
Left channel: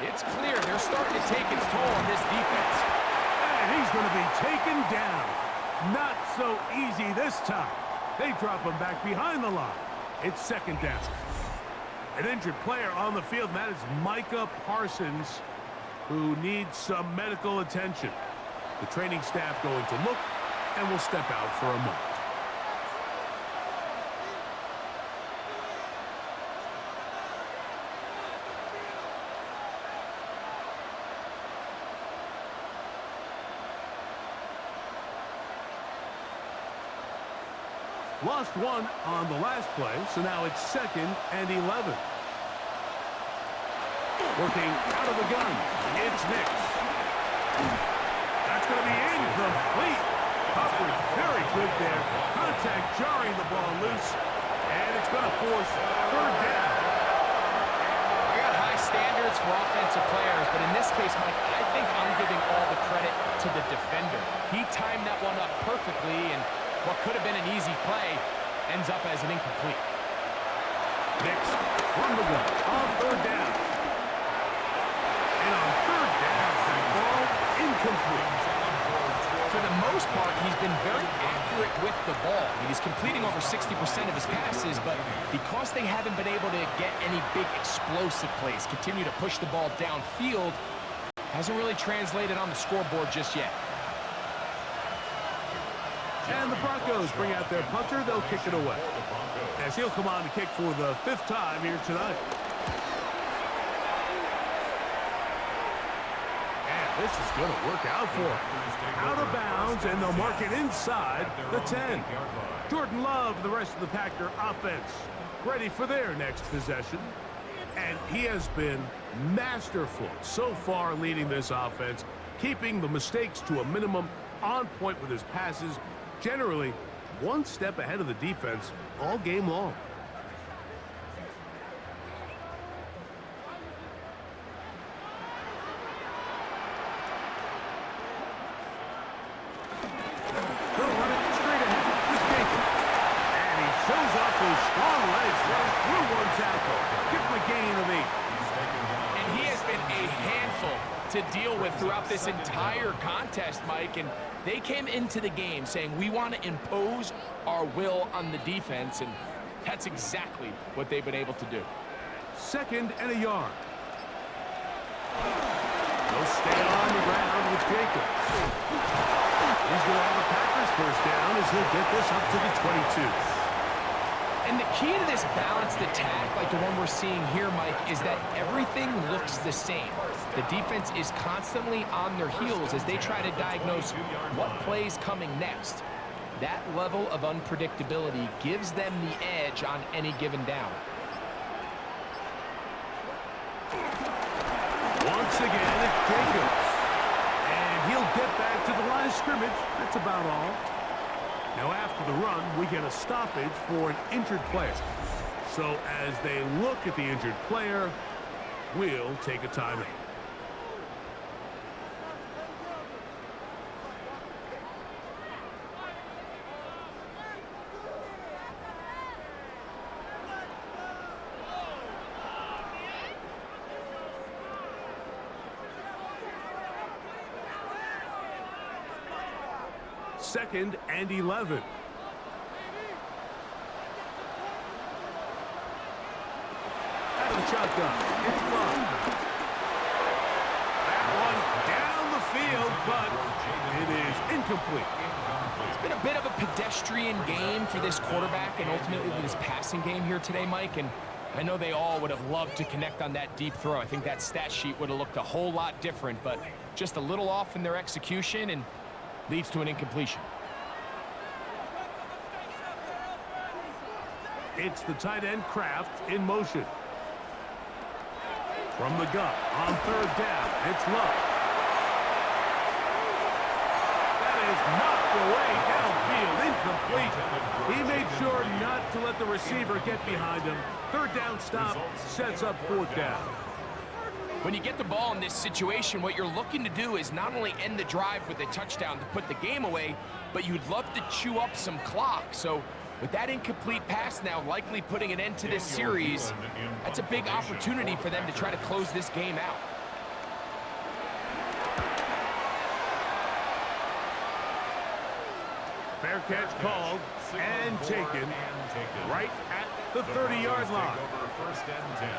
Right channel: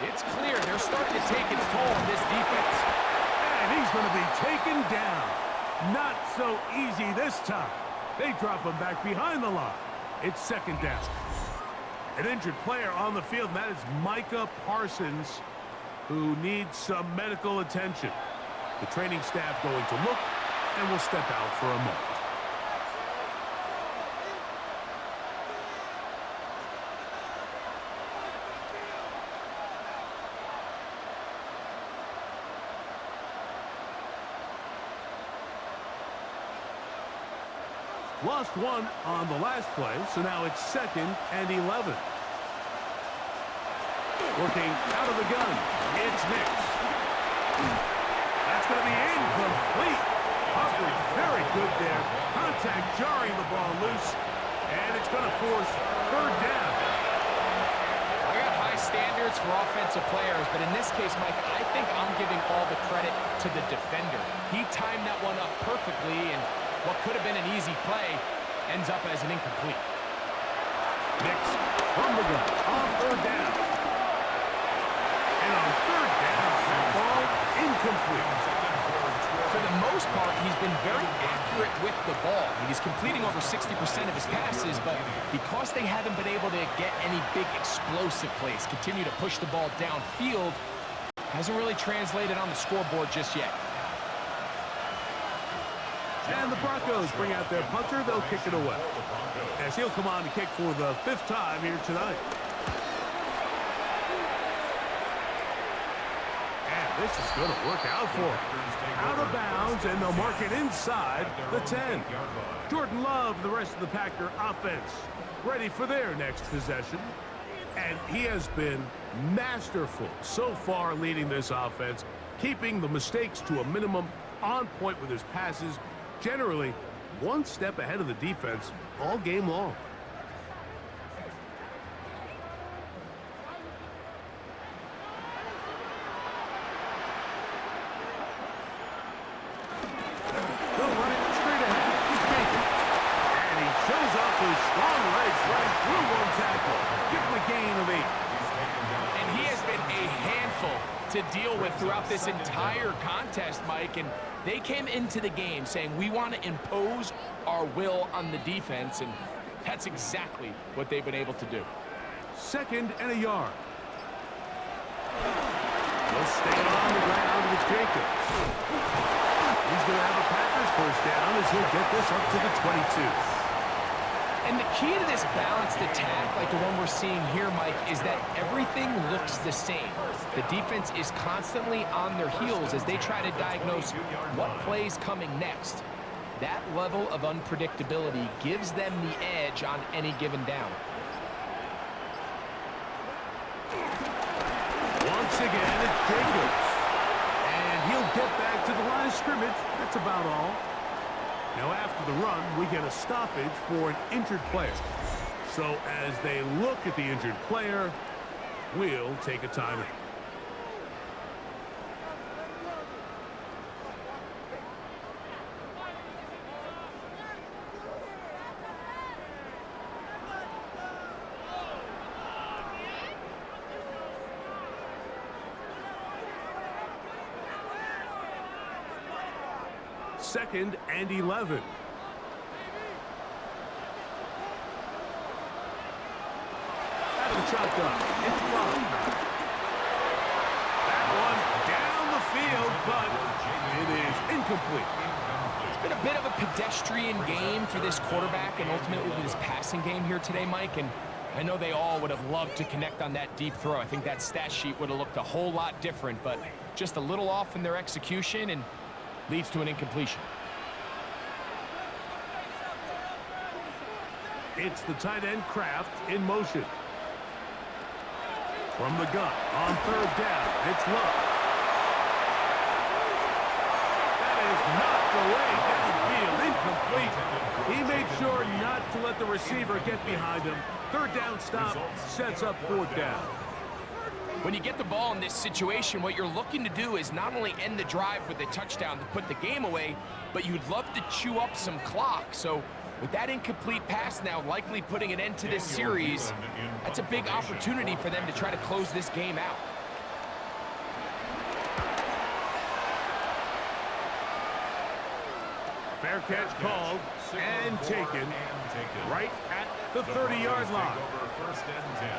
it's clear they're starting to take its toll on this defense. And he's going to be taken down. Not so easy this time. They drop him back behind the line. It's 2nd down. An injured player on the field, and that is Micah Parsons, who needs some medical attention. The training staff going to look and will step out for a moment. Lost 1 on the last play, so now it's 2nd and 11. Working out of the gun, it's Nix. That's going to be incomplete. Coverage very good there. Contact jarring the ball loose, and it's going to force 3rd down. I got high standards for offensive players, but in this case, Mike, I think I'm giving all the credit to the defender. He timed that one up perfectly, and what could have been an easy play ends up as an incomplete. Nix from the gun on 3rd down. And on 3rd down, that ball incomplete. For the most part, he's been very accurate with the ball. I mean, he's completing over 60% of his passes, but because they haven't been able to get any big explosive plays, continue to push the ball downfield, hasn't really translated on the scoreboard just yet. And the Broncos bring out their punter. They'll kick it away, as he'll come on to kick for the 5th time here tonight. And this is going to work out for him. Out of bounds, and they'll mark it inside the 10. Jordan Love and the rest of the Packer offense ready for their next possession. And he has been masterful so far leading this offense, keeping the mistakes to a minimum, on point with his passes, generally one step ahead of the defense all game long. They'll run it straight ahead with Jenkins. And he shows off those strong legs running through one tackle. Give him a gain of 8. And he has been a handful to deal with throughout this entire contest, Mike. And they came into the game saying, we want to impose our will on the defense, and that's exactly what they've been able to do. 2nd and a yard. They'll stay on the ground with Jacobs. He's going to have a Packers first down as he'll get this up to the 22. And the key to this balanced attack, like the one we're seeing here, Mike, is that everything looks the same. The defense is constantly on their heels as they try to diagnose what play's coming next. That level of unpredictability gives them the edge on any given down. Once again, it's Jacobs. And he'll get back to the line of scrimmage. That's about all. Now, after the run, we get a stoppage for an injured player. So as they look at the injured player, we'll take a timeout. Second and 11. Out of the shotgun, it's Love. That one down the field, but it is incomplete. It's been a bit of a pedestrian game for this quarterback and ultimately this passing game here today, Mike. And I know they all would have loved to connect on that deep throw. I think that stat sheet would have looked a whole lot different, but just a little off in their execution and leads to an incompletion. It's the tight end Kraft in motion. From the gun on 3rd down, it's Love. That is knocked away downfield, incomplete. He made sure not to let the receiver get behind him. 3rd down stop sets up 4th down. When you get the ball in this situation, what you're looking to do is not only end the drive with a touchdown to put the game away, but you'd love to chew up some clock. So with that incomplete pass now likely putting an end to this series, that's a big opportunity for them to try to close this game out. Fair catch called and taken right at the 30-yard line.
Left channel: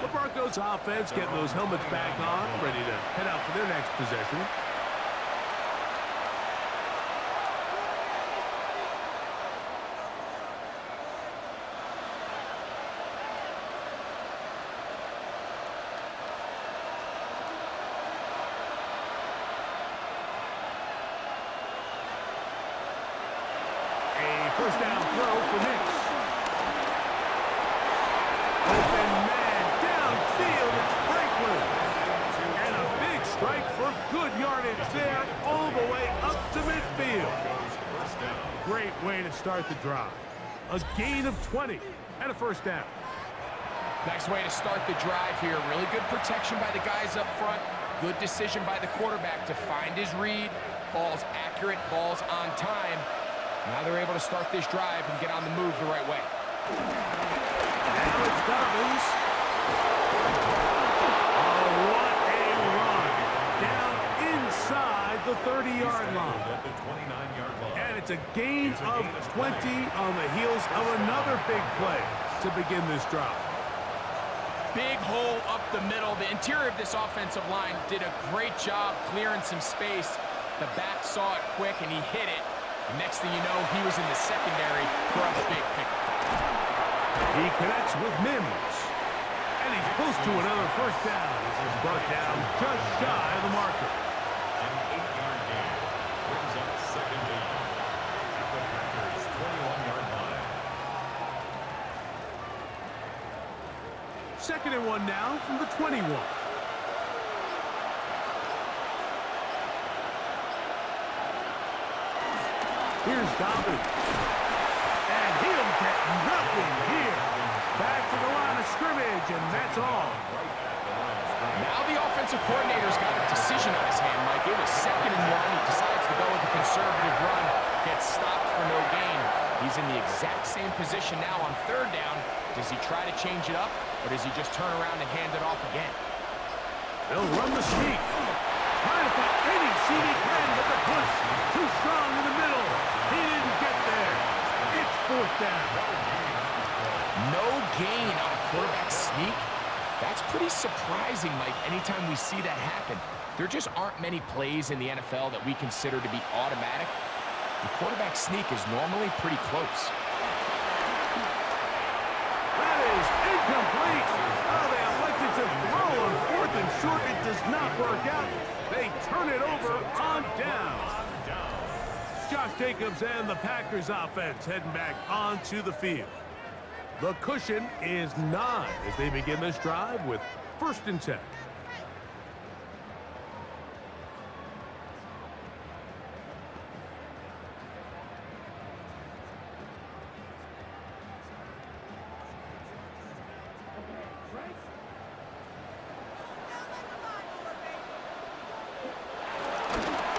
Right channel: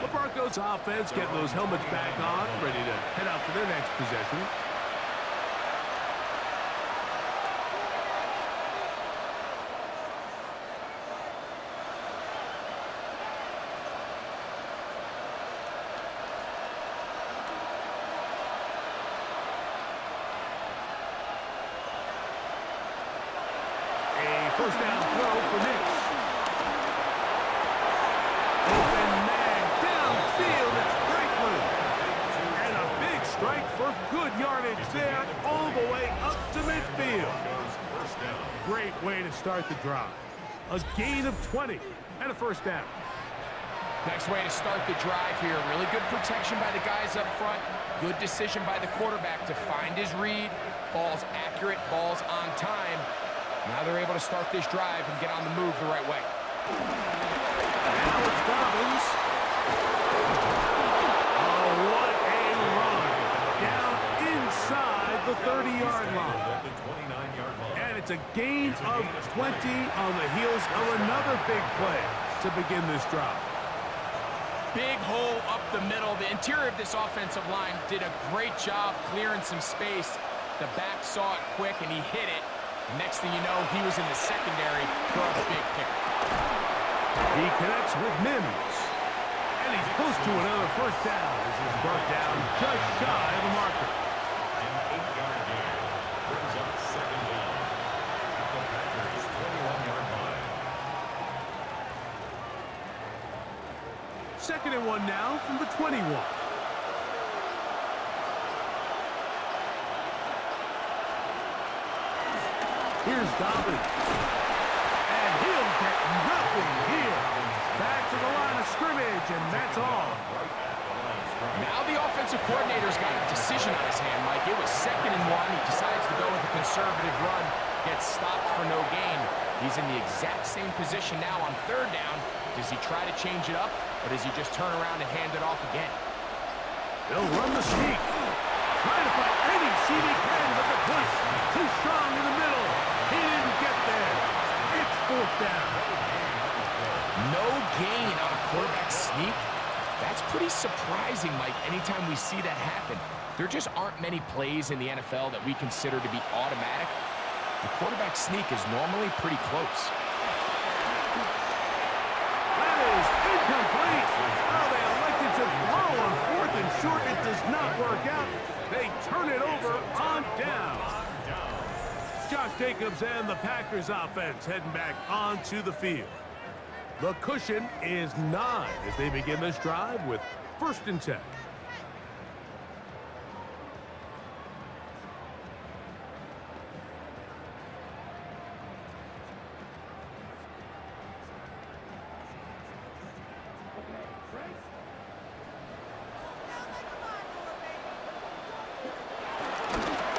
The Broncos offense getting those helmets back on, ready to head out for their next possession. A first down throw for Nix. Open man downfield, it's Franklin. And a big strike for good yardage there, all the way up to midfield. Great way to start the drive. A gain of 20 and a first down. Nice way to start the drive here. Really good protection by the guys up front. Good decision by the quarterback to find his read. Ball's accurate, ball's on time. Now they're able to start this drive and get on the move the right way. Now it's Dobbins. Oh, what a run. Down inside the 30-yard line. And it's a gain of 20 on the heels of another big play to begin this drive. Big hole up the middle. The interior of this offensive line did a great job clearing some space. The back saw it quick, and he hit it. And next thing you know, he was in the secondary for a big pickup. He connects with Mims. And he's close to another first down as he's brought down just shy of the marker. An 8-yard gain brings up second down at the Packers' 21-yard line. 2nd and 1 now from the 21. Here's Dobbins. And he'll get nothing here. Back to the line of scrimmage, and that's all. Now the offensive coordinator's got a decision on his hand, Mike. It was 2nd and 1. He decides to go with a conservative run, gets stopped for no gain. He's in the exact same position now on 3rd down. Does he try to change it up, or does he just turn around and hand it off again? They'll run the sneak. Trying to find any seam he can, but the push too strong in the middle. He didn't get there. It's 4th down. No gain on a quarterback sneak? That's pretty surprising, Mike, anytime we see that happen. There just aren't many plays in the NFL that we consider to be automatic. The quarterback sneak is normally pretty close. That is incomplete. Oh, they elected to throw on 4th and short. It does not work out. They turn it over on down. Josh Jacobs and the Packers offense heading back onto the field. The cushion is 9 as they begin this drive with 1st and 10.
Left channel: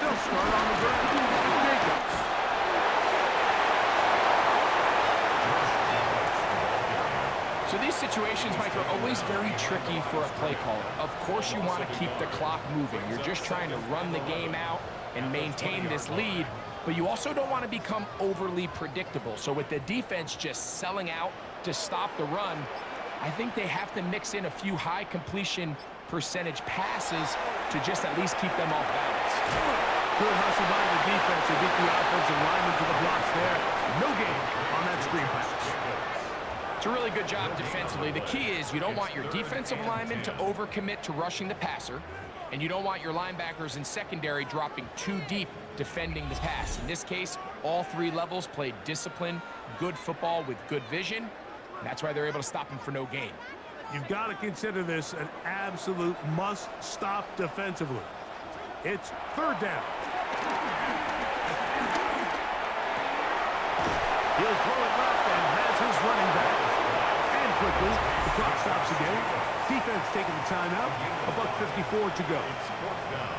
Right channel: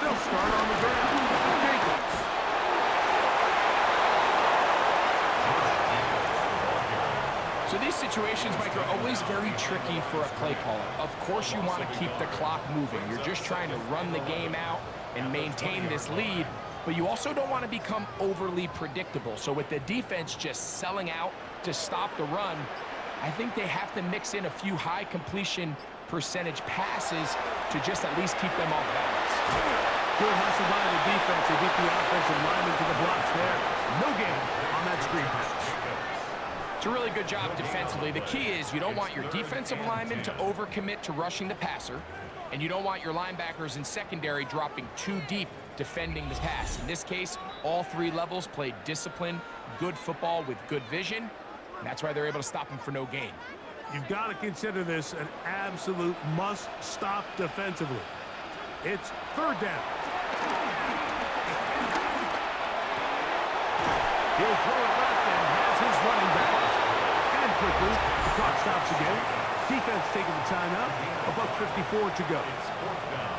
They'll start on the ground with Jacobs. So these situations, Mike, are always very tricky for a play caller. Of course you want to keep the clock moving. You're just trying to run the game out and maintain this lead, but you also don't want to become overly predictable. So with the defense just selling out to stop the run, I think they have to mix in a few high completion percentage passes to just at least keep them off balance. Good hustle by the defense. They beat the offensive lineman to the blocks there. No gain on that screen pass. It's a really good job defensively. The key is you don't want your defensive linemen to overcommit to rushing the passer, and you don't want your linebackers in secondary dropping too deep defending the pass. In this case, all 3 levels played disciplined, good football with good vision. And that's why they're able to stop him for no gain. You've got to consider this an absolute must-stop defensively. It's 3rd down. He'll throw it left and has his running back. And quickly, the clock stops again. Defense taking the timeout. $1:54 to go. It's 4th down.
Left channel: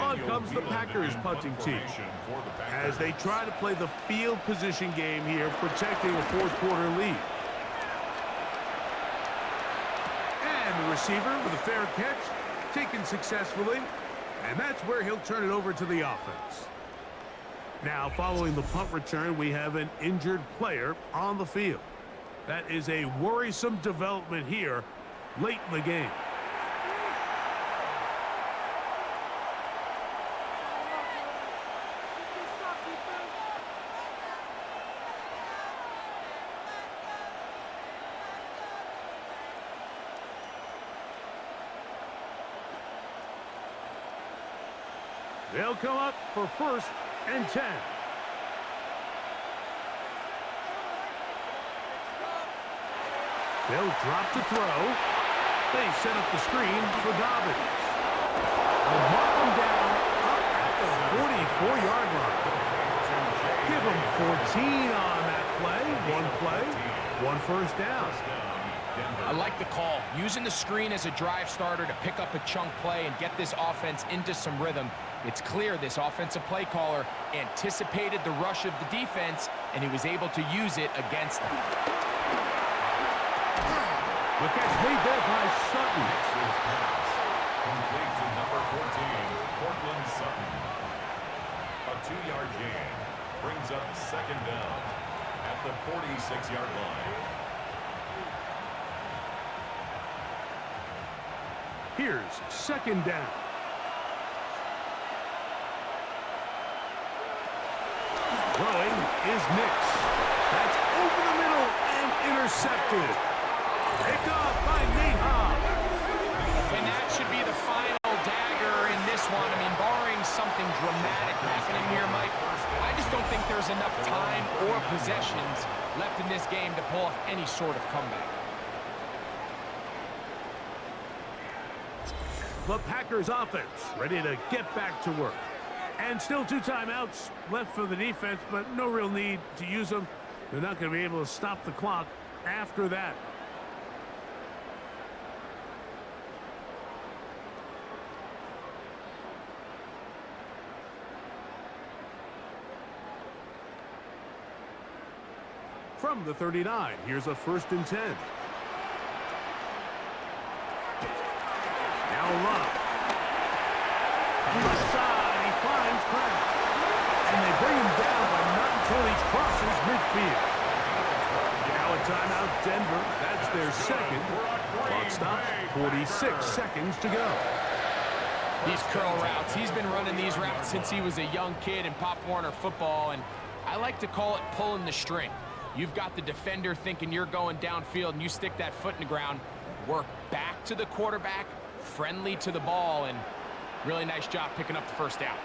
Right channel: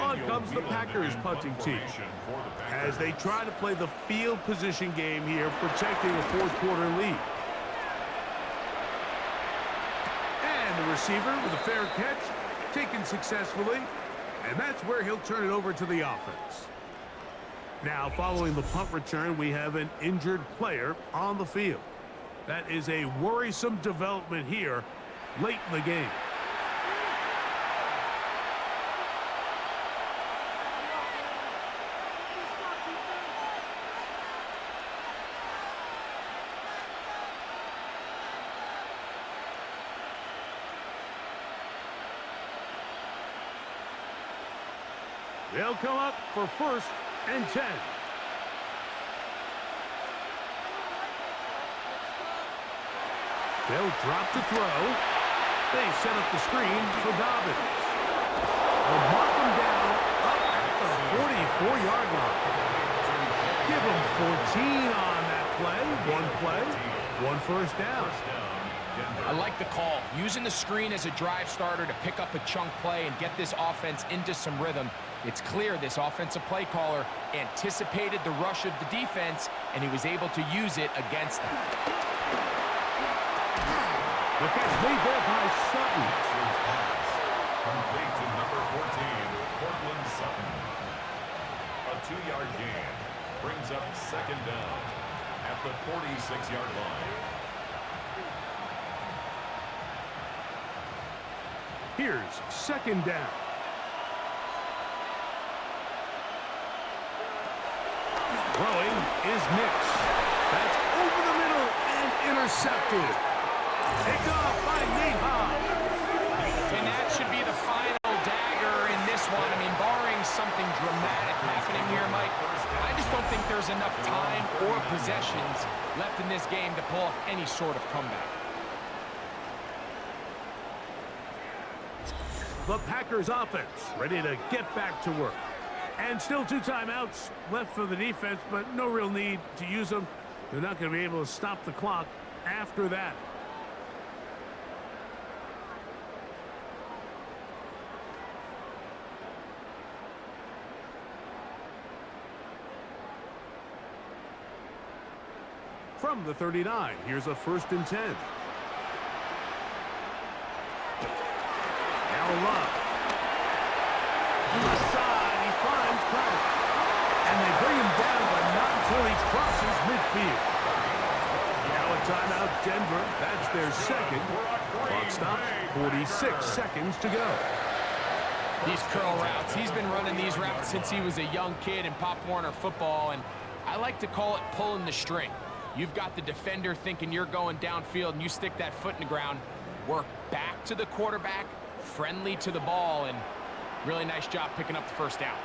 On comes the Packers punting team as they try to play the field position game here, protecting a 4th quarter lead. And the receiver with a fair catch, taken successfully, and that's where he'll turn it over to the offense. Now, following the punt return, we have an injured player on the field. That is a worrisome development here late in the game. They'll come up for 1st and 10. They'll drop the throw. They set up the screen for Dobbins. They'll mark him down up at the 44-yard line. Give him 14 on that play. 1 first down. I like the call. Using the screen as a drive starter to pick up a chunk play and get this offense into some rhythm. It's clear this offensive play caller anticipated the rush of the defense, and he was able to use it against them. The catch made there by Sutton. His pass complete to number 14, Cortland Sutton. A 2-yard gain brings up second down at the 46-yard line. Here's second down. Throwing is Nix. That's over the middle and intercepted. Picked off by Nate Hobbs. And that should be the final dagger in this one. I mean, barring something dramatic happening here, Mike, I just don't think there's enough time or possessions left in this game to pull off any sort of comeback. The Packers offense ready to get back to work. And still 2 timeouts left for the defense, but no real need to use them. They're not going to be able to stop the clock after that. From the 39, here's a 1st and 10. Now Love. Left side, he finds Kraft. And they bring him down, but not until he crosses midfield. Now a timeout, Denver. That's their second. Clock stops, 46 seconds to go. These curl routes, he's been running these routes since he was a young kid in Pop Warner football, and I like to call it pulling the string. You've got the defender thinking you're going downfield, and you stick that foot in the ground, work back to the quarterback, friendly to the ball, and really nice job picking up the first down.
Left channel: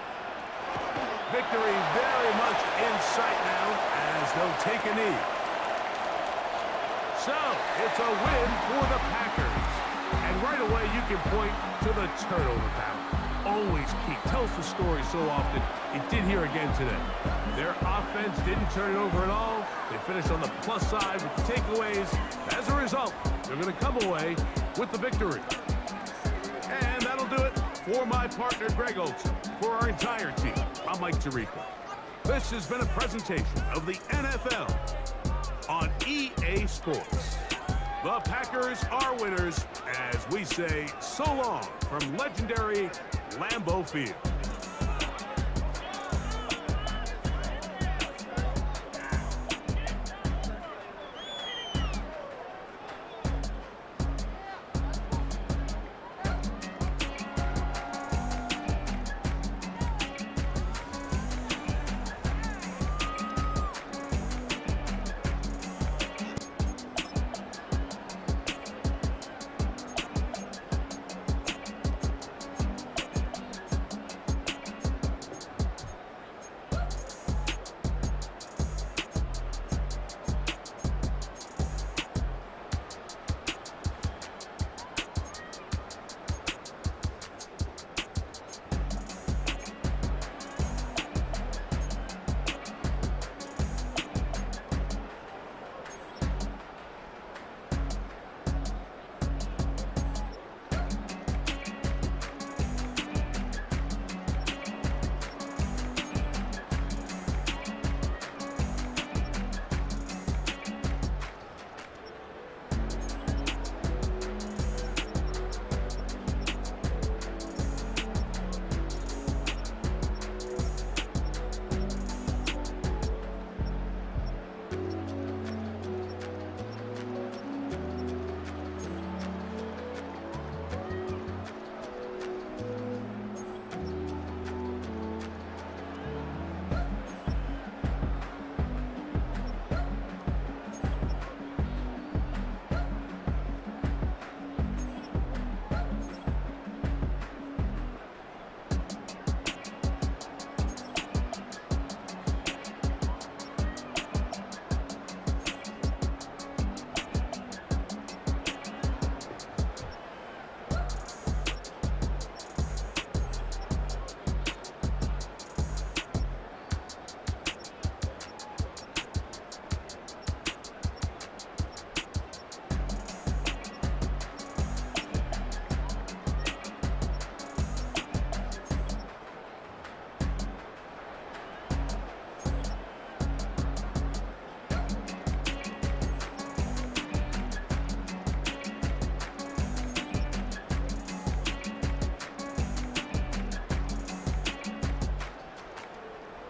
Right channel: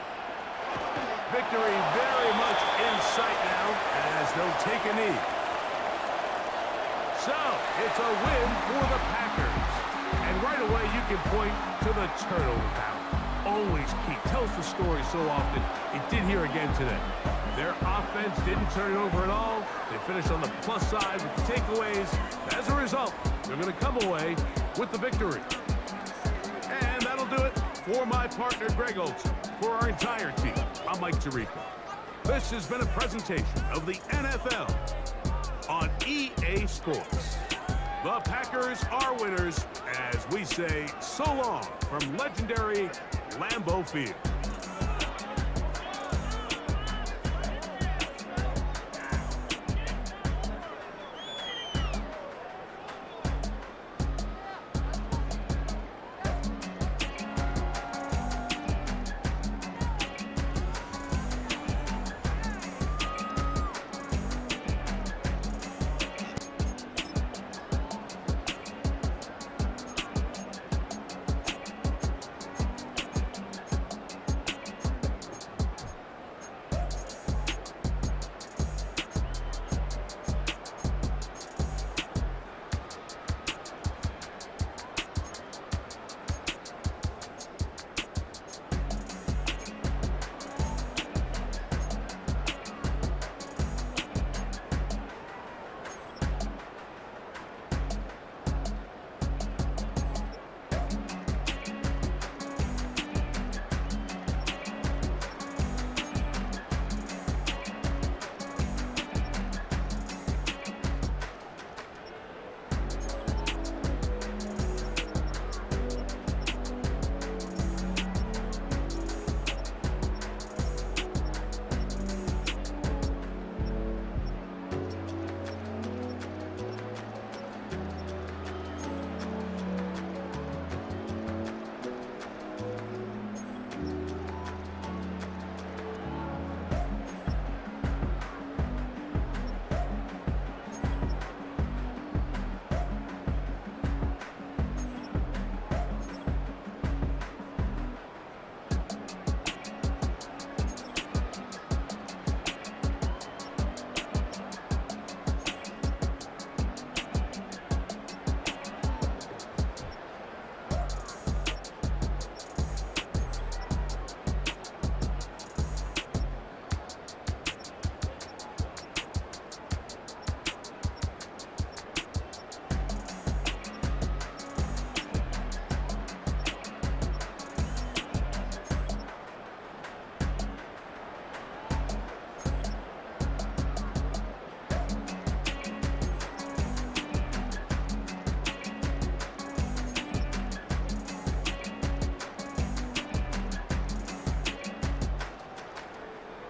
Victory very much in sight now as they'll take a knee. So, it's a win for the Packers. And right away, you can point to the turnover battle. Always key. Tells the story so often. It did here again today. Their offense didn't turn it over at all. They finished on the plus side with the takeaways. As a result, they're going to come away with the victory. And that'll do it for my partner, Greg Olson. For our entire team, I'm Mike Tirico. This has been a presentation of the NFL on EA Sports. The Packers are winners as we say so long from legendary Lambeau Field.